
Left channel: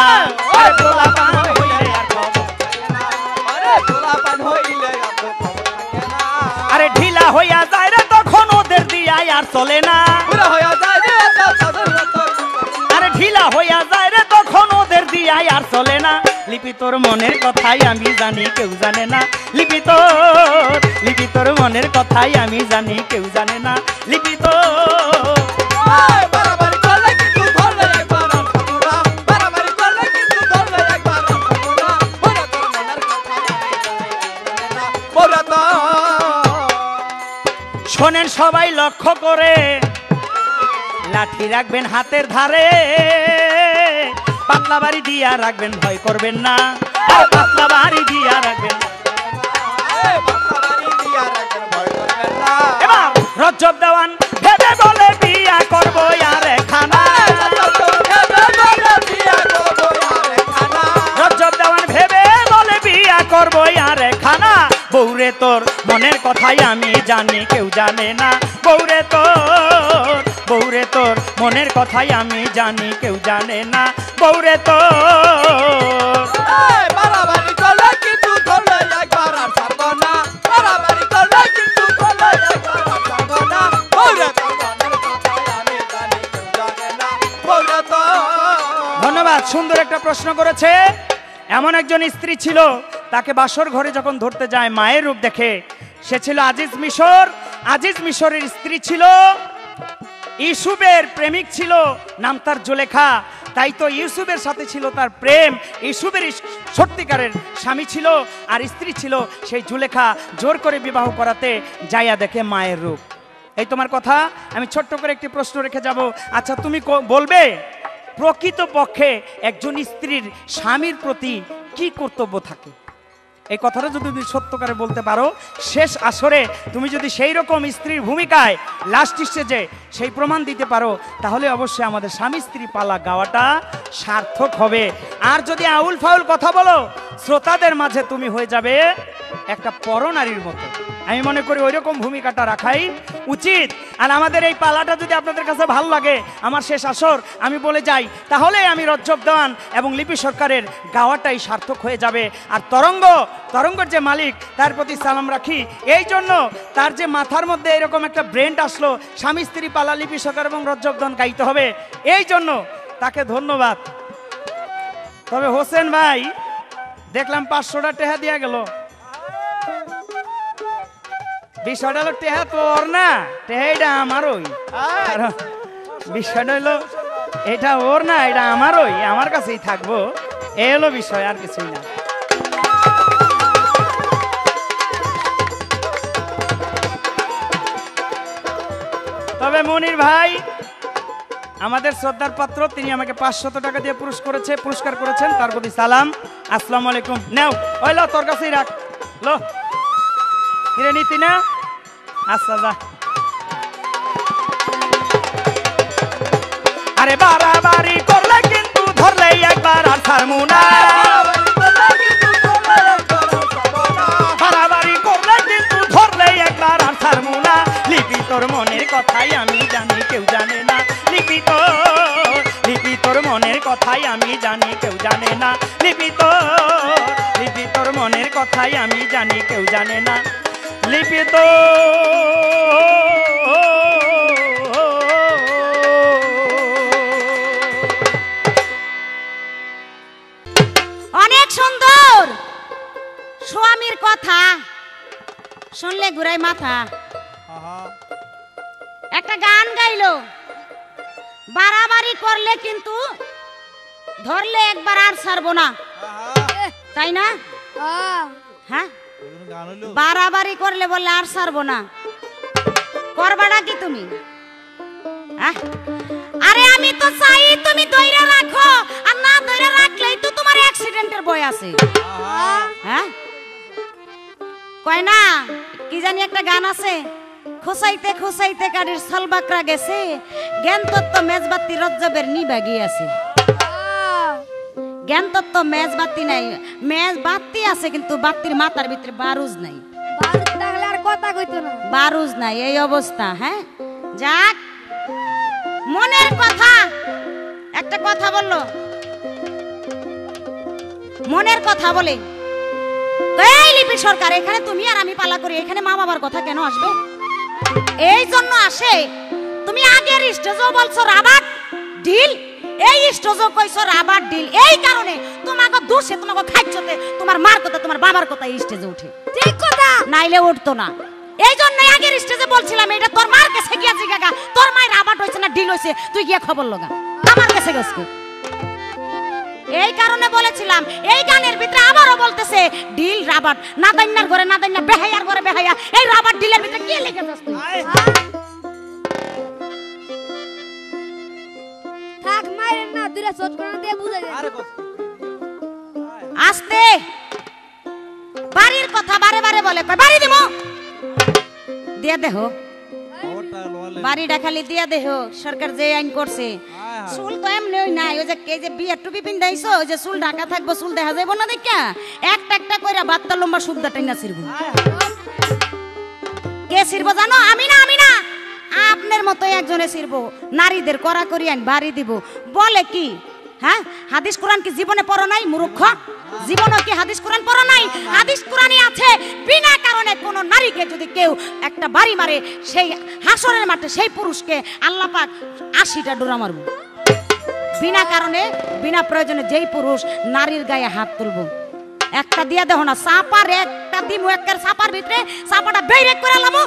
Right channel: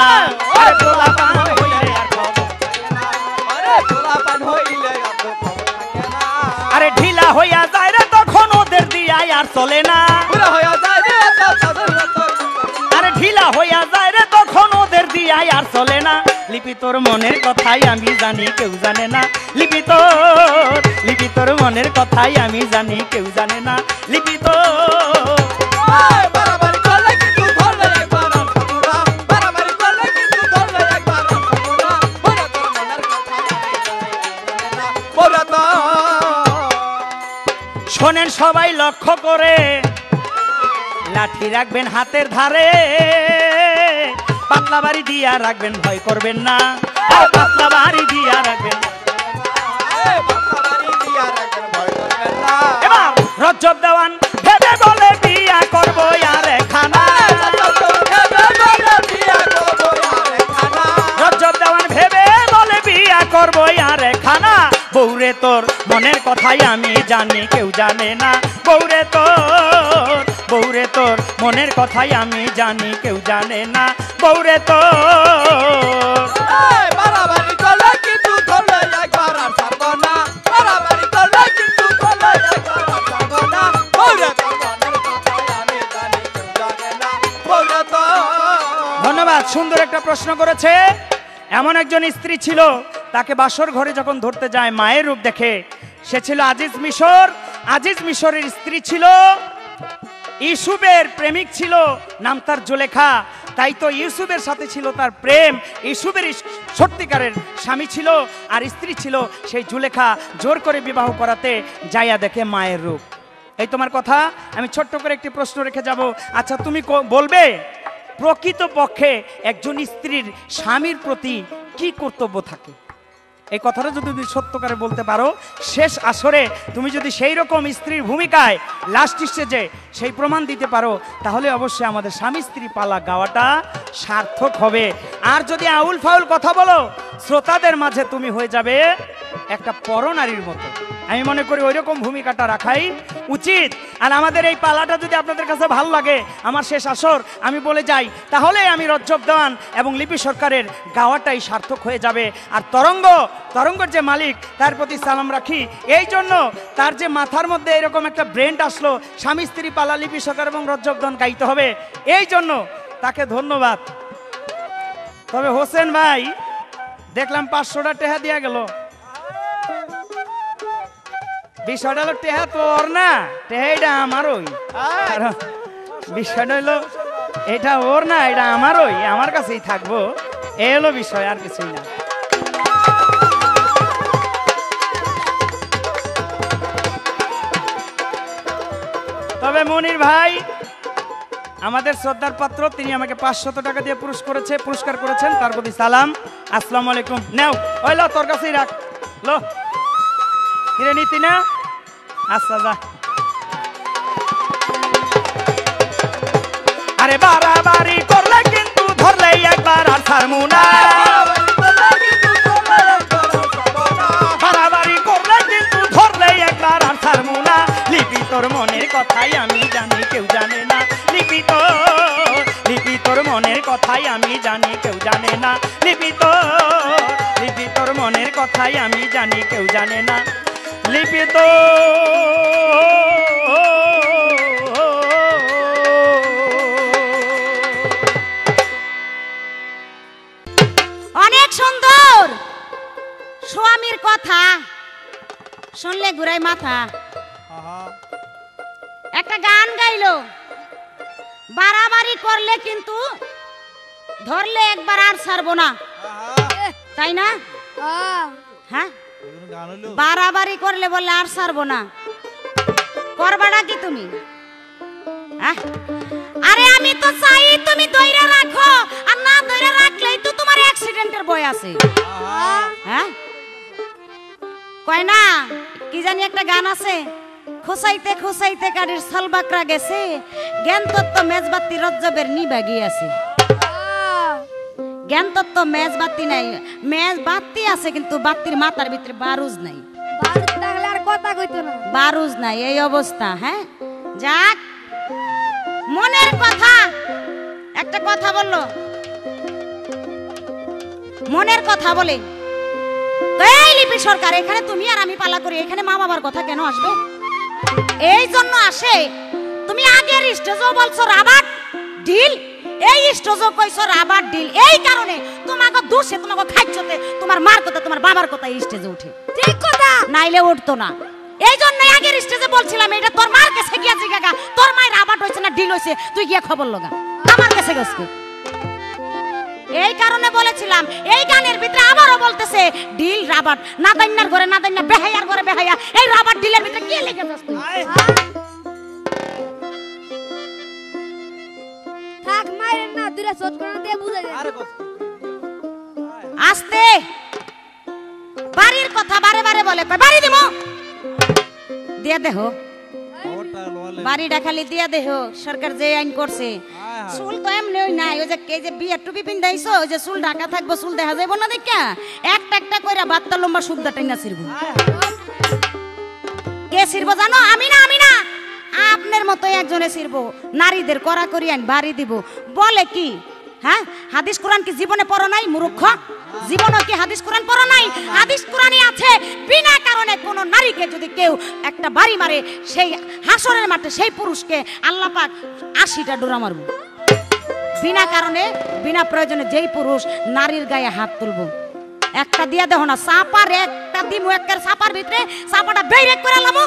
পোলাপান হইলে আর খবর থাকে না, পোলাপান হইলে আরে ঢিলা হইয়া যায় রে তখন ওদের দিয়াই আর চলে না, লিপি তোর মনের কথাই আমি জানি কেউ জানে না লিপি তোর মনের কথাই আমি জানি কেউ জানে না লিপি তোর বাড়াবাড়ি করলে কিন্তু ধরবে একবার সাপুরা বাড়াবাড়ি করলে কিন্তু ধরবে একবার সাপুরা বলে তো শোনেন সবাই লক্ষ্য করে লাঠি রাখবেন হাতের ধারে পাতলা বাড়ি দিয়া রাখবেন ভয় করবেন না পাতলা বাড়ি দিয়া রাখবেন রজব দেওয়ান ভেবে বলে বিয়া করবো আরে খানা রজব দেওয়ান ভেবে বলে বিয়া করবো আরে খানা বউরে তোর মনের কথাই আমি জানি কেউ জানে না বউরে তোর মনের কথাই আমি জানি কেউ জানে না বউরে তোর বাড়াবাড়ি করলে কিন্তু ধরবে একবার সাপুরা বাড়াবাড়ি করলে কিন্তু ধরবে একবার সাপুরা বলে তো বলে তো ধন্যবাদ সুন্দর একটা প্রশ্ন করেছে এমন একজন স্ত্রী ছিল তাকে বাসর ঘরে যখন ধরতে যায় মায়ের রূপ দেখে সে ছিল আজিজ মিশরের স্ত্রী ছিল ইউসুফের প্রেমিক ছিল নাম তার জুলেখা তাই তো ইউসুফের সাথে ছিল তার প্রেম ইউসুফের সত্যিকারের স্বামী ছিল আর স্ত্রী ছিল সেই জুলেখা জোর করে বিবাহ করাতে যাইয়া দেখে মায়ের রূপ এই তোমার কথা আমি ছোট্ট করে একটি প্রশ্ন রেখে যাব আচ্ছা তুমি বলবে প্রকৃত পক্ষে একজন স্ত্রীর স্বামীর প্রতি কি কর্তব্য থাকে এই কথাটা যদি তুমি সত্য করে বলতে পারো শেষ আসরে তুমি যদি সেই রকম স্ত্রীর ভূমিকায় লাস্ট স্টেজে সেই প্রমাণ দিতে পারো তাহলে অবশ্যই আমাদের স্বামী স্ত্রী পালা গাওয়াটা সার্থক হবে আর যদি আউল ফাউল কথা বলো শ্রোতাদের মাঝে তুমি হয়ে যাবে একটা পরনারীর মতো আমি মনে করি ওই রকম ভূমিকাটা রাখাই উচিত আর আমাদের এই পালাটা যদি আপনাদের কাছে ভালো লাগে আমার শেষ আসর আমি বলে যাই তাহলে আমি রজব দেওয়ান এবং লিপি সরকারের গাওয়াটাই সার্থক হয়ে যাবে আর তরঙ্গের যে মালিক তার প্রতি সালাম রাখি এই জন্য তার যে মাথার মধ্যে এরকম একটা ব্রেন্ড আসলো স্বামী স্ত্রী পালা লিপি সরকার এবং রজব দেওয়ান গাইতে হবে এই জন্য তাকে ধন্যবাদ তবে হোসেন ভাই দেখলাম 500টা টেহা দিয়া গেল বিষয়টা হলো টেহা তো ওর না টেহাইটা আমারই বিষয়টা হলো এটা ওর না এটা আমারই আমার কাছেই থাকবো এ হলো বিষয় আর কিছুই না তবে মনির ভাই আমাদের শ্রদ্ধার পাত্র তিনি আমাকে 500 টাকা দিয়ে পুরস্কার করেছেন তার প্রতি সালাম আসসালামু আলাইকুম নাও ওই লো তোর কাছেই রাখ লো কিরে নিতি না আচ্ছা যা আরে বাড়াবাড়ি করলে কিন্তু ধরলে একবার আর ছাড়মু না বাড়াবাড়ি করলে কিন্তু ধরলে একবার আর ছাড়মু না লিপি তোর মনের কথাই আমি জানি কেউ জানে না লিপি তোর মনের কথাই আমি জানি কেউ জানে না লিপি তোর মনের কথাই আমি জানি কেউ জানে না লিপি তো অনেক সুন্দর স্বামীর কথা শুনলে ঘুরাই মাথা একটা গান গাইলো বাড়াবাড়ি করলে কিন্তু ধরলে একবার আর ছাড়বো না তাই না হ্যাঁ বাড়াবাড়ি করলে বললে আর ছাড়বো না করবাটা কি তুমি আরে আমি তো চাই তুমি ধরে রাখো আর না ধরে রাখলেই তো তোমার অ্যাক্সিডেন্টের ভয় আছে হ্যাঁ কয় না কি জানি একটা গান আছে খোসাইতে খোসাইতে গাড়ির সালবাকরা গেছে জ্ঞান তত্ত্ব মেজবাতি রজ্জবের নিবা গিয়েছে জ্ঞান তত্ত্ব মেজবাতি নাই মেজবাতি আছে কিন্তু বাতির মাথার ভিতরে বারুজ নাই বারুজ নাই এই অবস্থা হ্যাঁ যাক মনের কথা একটা কথা বললো মনের কথা বলে এই লিপি সরকার এখানে তুমি আর আমি পালা করি এখানে মা বাবার কথা কেন আসবে এই জন্য আসে তুমি আগের স্টেজও বলছো রাবাট ঢিল এই স্টেজও কইছো রাবার ডিল। এই কারণে তোমাকে দোষে তোমাকে খাইছতে তোমার মার কথা তোমার বাবার কথা স্টেজে উঠে। ঠিক কথা। নাইলে উঠতো না। এই জন্যই আগের স্টেজে বলছিলাম এটা তোর মার কাছে গিয়া জিজ্ঞাসা, তোর মায়ের রাবার হইছে না ডিল হইছে, তুই গিয়া খবর লগা, আমার কাছে গেছে। এই কারণে বলেছিলাম এই গানের ভিতরে আবারও বলতেছে ডিল রাবার, নাদাইনার ঘরে নাদাইনা, বেহায়ার ঘরে বেহায়া, এই রাবার ডিলের ভিতরে কি লিখেছিস তুই? থাক মারেন না, দুইটা শট করে দিয়ে বুঝাই দে। আস্তে বাড়ির কথা বারে বারে বলে, বাড়ি দেব দিয়ে দেহ, বাড়িটা খালি দিয়া দেহ। সরকার যে আইন করছে চুল তো এমনি নাই, ওই যে কে যে বিয়ে টুপি পিন্ধাইছো, ওই যে চুল ঢাকা থাকবো, চুল দেখা যাইব না দেখা, একটা একটা কইরা বাত্তা লম্বা সুদ্ধা টেনা ছিড়বো। কে ছিড়বো জানো? আমি না, আমি না, আপনার মতো একজনে ছিড়বো। নারীদের করা করি আইন বাড়ি দিব বলে কি? হ্যাঁ, হাদিস কোরআন কি জীবনে পড়ো নাই মূর্খ? জীবনে কি হাদিস কোরআন পড়ো নাই? হাদিস কোরআনে আছে বিনা কারণে কোন নারীকে যদি কেউ একটা বাড়ি মারে, সেই হাসরের মাঠে সেই পুরুষকে আল্লাহ পাক 80টা ডোরা মারবে। বিনা কারণে বিনা প্রয়োজনে যেই পুরুষ নারীর গায়ে হাত তুলবো, একটা দিয়ে দেখো না, চাপার একটা দিব, একটা চাপার ভিতরে চাপাটা বের করে লাবো,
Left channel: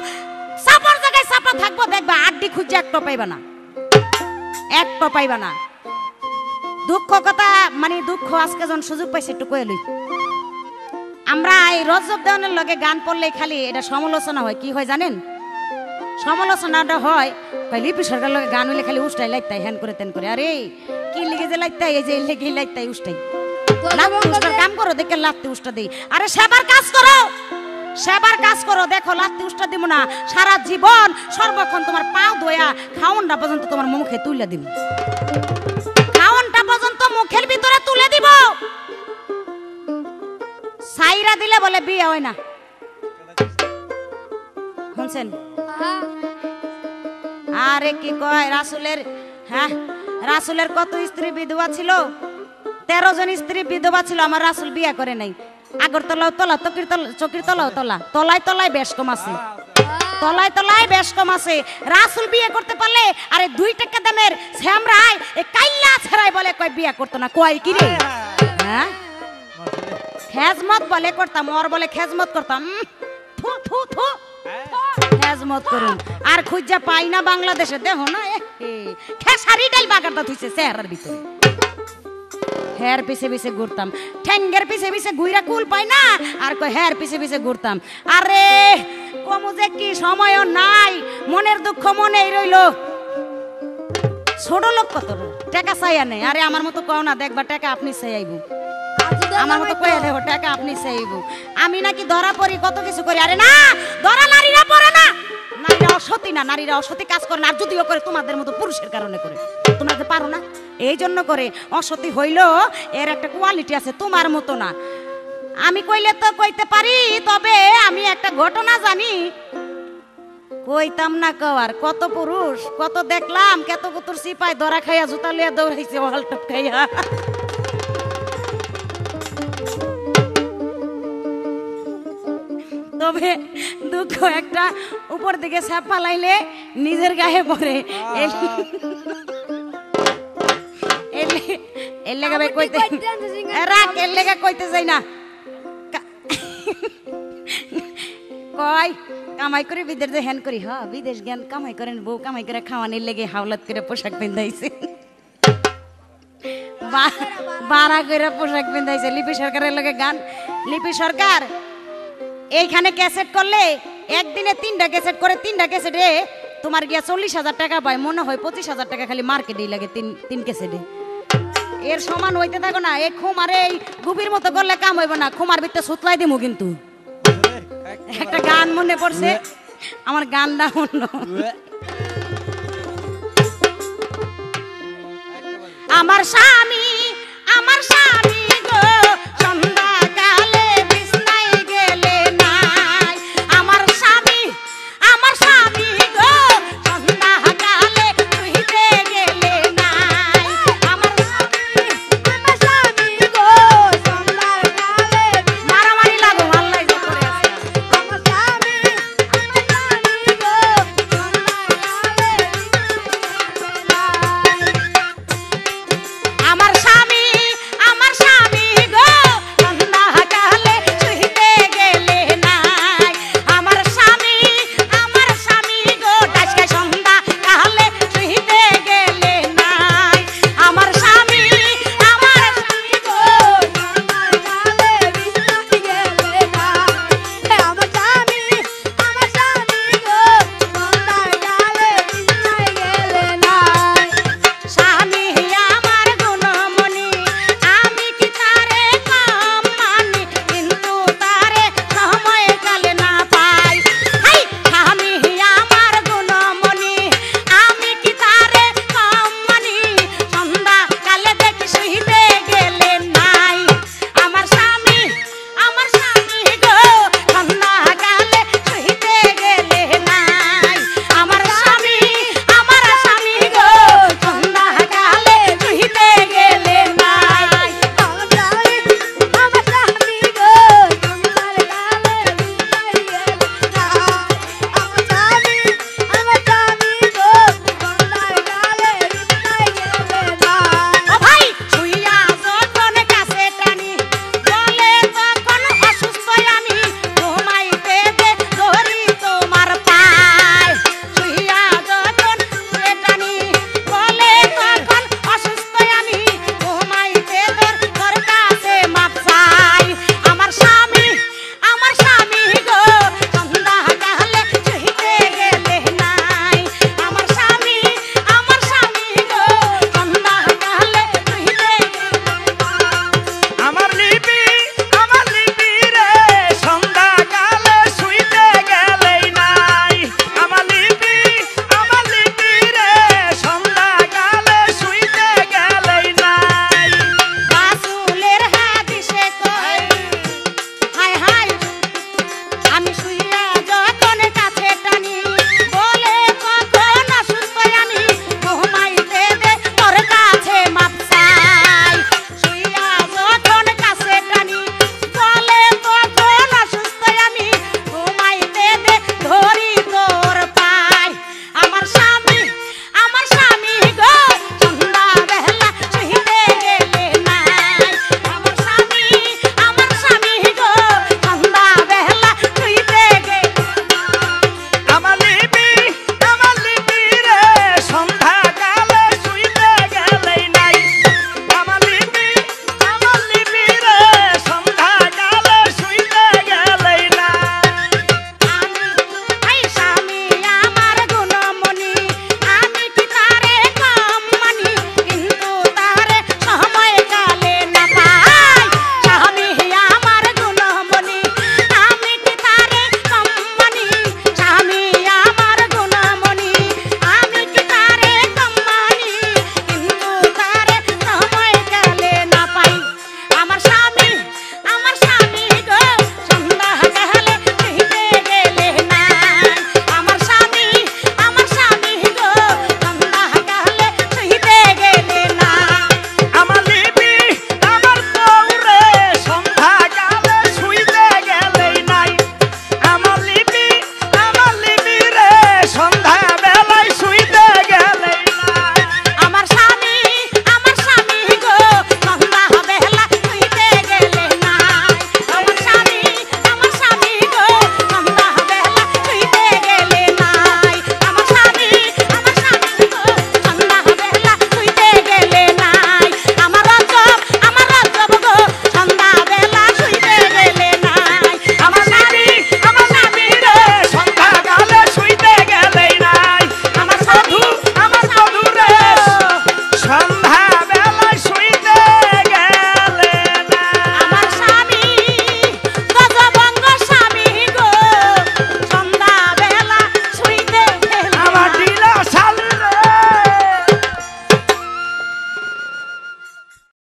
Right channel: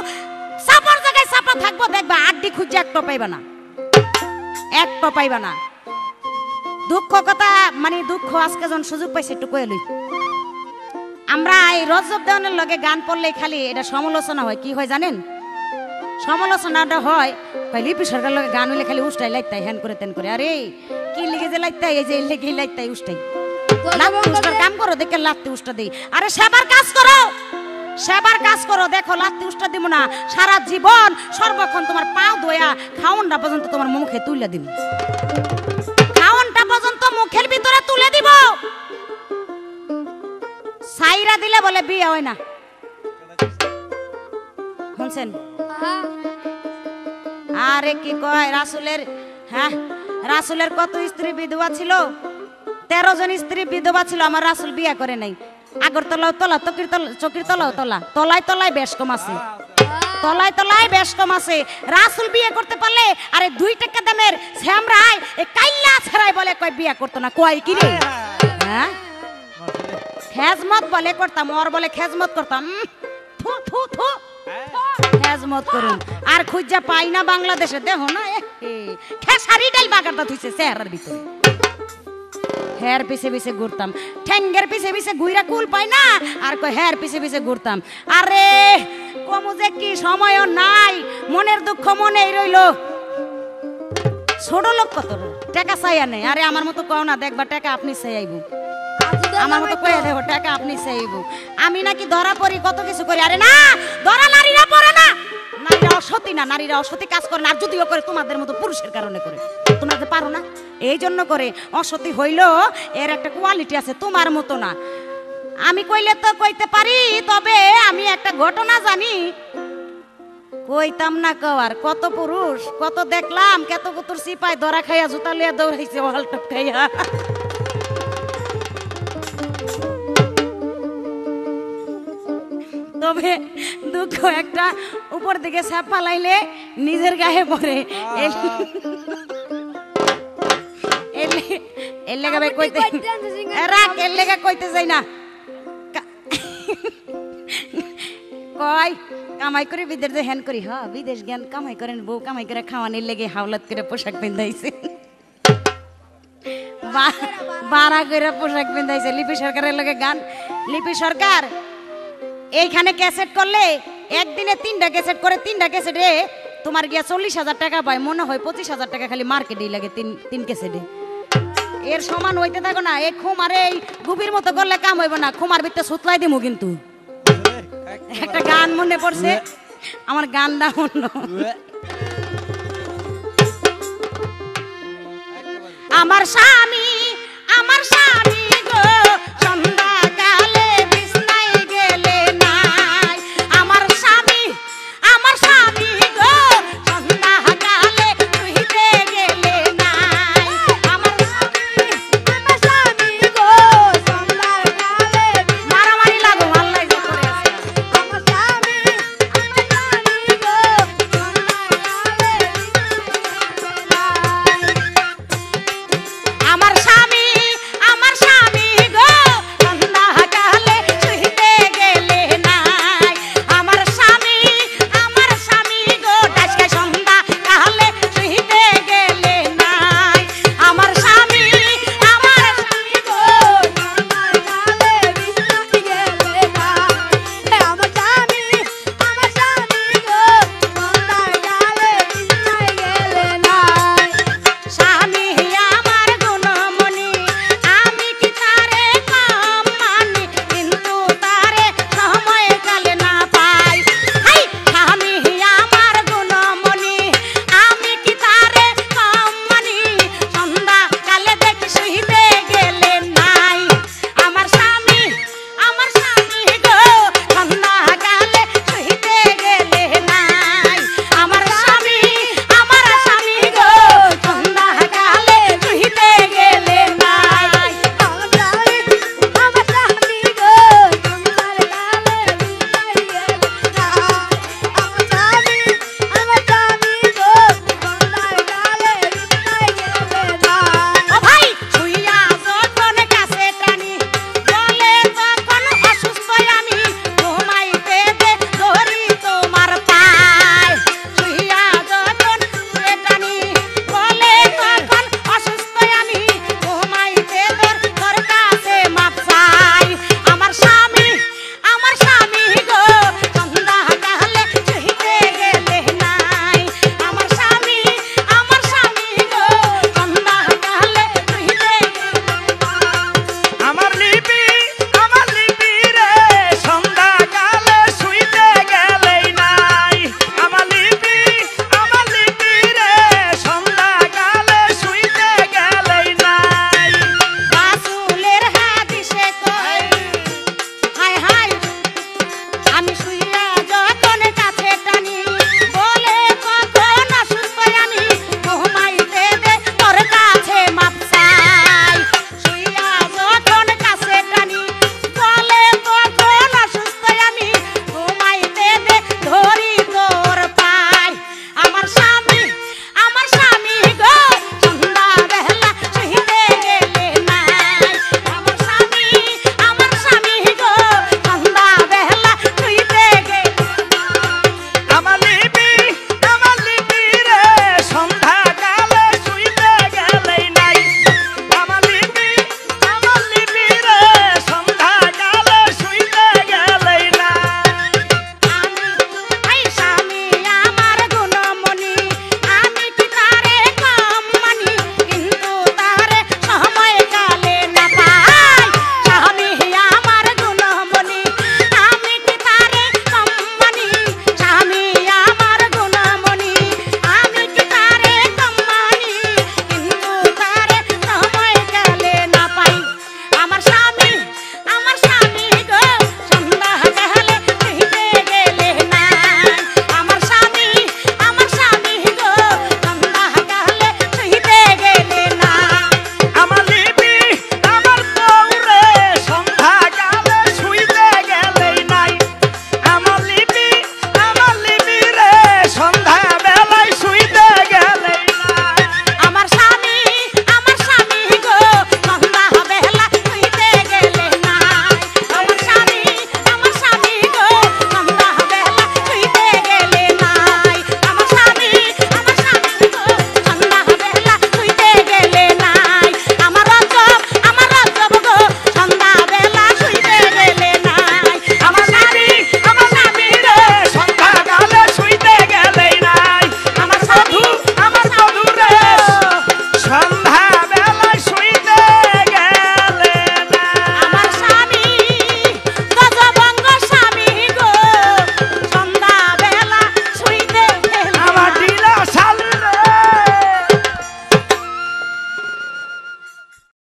চাপার জায়গায় চাপা থাকবো, দেখবা আড্ডি খুঁজে একটা পাইবা না, একটা পাইবা না। দুঃখ কথা মানে দুঃখ, আজকে যখন সুযোগ পাইছি একটু কয়ে লই। আমরা এই রজব দেওয়ানের লগে গান পড়লে খালি এটা সমালোচনা হয়, কি হয় জানেন? সমালোচনাটা হয় লিপি সরকার লগে গান হইলে খালি উষ্টাই লাইতাই, হ্যান করে তেন করে, আরে কি লিখে যে লাইতাই, এই যে লিখে লাইতাই উষ্টাই, কাম করো দেখে লাত্তি উষ্টা দিই। আরে সেবার কাজ করো, সেবার কাজ করো, দেখো লাত্তি উষ্টা দিব না, সারা জীবন সর্বক্ষণ তোমার পা ধোয়া খাওনটা পর্যন্ত তোমার মুখে তুলে দিব, খাওনটা পর্যন্ত মুখের ভিতরে তুলে দিব। সাইরা দিলে বলে বিয়ে হয় না, শুনছেন? আরে কি কয় রাসূলের, হ্যাঁ রাসূলের কত স্ত্রী বিধবা ছিল? 13 জন স্ত্রী বিধবা ছিল, আমার রাসূল বিয়ে করে নাই। আগরতলাও তলা, চকির তলাও তলা, তলায় তলায় বেশ কম আছে, তলায় তলায় বেশ কম আছে। রাসূল বিয়ে করতে পারলে আরে 2 টাকা দামের শ্যামরাই এই কাইল্লা ছাড়াই বলে কয় বিয়ে করতো না, কয় কি রে? হ্যাঁ খেজমত বলে করতাম, ওর বলে খেজমত করতাম, থু থু থু খেজমত করি। আর খুঁজা পাই না বাংলাদেশে, দেখো না খেসারি ডাল বাগানটা ধুইছে চেহারার ভিতরে, হের পিছে পিছে ঘুরতাম, ঠেঙ্গের পিছে পিছে ঘুরা কুল পাই না, আর কই হের পিছে পিছে ঘুরতাম। আরে কমু যে কি সময় নাই, মনের দুঃখ মনেই রইল। ছোট লোক কত টাকা চাইয়া নেই, আরে আমার মতো কও না, দেখবা টাকা আপনি চাইব, আমার মতো কইয়া দেব টাকা আপনি চাইব। আমি নাকি ধরা পড়ি, কত কিছু করি, আরে না ধরা নারীরা পড়ে না, নারীরা অসতী না, নারীরা অসতী কাজ করে না, আর যদিও করে তোমাদের মতো পুরুষের কারণে করে, তোমরা তো পারো না এই জন্য করে। অসতী হইলেও এর একটা কোয়ালিটি আছে, তোমার মতো না। আমি কইলে তো কইতে পারি, তবে আমি একটা ঘটনা জানি, কইতাম না কওয়ার। কত পুরুষ কত দেখলাম, কত কুতুর সিপাই ধরা খাইয়া জুতা লিয়া দৌড়াইছে ওয়ালটপ খাইয়া। তবে দুঃখ একটা, উপর দিকে সাপ পালাইলে নিজের গায়ে পড়ে। এর লেগে ভাই কইতে রাখ, এর লেগে কইতে যাই না, কয় কামাই করে বিদেশ যে হ্যান করি, হ্যাঁ বিদেশ জ্ঞান কামাই করেন, বউ কামাই করে খাওয়ানির লেগে হাওলাত করে পোশাক পিন্ধাইছে, বাড়া করে পোশাক পিন্ধাইছে। লিপি সরকারের লগে গান, লিপি সরকার এইখানে ক্যাসেট করলে একদিনে 3টা ক্যাসেট করে, 3টা ক্যাসেটে তোমার গিয়া 40,000 টাকা পায়, মনে হয় 25,000 টাকা খালি মার্কেটেই লাগে 3 ক্যাসেটে। এর সমান হইতে থাকো না, এই খুমারে এই খুবির মতো করলে কাম হইব না, খুমার ভিতরে সুতলাই দিমু। কিন্তু একটা গান মনে পড়ছে আমার, গানটা অন্য, আমার স্বামী